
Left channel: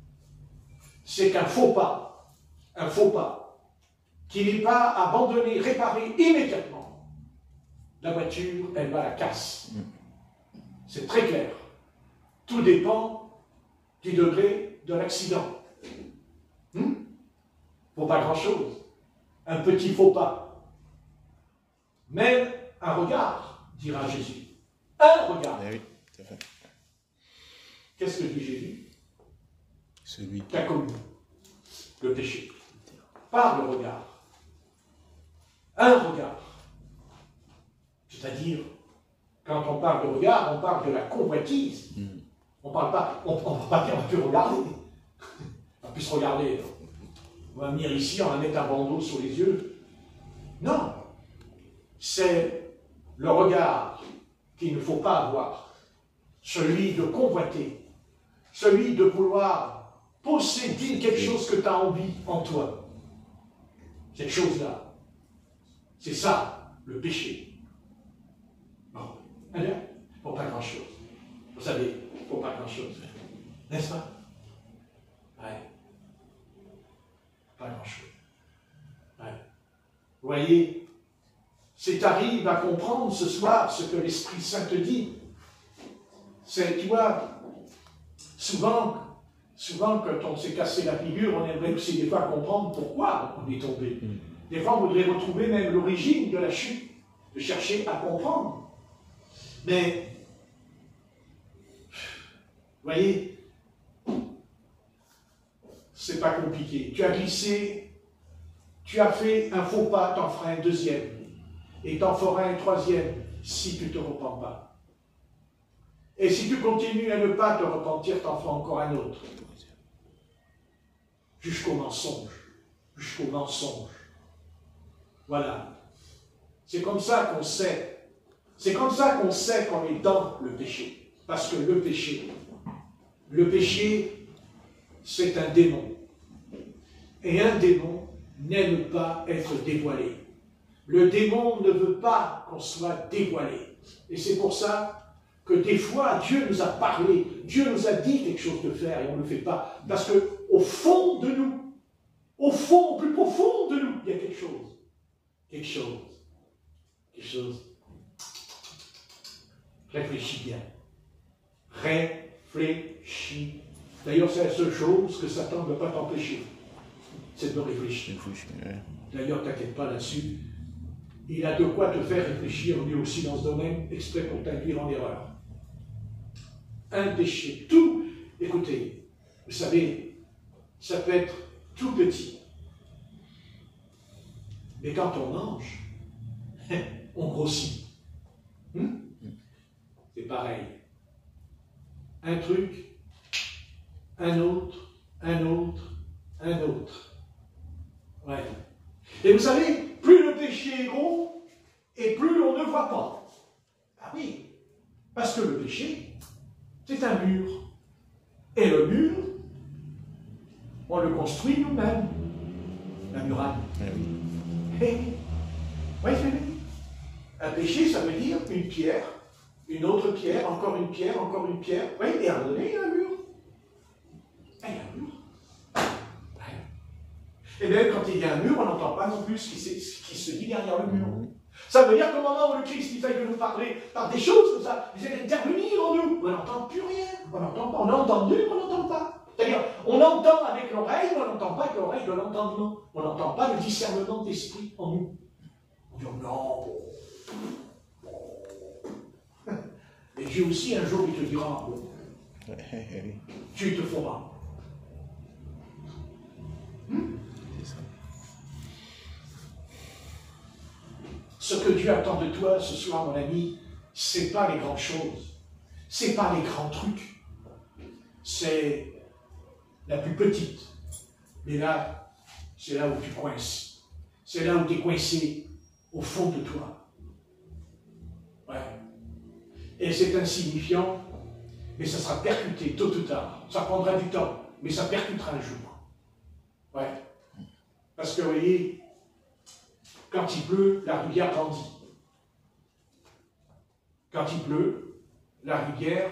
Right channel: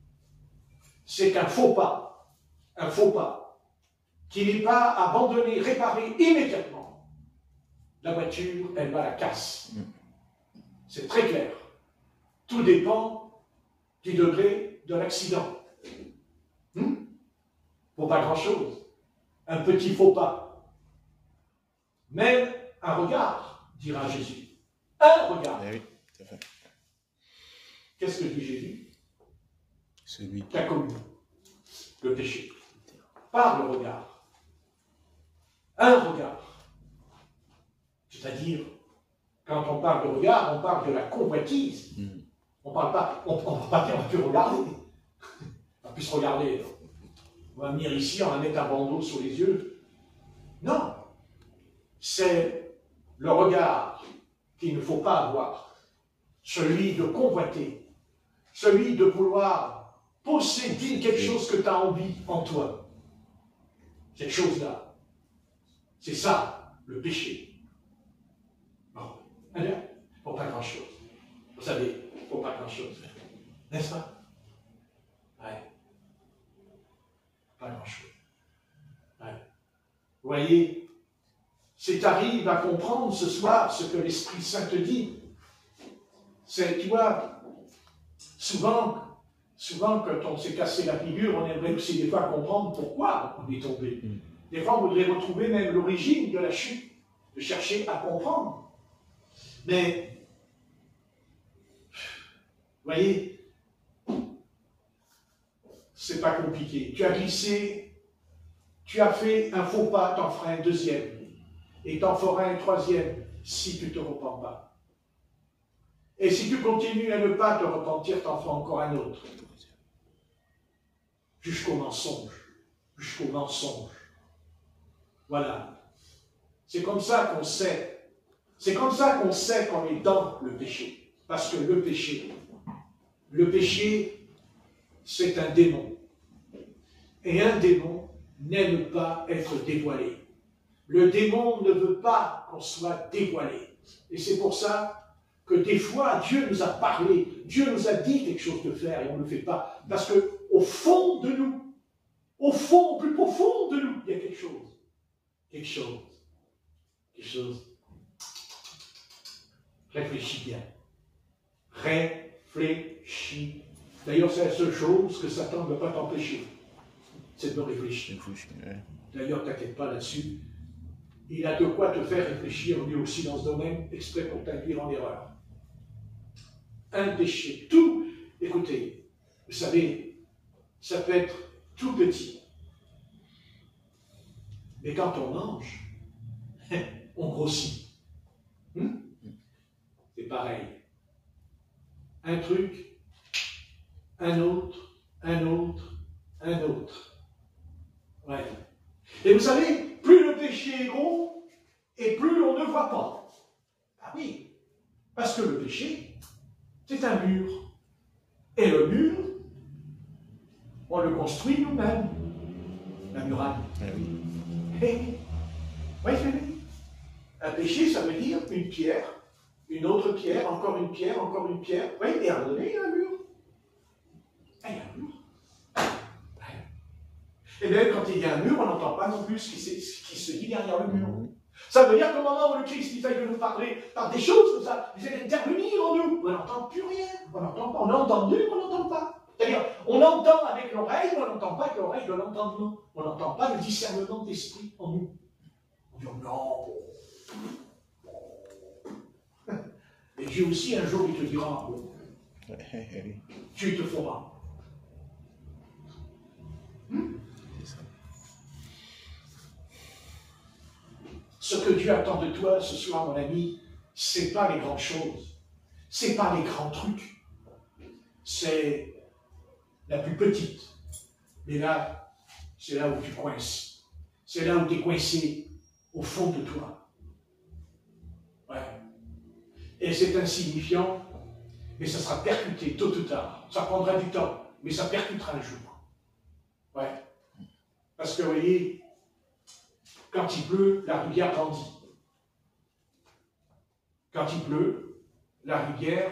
C'est qu'un faux pas, qui n'est pas abandonné, réparé immédiatement, la voiture, elle va à la casse. C'est très clair. Tout dépend du degré de l'accident. Pour pas grand-chose. Un petit faux pas. Même un regard, dira Jésus. Un regard. Oui, c'est vrai. Qu'est-ce que dit Jésus? Celui qui a commis le péché. Par le regard. Un regard. C'est-à-dire, quand on parle de regard, on parle de la convoitise. On ne va pas dire, on peut regarder. On va plus se regarder. On va venir ici, on va mettre un bandeau sur les yeux. Non. C'est le regard qu'il ne faut pas avoir. Celui de convoiter. Celui de vouloir posséder quelque chose que tu as envie en toi. Cette chose-là. C'est ça, le péché. Bon. Eh bien, pour pas grand-chose. Vous savez, pour pas grand-chose. N'est-ce pas? Ouais. Pas grand-chose. Ouais. Vous voyez, si tu arrives à comprendre ce soir ce que l'Esprit Saint te dit, c'est, tu vois, souvent quand on s'est cassé la figure, on aimerait aussi des fois comprendre pourquoi on est tombé. Des fois, on voudrait retrouver même l'origine de la chute, de chercher à comprendre. Mais, vous voyez, c'est pas compliqué. Tu as glissé, tu as fait un faux pas, t'en feras un deuxième. Et t'en feras un troisième, si tu ne te repens pas. Et si tu continues à ne pas te repentir, t'en feras encore un autre. Jusqu'au mensonge. Jusqu'au mensonge. Voilà. C'est comme ça qu'on sait. C'est comme ça qu'on sait qu'on est dans le péché. Parce que le péché, c'est un démon. Et un démon n'aime pas être dévoilé. Le démon ne veut pas qu'on soit dévoilé. Et c'est pour ça que des fois, Dieu nous a parlé, Dieu nous a dit quelque chose de faire et on ne le fait pas. Parce qu'au fond de nous, au fond, au plus profond de nous, il y a quelque chose. Quelque chose. Quelque chose. Réfléchis bien. Réfléchis. D'ailleurs, c'est la seule chose que Satan ne veut pas t'empêcher. C'est de réfléchir. D'ailleurs, t'inquiète pas là-dessus. Il a de quoi te faire réfléchir, lui aussi, dans ce domaine, exprès pour t'induire en erreur. Un péché, tout, écoutez, vous savez, ça peut être tout petit. Mais quand on mange, on grossit. C'est pareil. Un truc, un autre, un autre, un autre. Ouais. Et vous savez, plus le péché est gros, et plus on ne voit pas. Ah oui, parce que le péché, c'est un mur. Et le mur, on le construit nous-mêmes. La muraille. Oui, un péché, ça veut dire une pierre, une autre pierre, encore une pierre, encore une pierre. Oui, et à un moment donné, il y a un mur. Il y a un mur. Et bien, quand il y a un mur, on n'entend pas non plus ce qui se dit derrière le mur. Ça veut dire qu'au moment où le Christ il fait de nous parler par des choses comme ça, il vient intervenir en nous. On n'entend plus rien. On n'entend pas. On a entendu, mais on n'entend pas. C'est-à-dire, on entend avec l'oreille, mais on n'entend pas avec l'oreille de l'entendement. On n'entend pas le discernement d'esprit en nous. On dit non. Et Dieu aussi, un jour, il te dira, tu te feras. Ce que Dieu attend de toi ce soir, mon ami, ce n'est pas les grandes choses, ce n'est pas les grands trucs, c'est la plus petite. Mais là, c'est là où tu coinces, c'est là où tu es coincé au fond de toi. Ouais. Et c'est insignifiant, mais ça sera percuté tôt ou tard. Ça prendra du temps, mais ça percutera un jour. Ouais. Parce que vous voyez, quand il pleut, la rivière grandit. Quand il pleut, la rivière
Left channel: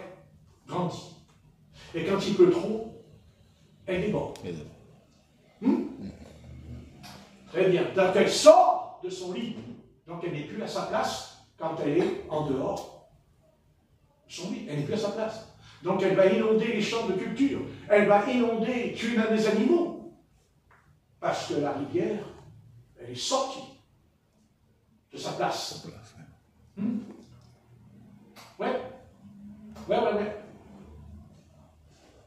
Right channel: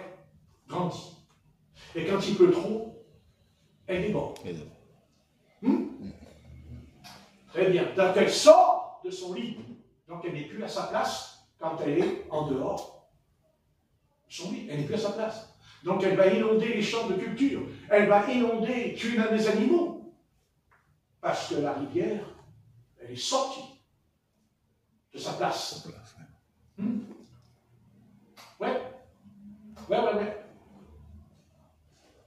grandit. Et quand il pleut trop, elle déborde. Très bien. Donc elle sort de son lit. Donc elle n'est plus à sa place quand elle est en dehors de son lit. Elle n'est plus à sa place. Donc elle va inonder les champs de culture. Elle va inonder, tuer même les animaux. Parce que la rivière, elle est sortie de sa place. Ouais.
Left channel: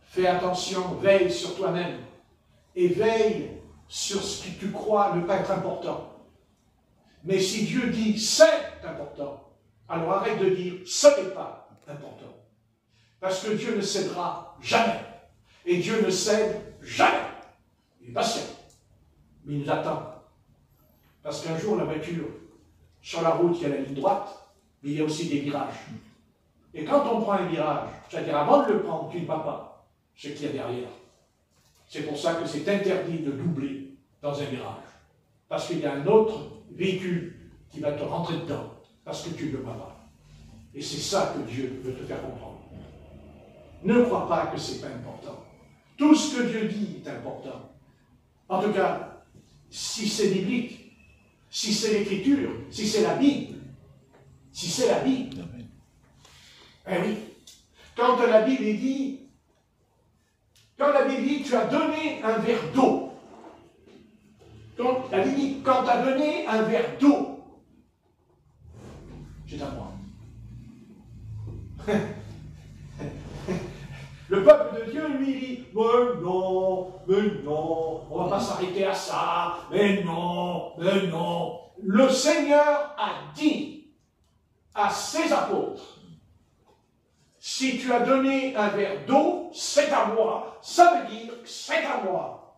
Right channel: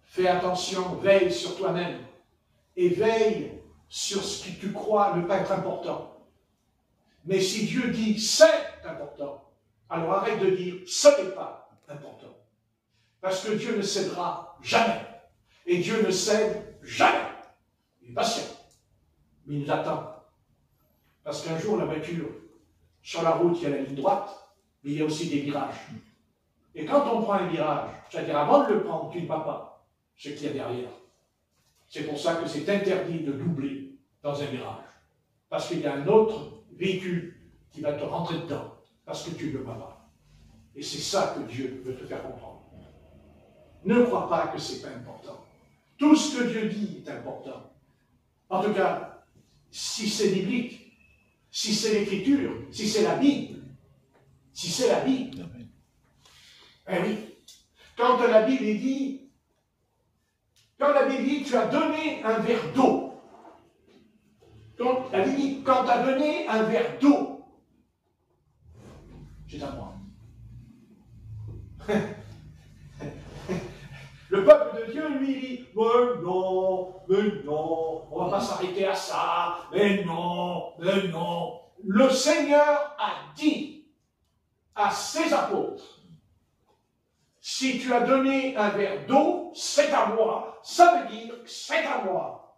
Fais attention, veille sur toi-même. Et veille sur ce que tu crois ne pas être important. Mais si Dieu dit c'est important, alors arrête de dire ce n'est pas important. Parce que Dieu ne cédera jamais. Et Dieu ne cède jamais. Il est patient. Mais il nous attend. Parce qu'un jour, la voiture, sur la route, il y a la ligne droite, mais il y a aussi des virages. Et quand on prend un virage, c'est-à-dire avant de le prendre, tu ne vas pas, c'est qu'il y a derrière. C'est pour ça que c'est interdit de doubler dans un virage. Parce qu'il y a un autre véhicule qui va te rentrer dedans, parce que tu ne le vois pas. Et c'est ça que Dieu veut te faire comprendre. Ne crois pas que ce n'est pas important. Tout ce que Dieu dit est important. En tout cas, si c'est biblique, si c'est l'écriture, si c'est la Bible, eh oui. Quand la Bible dit, tu as donné un verre d'eau. Quand la Bible dit, quand tu as donné un verre d'eau, c'est à moi. Le peuple de Dieu, lui, dit, mais non, on ne va pas s'arrêter à ça, mais non. Le Seigneur a dit à ses apôtres, si tu as donné un verre d'eau, c'est à moi. Ça veut dire, c'est à moi.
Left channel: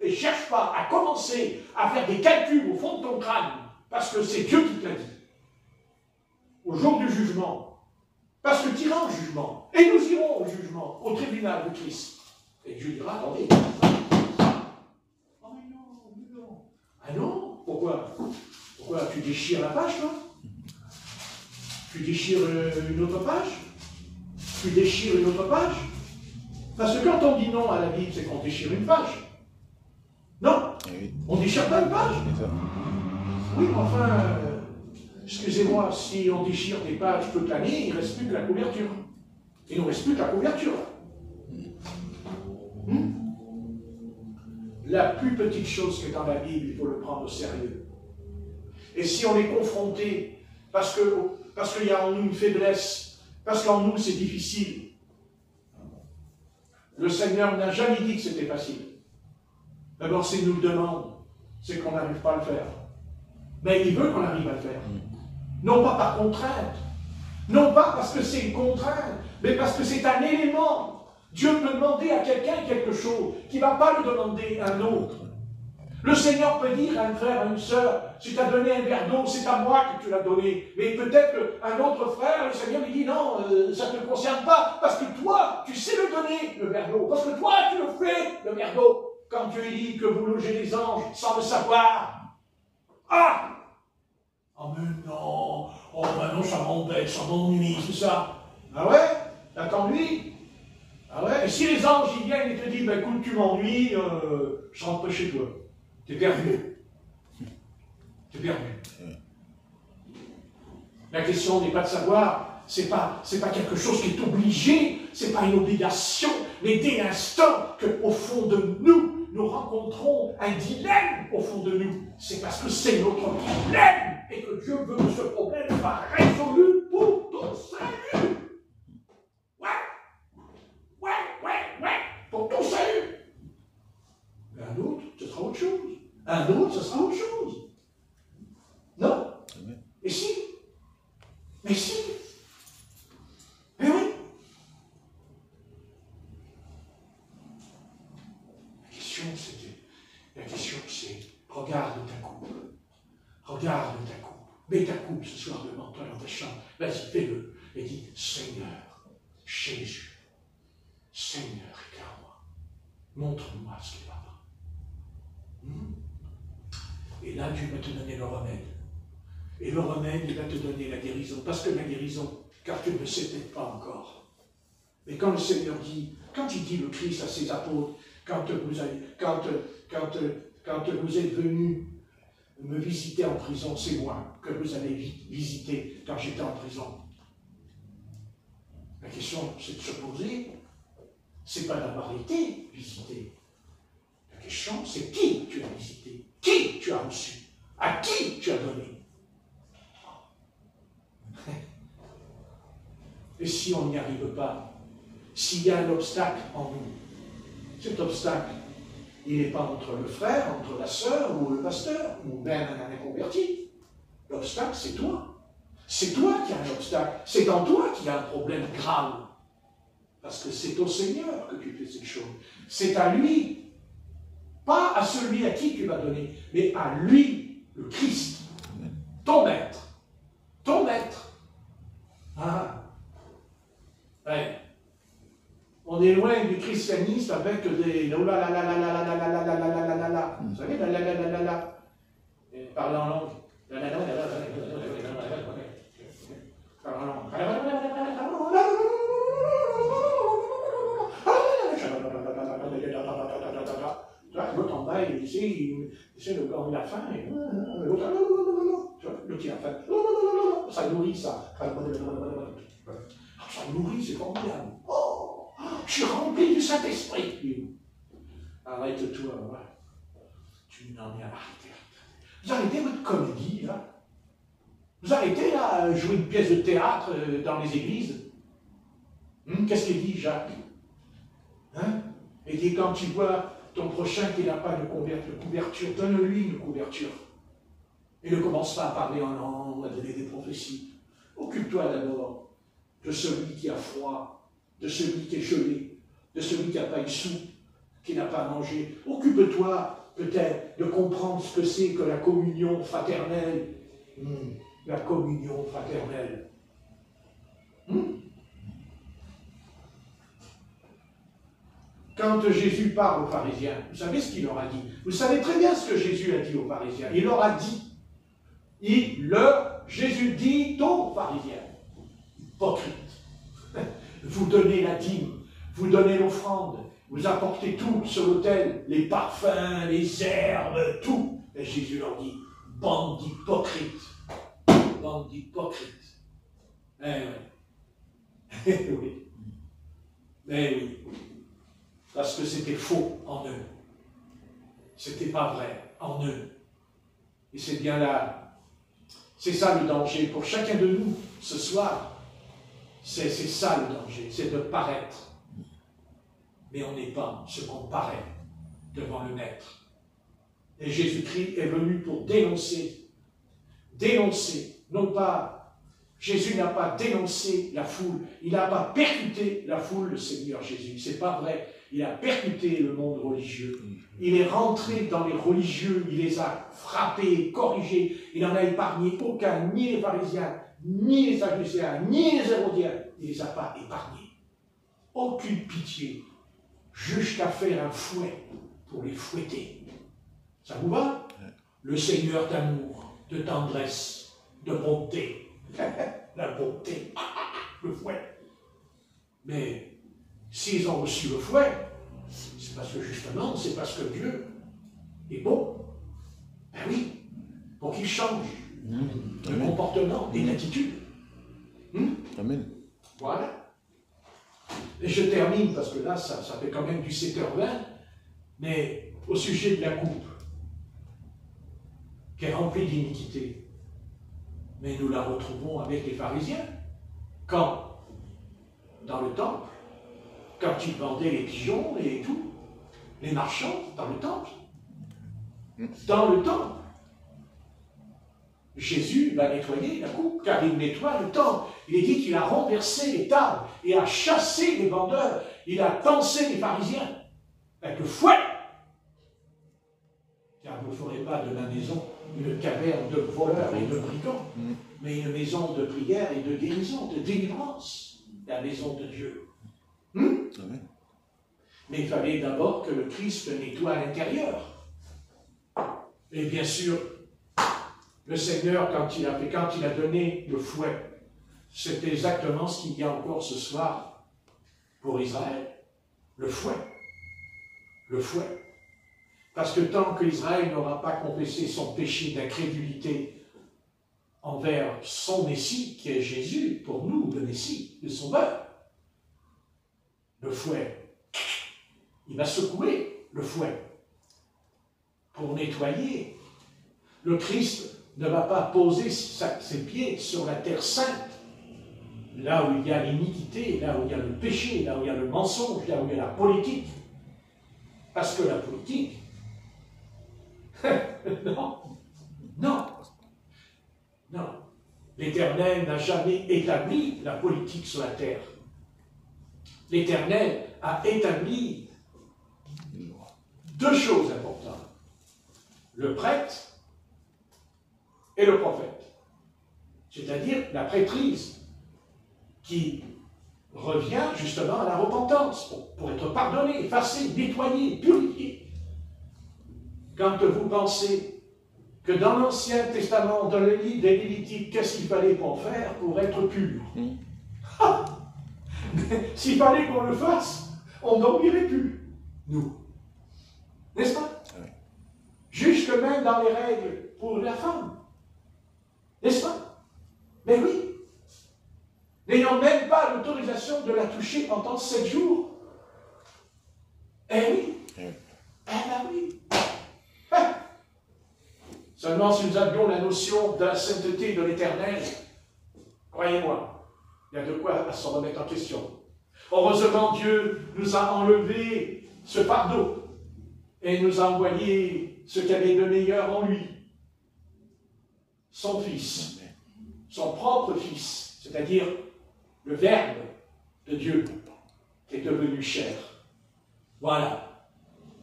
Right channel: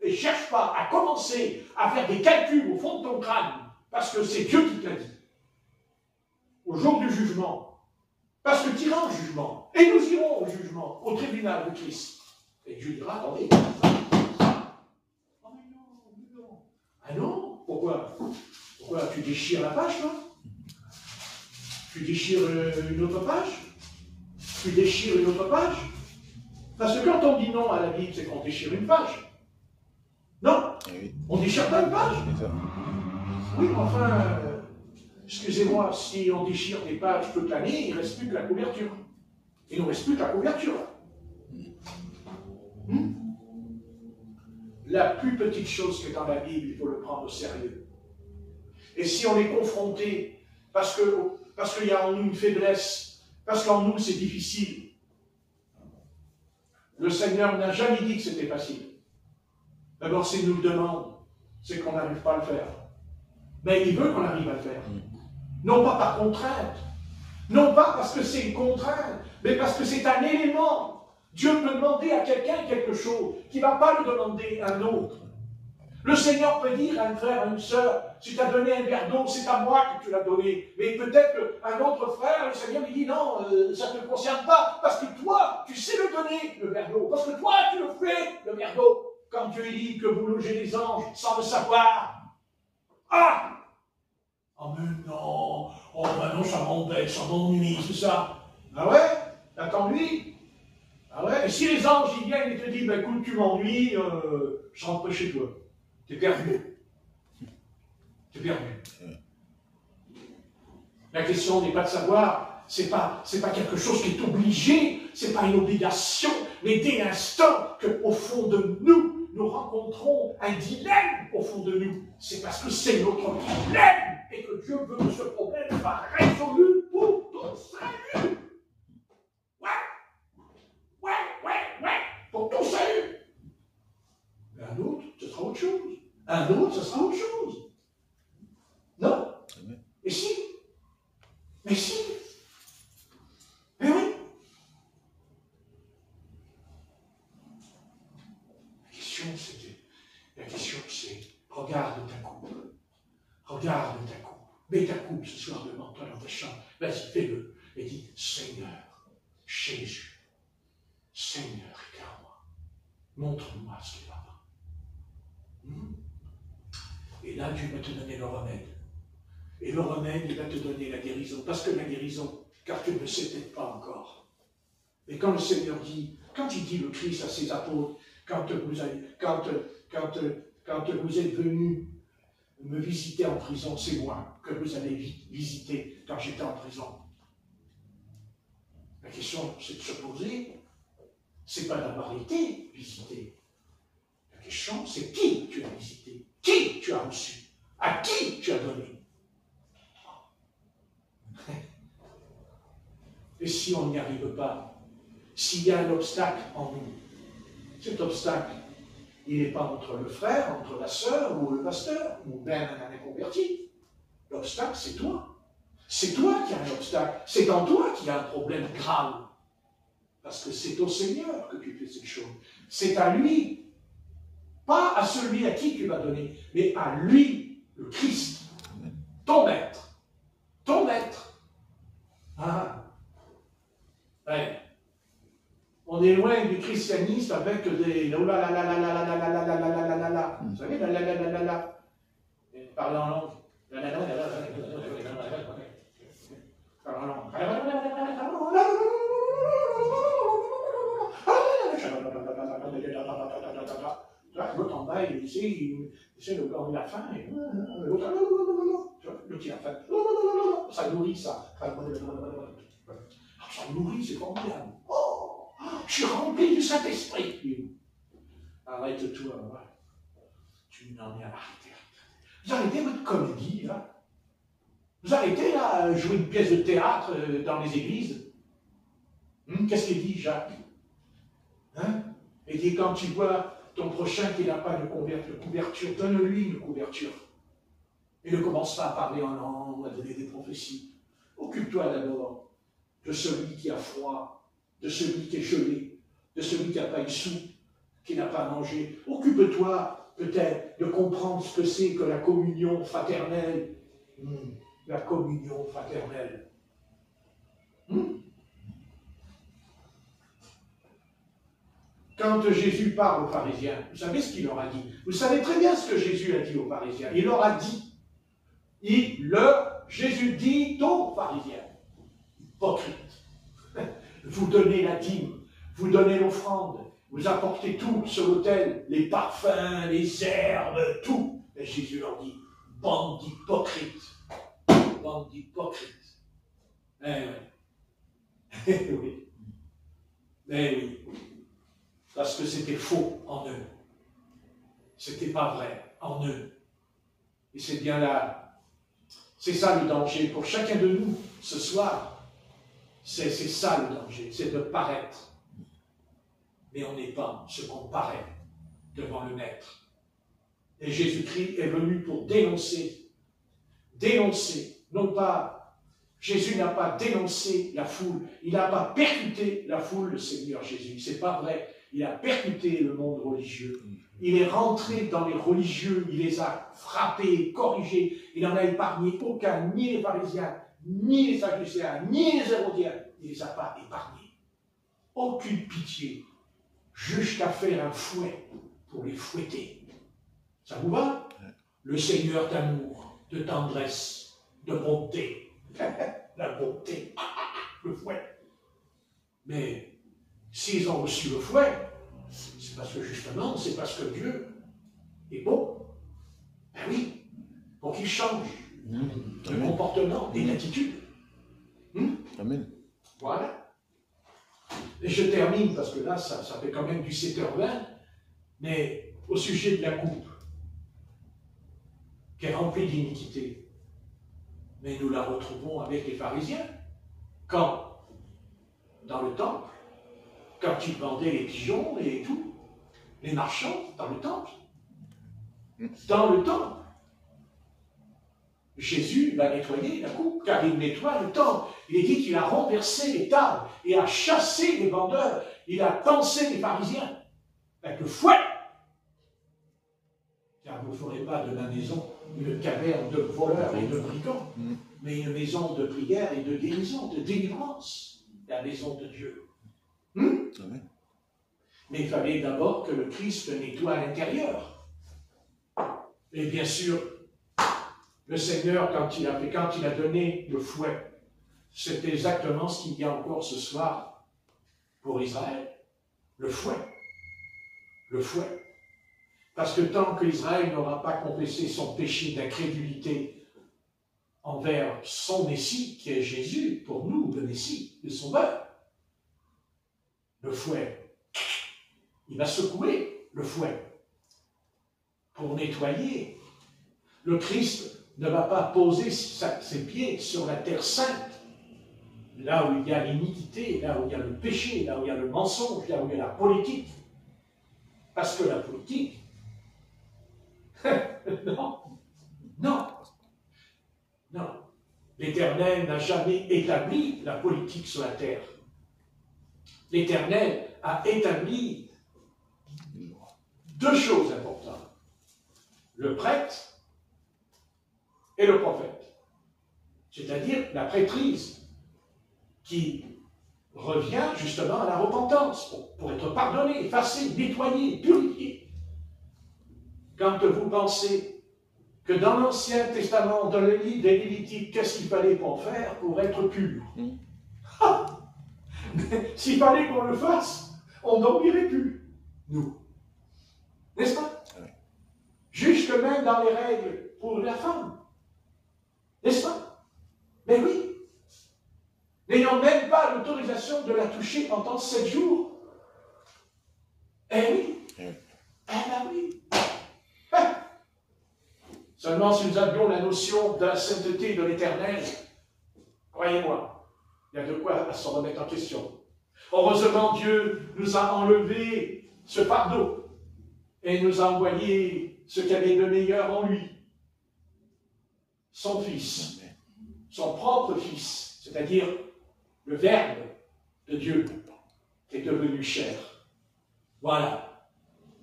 Et cherche pas à commencer à faire des calculs au fond de ton crâne, parce que c'est Dieu qui te l'a dit. Au jour du jugement, parce que tu iras au jugement, et nous irons au jugement, au tribunal de Christ. Et Dieu dira, attendez. Oh mais non. Ah non, pourquoi? Pourquoi tu déchires la page, là? Tu déchires une autre page? Tu déchires une autre page? Parce que quand on dit non à la Bible, c'est qu'on déchire une page. Non, on ne déchire pas une page. Oui, mais enfin, excusez-moi, si on déchire des pages toute l'année, il ne reste plus que la couverture. Il ne nous reste plus que la couverture. La plus petite chose qui est dans la Bible, il faut le prendre au sérieux. Et si on est confronté, parce qu'il y a en nous une faiblesse, parce qu'en nous c'est difficile, le Seigneur n'a jamais dit que c'était facile. D'abord, s'il nous le demande, c'est qu'on n'arrive pas à le faire. Mais il veut qu'on arrive à le faire. Non pas par contrainte, non pas parce que c'est une contrainte, mais parce que c'est un élément. Dieu peut demander à quelqu'un quelque chose qui ne va pas lui demander à un autre. Le Seigneur peut dire à un frère, à une sœur, si tu as donné un verre d'eau, c'est à moi que tu l'as donné. Mais peut-être qu'un autre frère, le Seigneur lui dit, non, ça ne te concerne pas, parce que toi, tu sais le donner, le verre d'eau. Parce que toi, tu le fais, le verre d'eau. Quand Dieu dit que vous logez les anges sans le savoir. Ah! Oh mais non, oh ben non, ça m'embête, ça m'ennuie, c'est ça. Ah ouais? Attends-lui. Ah ouais? Et si les anges ils viennent et te disent, ben écoute, tu m'ennuies, je rentre pas chez toi. T'es perdu. T'es perdu. La question n'est pas de savoir, c'est pas quelque chose qui est obligé, c'est pas une obligation, mais dès l'instant qu'au fond de nous, nous rencontrons un dilemme au fond de nous, c'est parce que c'est notre problème et que Dieu veut que ce problème soit résolu pour ton salut. Ouais, pour ton salut. Mais un autre, ce sera autre chose. Un autre, ce sera autre chose. Non? Mais si. Mais si. Mais oui. La question c'est, regarde ta coupe. Regarde ta coupe. Mets ta coupe ce soir devant toi dans ta chambre. Vas-y, fais-le. Et dis, Seigneur, Jésus, Seigneur, regarde-moi. Montre-moi ce qui va pas. Et là, Dieu va te donner le remède. Et le remède, il va te donner la guérison. Parce que la guérison, car tu ne le sais peut-être pas encore. Mais quand le Seigneur dit, quand il dit le Christ à ses apôtres, quand vous êtes venus me visiter en prison, c'est moi que vous allez visiter quand j'étais en prison. La question, c'est de se poser, c'est pas d'avoir été visité. La question, c'est qui tu as visité, qui tu as reçu, à qui tu as donné. Et si on n'y arrive pas, s'il y a un obstacle en nous, cet obstacle, il n'est pas entre le frère, entre la sœur ou le pasteur, ou même un inconverti. L'obstacle, c'est toi. C'est toi qui as un obstacle. C'est en toi qu'il y a un problème grave. Parce que c'est au Seigneur que tu fais ces choses. C'est à lui, pas à celui à qui tu vas donner, mais à lui, le Christ, ton maître. Ton maître. Ah. Ouais. On est loin du christianisme avec des vous savez, parler en langue. Parler en langue. L'autre en bas, il essaie de gagner la faim. Le petit a faim. Ça nourrit ça. Ça nourrit, c'est formidable. Oh, je suis rempli du Saint-Esprit. Arrête-toi, tu n'en es à l'arrêter. Vous arrêtez votre comédie, là. Vous arrêtez, là, à jouer une pièce de théâtre dans les églises. Qu'est-ce qu'il dit, Jacques? Il dit, quand tu vois ton prochain qui n'a pas de couverture, donne-lui une couverture. Et ne commence pas à parler en langue ou à donner des prophéties. Occupe-toi d'abord de celui qui a froid, de celui qui est gelé, de celui qui n'a pas une soupe, qui n'a pas mangé. Occupe-toi peut-être de comprendre ce que c'est que la communion fraternelle. La communion fraternelle. Quand Jésus parle aux pharisiens, vous savez ce qu'il leur a dit? Vous savez très bien ce que Jésus a dit aux pharisiens. Il leur a dit, Jésus dit aux pharisiens, hypocrites, vous donnez la dîme, vous donnez l'offrande, vous apportez tout sur l'autel, les parfums, les herbes, tout. Et Jésus leur dit, bande d'hypocrites, bande d'hypocrites. Eh oui. Oui. Eh oui. Parce que c'était faux en eux. C'était pas vrai en eux. Et c'est bien là. C'est ça le danger pour chacun de nous ce soir. C'est ça le danger, c'est de paraître. Mais on n'est pas ce qu'on paraît devant le Maître. Et Jésus-Christ est venu pour dénoncer. Dénoncer, non pas. Jésus n'a pas dénoncé la foule. Il n'a pas percuté la foule, le Seigneur Jésus. C'est pas vrai. Il a percuté le monde religieux. Il est rentré dans les religieux, il les a frappés, corrigés. Il n'en a épargné aucun, ni les pharisiens, ni les sadducéens, ni les hérodiens. Il ne les a pas épargnés. Aucune pitié, jusqu'à faire un fouet pour les fouetter. Ça vous va? Le Seigneur d'amour, de tendresse, de bonté. La bonté, le fouet. Mais s'ils ont reçu le fouet, c'est parce que justement, c'est parce que Dieu est bon. Ben oui, pour qu'il change de comportement et d'attitude. Amen. Voilà. Et je termine, parce que là, ça fait quand même du 7h20, mais au sujet de la coupe, qui est remplie d'iniquité. Mais nous la retrouvons avec les pharisiens. Quand? Dans le temple. Quand ils vendaient les pigeons et tout, les marchands dans le temple. Dans le temple. Jésus va nettoyer la coupe, car il nettoie le temple. Il dit qu'il a renversé les tables et a chassé les vendeurs. Il a tensé les pharisiens avec le fouet. Car vous ne ferez pas de ma maison une caverne de voleurs et de brigands, mais une maison de prière et de guérison, de délivrance, la maison de Dieu. Mais il fallait d'abord que le Christ nettoie à l'intérieur. Et bien sûr, le Seigneur, quand il a donné le fouet, c'est exactement ce qu'il y a encore ce soir pour Israël. Le fouet. Le fouet. Parce que tant qu'Israël n'aura pas confessé son péché d'incrédulité envers son Messie, qui est Jésus, pour nous, le Messie, le Sauveur, le fouet, il va secouer le fouet pour nettoyer. Le Christ ne va pas poser ses pieds sur la terre sainte, là où il y a l'iniquité, là où il y a le péché, là où il y a le mensonge, là où il y a la politique. Parce que la politique, non. L'Éternel n'a jamais établi la politique sur la terre. L'Éternel a établi deux choses importantes. Le prêtre et le prophète. C'est-à-dire la prêtrise qui revient justement à la repentance pour être pardonné, effacé, nettoyé, purifié. Quand vous pensez que dans l'Ancien Testament, dans le livre des Lévitiques, qu'est-ce qu'il fallait pour faire pour être pur? S'il fallait qu'on le fasse, on n'oublierait plus, nous. N'est-ce pas? Jusque même dans les règles pour la femme. N'est-ce pas? Mais oui. N'ayant même pas l'autorisation de la toucher pendant 7 jours. Eh oui. Eh ben oui. Seulement si nous avions la notion de la sainteté de l'Éternel, croyez-moi, il y a de quoi à s'en remettre en question. Heureusement, Dieu nous a enlevé ce fardeau et nous a envoyé ce qu'il y avait de meilleur en lui. Son Fils, son propre Fils, c'est-à-dire le Verbe de Dieu qui est devenu chair. Voilà,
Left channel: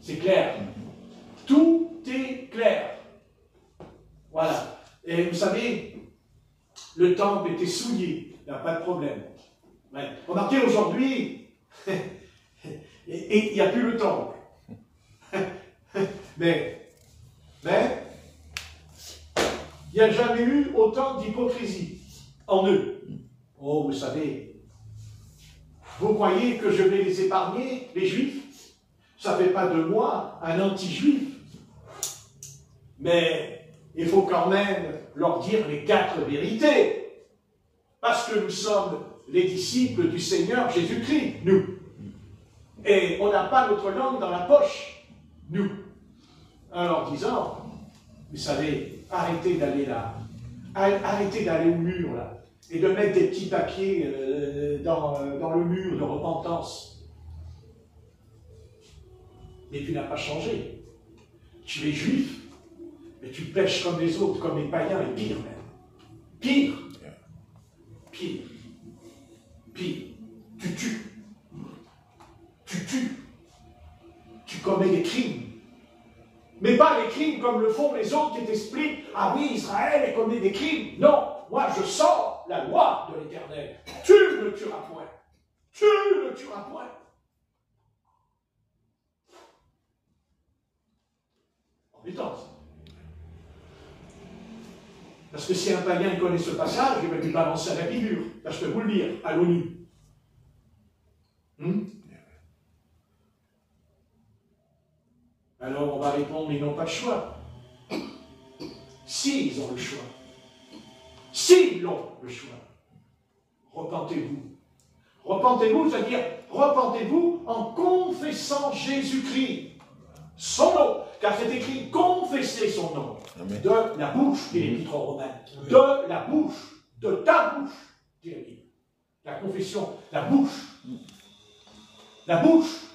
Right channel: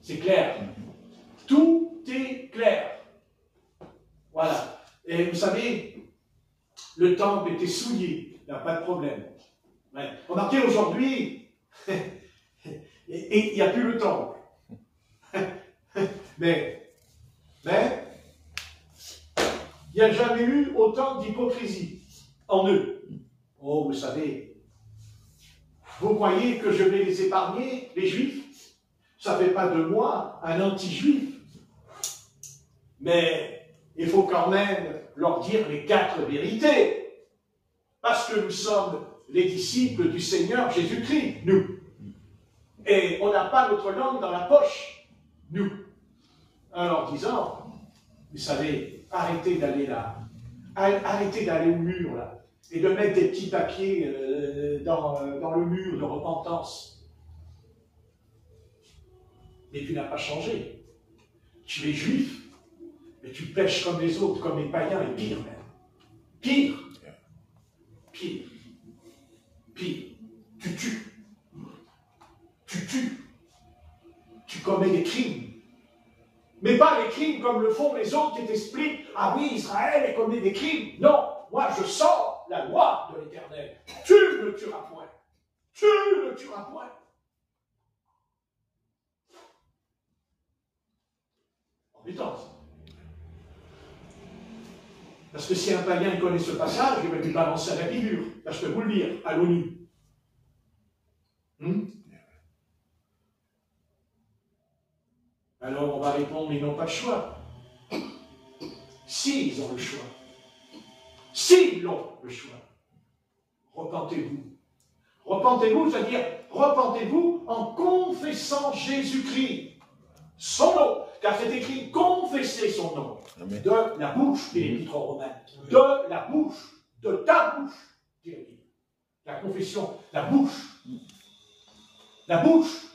c'est clair. Tout est clair. Voilà. Et vous savez, le temple était souillé, il n'y a pas de problème. Ouais. Remarquez aujourd'hui, et il n'y a plus le temple. Mais, il n'y a jamais eu autant d'hypocrisie en eux. Oh, vous savez, vous croyez que je vais les épargner, les Juifs? Ça ne fait pas de moi un anti-juif. Mais il faut quand même leur dire les 4 vérités. Parce que nous sommes les disciples du Seigneur Jésus-Christ, nous. Et on n'a pas notre langue dans la poche, nous. En leur disant, vous savez, arrêtez d'aller là. Arrêtez d'aller au mur, là. Et de mettre des petits papiers dans le mur de repentance. Mais tu n'as pas changé. Tu es juif, mais tu pêches comme les autres, comme les païens, et pire même. Pire. Pire. Pire. Tu tues. Tu tues. Tu commets des crimes. Mais pas les crimes comme le font les autres qui t'expliquent « Ah oui, Israël commet des crimes ». Non, moi je sors la loi de l'Éternel. Tu ne tueras point. Tu ne tueras point. Embêtant. Parce que si un païen connaît ce passage, il va lui balancer à la figure. Là, je peux vous le dire, à l'ONU. Alors on va répondre, mais ils n'ont pas le choix. Si ils ont le choix. S'ils ont le choix. Repentez-vous. Repentez-vous, c'est-à-dire, repentez-vous en confessant Jésus-Christ, son nom, car c'est écrit confesser son nom. Amen. De la bouche, dit l'Épître aux Romains. Amen. De la bouche, de ta bouche, dit la Bible. La confession, la bouche. La bouche.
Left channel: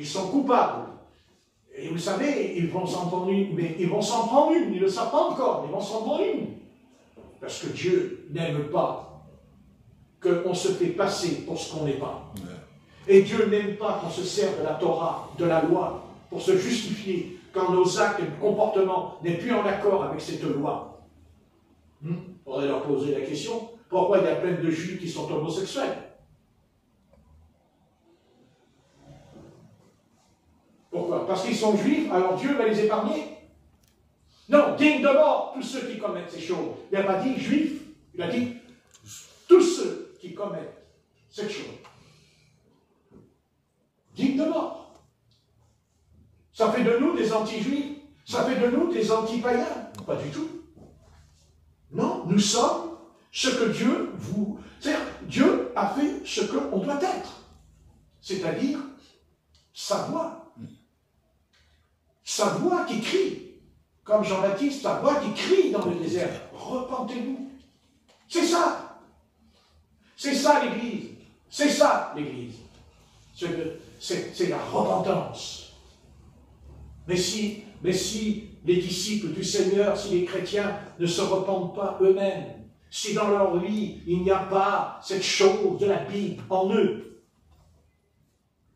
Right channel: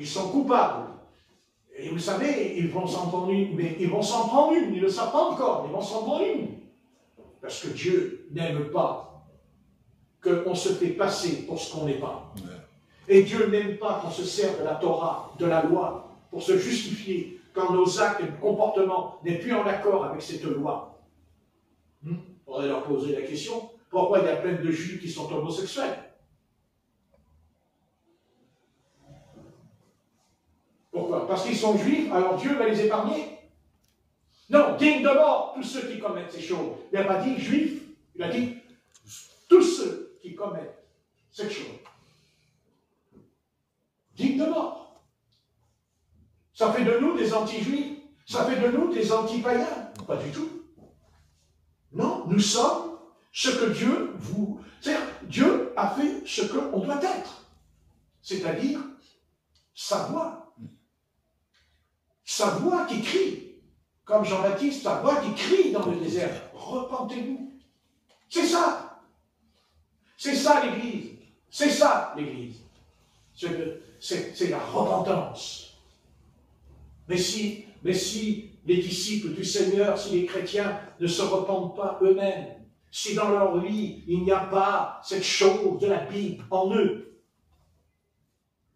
Ils sont coupables. Et vous savez, ils vont s'en prendre une, mais ils vont s'en prendre une, ils ne le savent pas encore, mais ils vont s'en prendre une. Parce que Dieu n'aime pas qu'on se fait passer pour ce qu'on n'est pas. Et Dieu n'aime pas qu'on se serve de la Torah, de la loi, pour se justifier quand nos actes et nos comportements n'est plus en accord avec cette loi. On pourrait leur poser la question, pourquoi il y a plein de Juifs qui sont homosexuels? Pourquoi? Parce qu'ils sont juifs, alors Dieu va les épargner? Non, digne de mort, tous ceux qui commettent ces choses. Il n'a pas dit juifs, il a dit tous ceux qui commettent cette chose. Digne de mort. Ça fait de nous des anti-juifs, ça fait de nous des anti-païens. Pas du tout. Non, nous sommes ce que Dieu vous... C'est-à-dire, Dieu a fait ce qu'on doit être. C'est-à-dire, sa voix. Sa voix qui crie, comme Jean-Baptiste, sa voix qui crie dans le désert, repentez-vous. C'est ça. C'est ça l'Église. C'est ça l'Église. C'est la repentance. Mais si les disciples du Seigneur, si les chrétiens ne se repentent pas eux-mêmes, si dans leur vie il n'y a pas cette chose de la Bible en eux,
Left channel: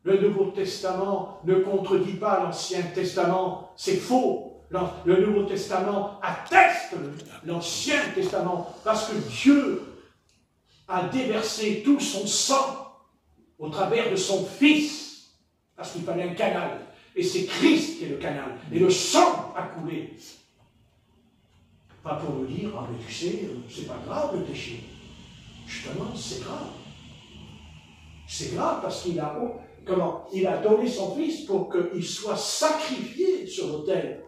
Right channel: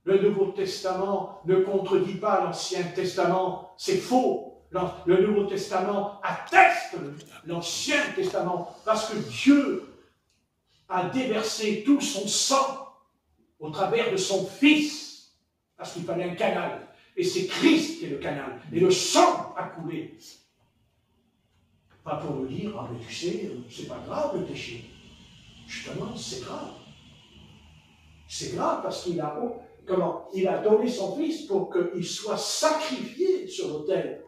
le Nouveau Testament ne contredit pas l'Ancien Testament, c'est faux. Le Nouveau Testament atteste l'Ancien Testament parce que Dieu a déversé tout son sang au travers de son Fils, parce qu'il fallait un canal. Et c'est Christ qui est le canal. Et le sang a coulé. Pas pour nous dire, ah mais tu sais, c'est pas grave le péché. Justement, c'est grave. C'est grave parce qu'il a... il a donné son Fils pour qu'il soit sacrifié sur l'autel.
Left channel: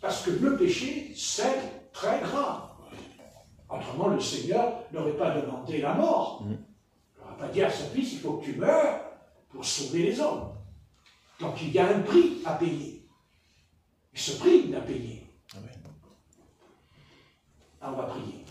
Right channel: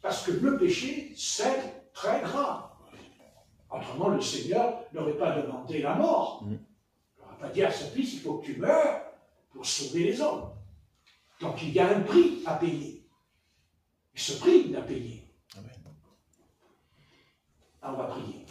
Parce que le péché, c'est très grave. Autrement, le Seigneur n'aurait pas demandé la mort. Il n'aurait pas dit à son Fils, il faut que tu meurs pour sauver les hommes. Donc il y a un prix à payer. Et ce prix, il a payé. On va prier.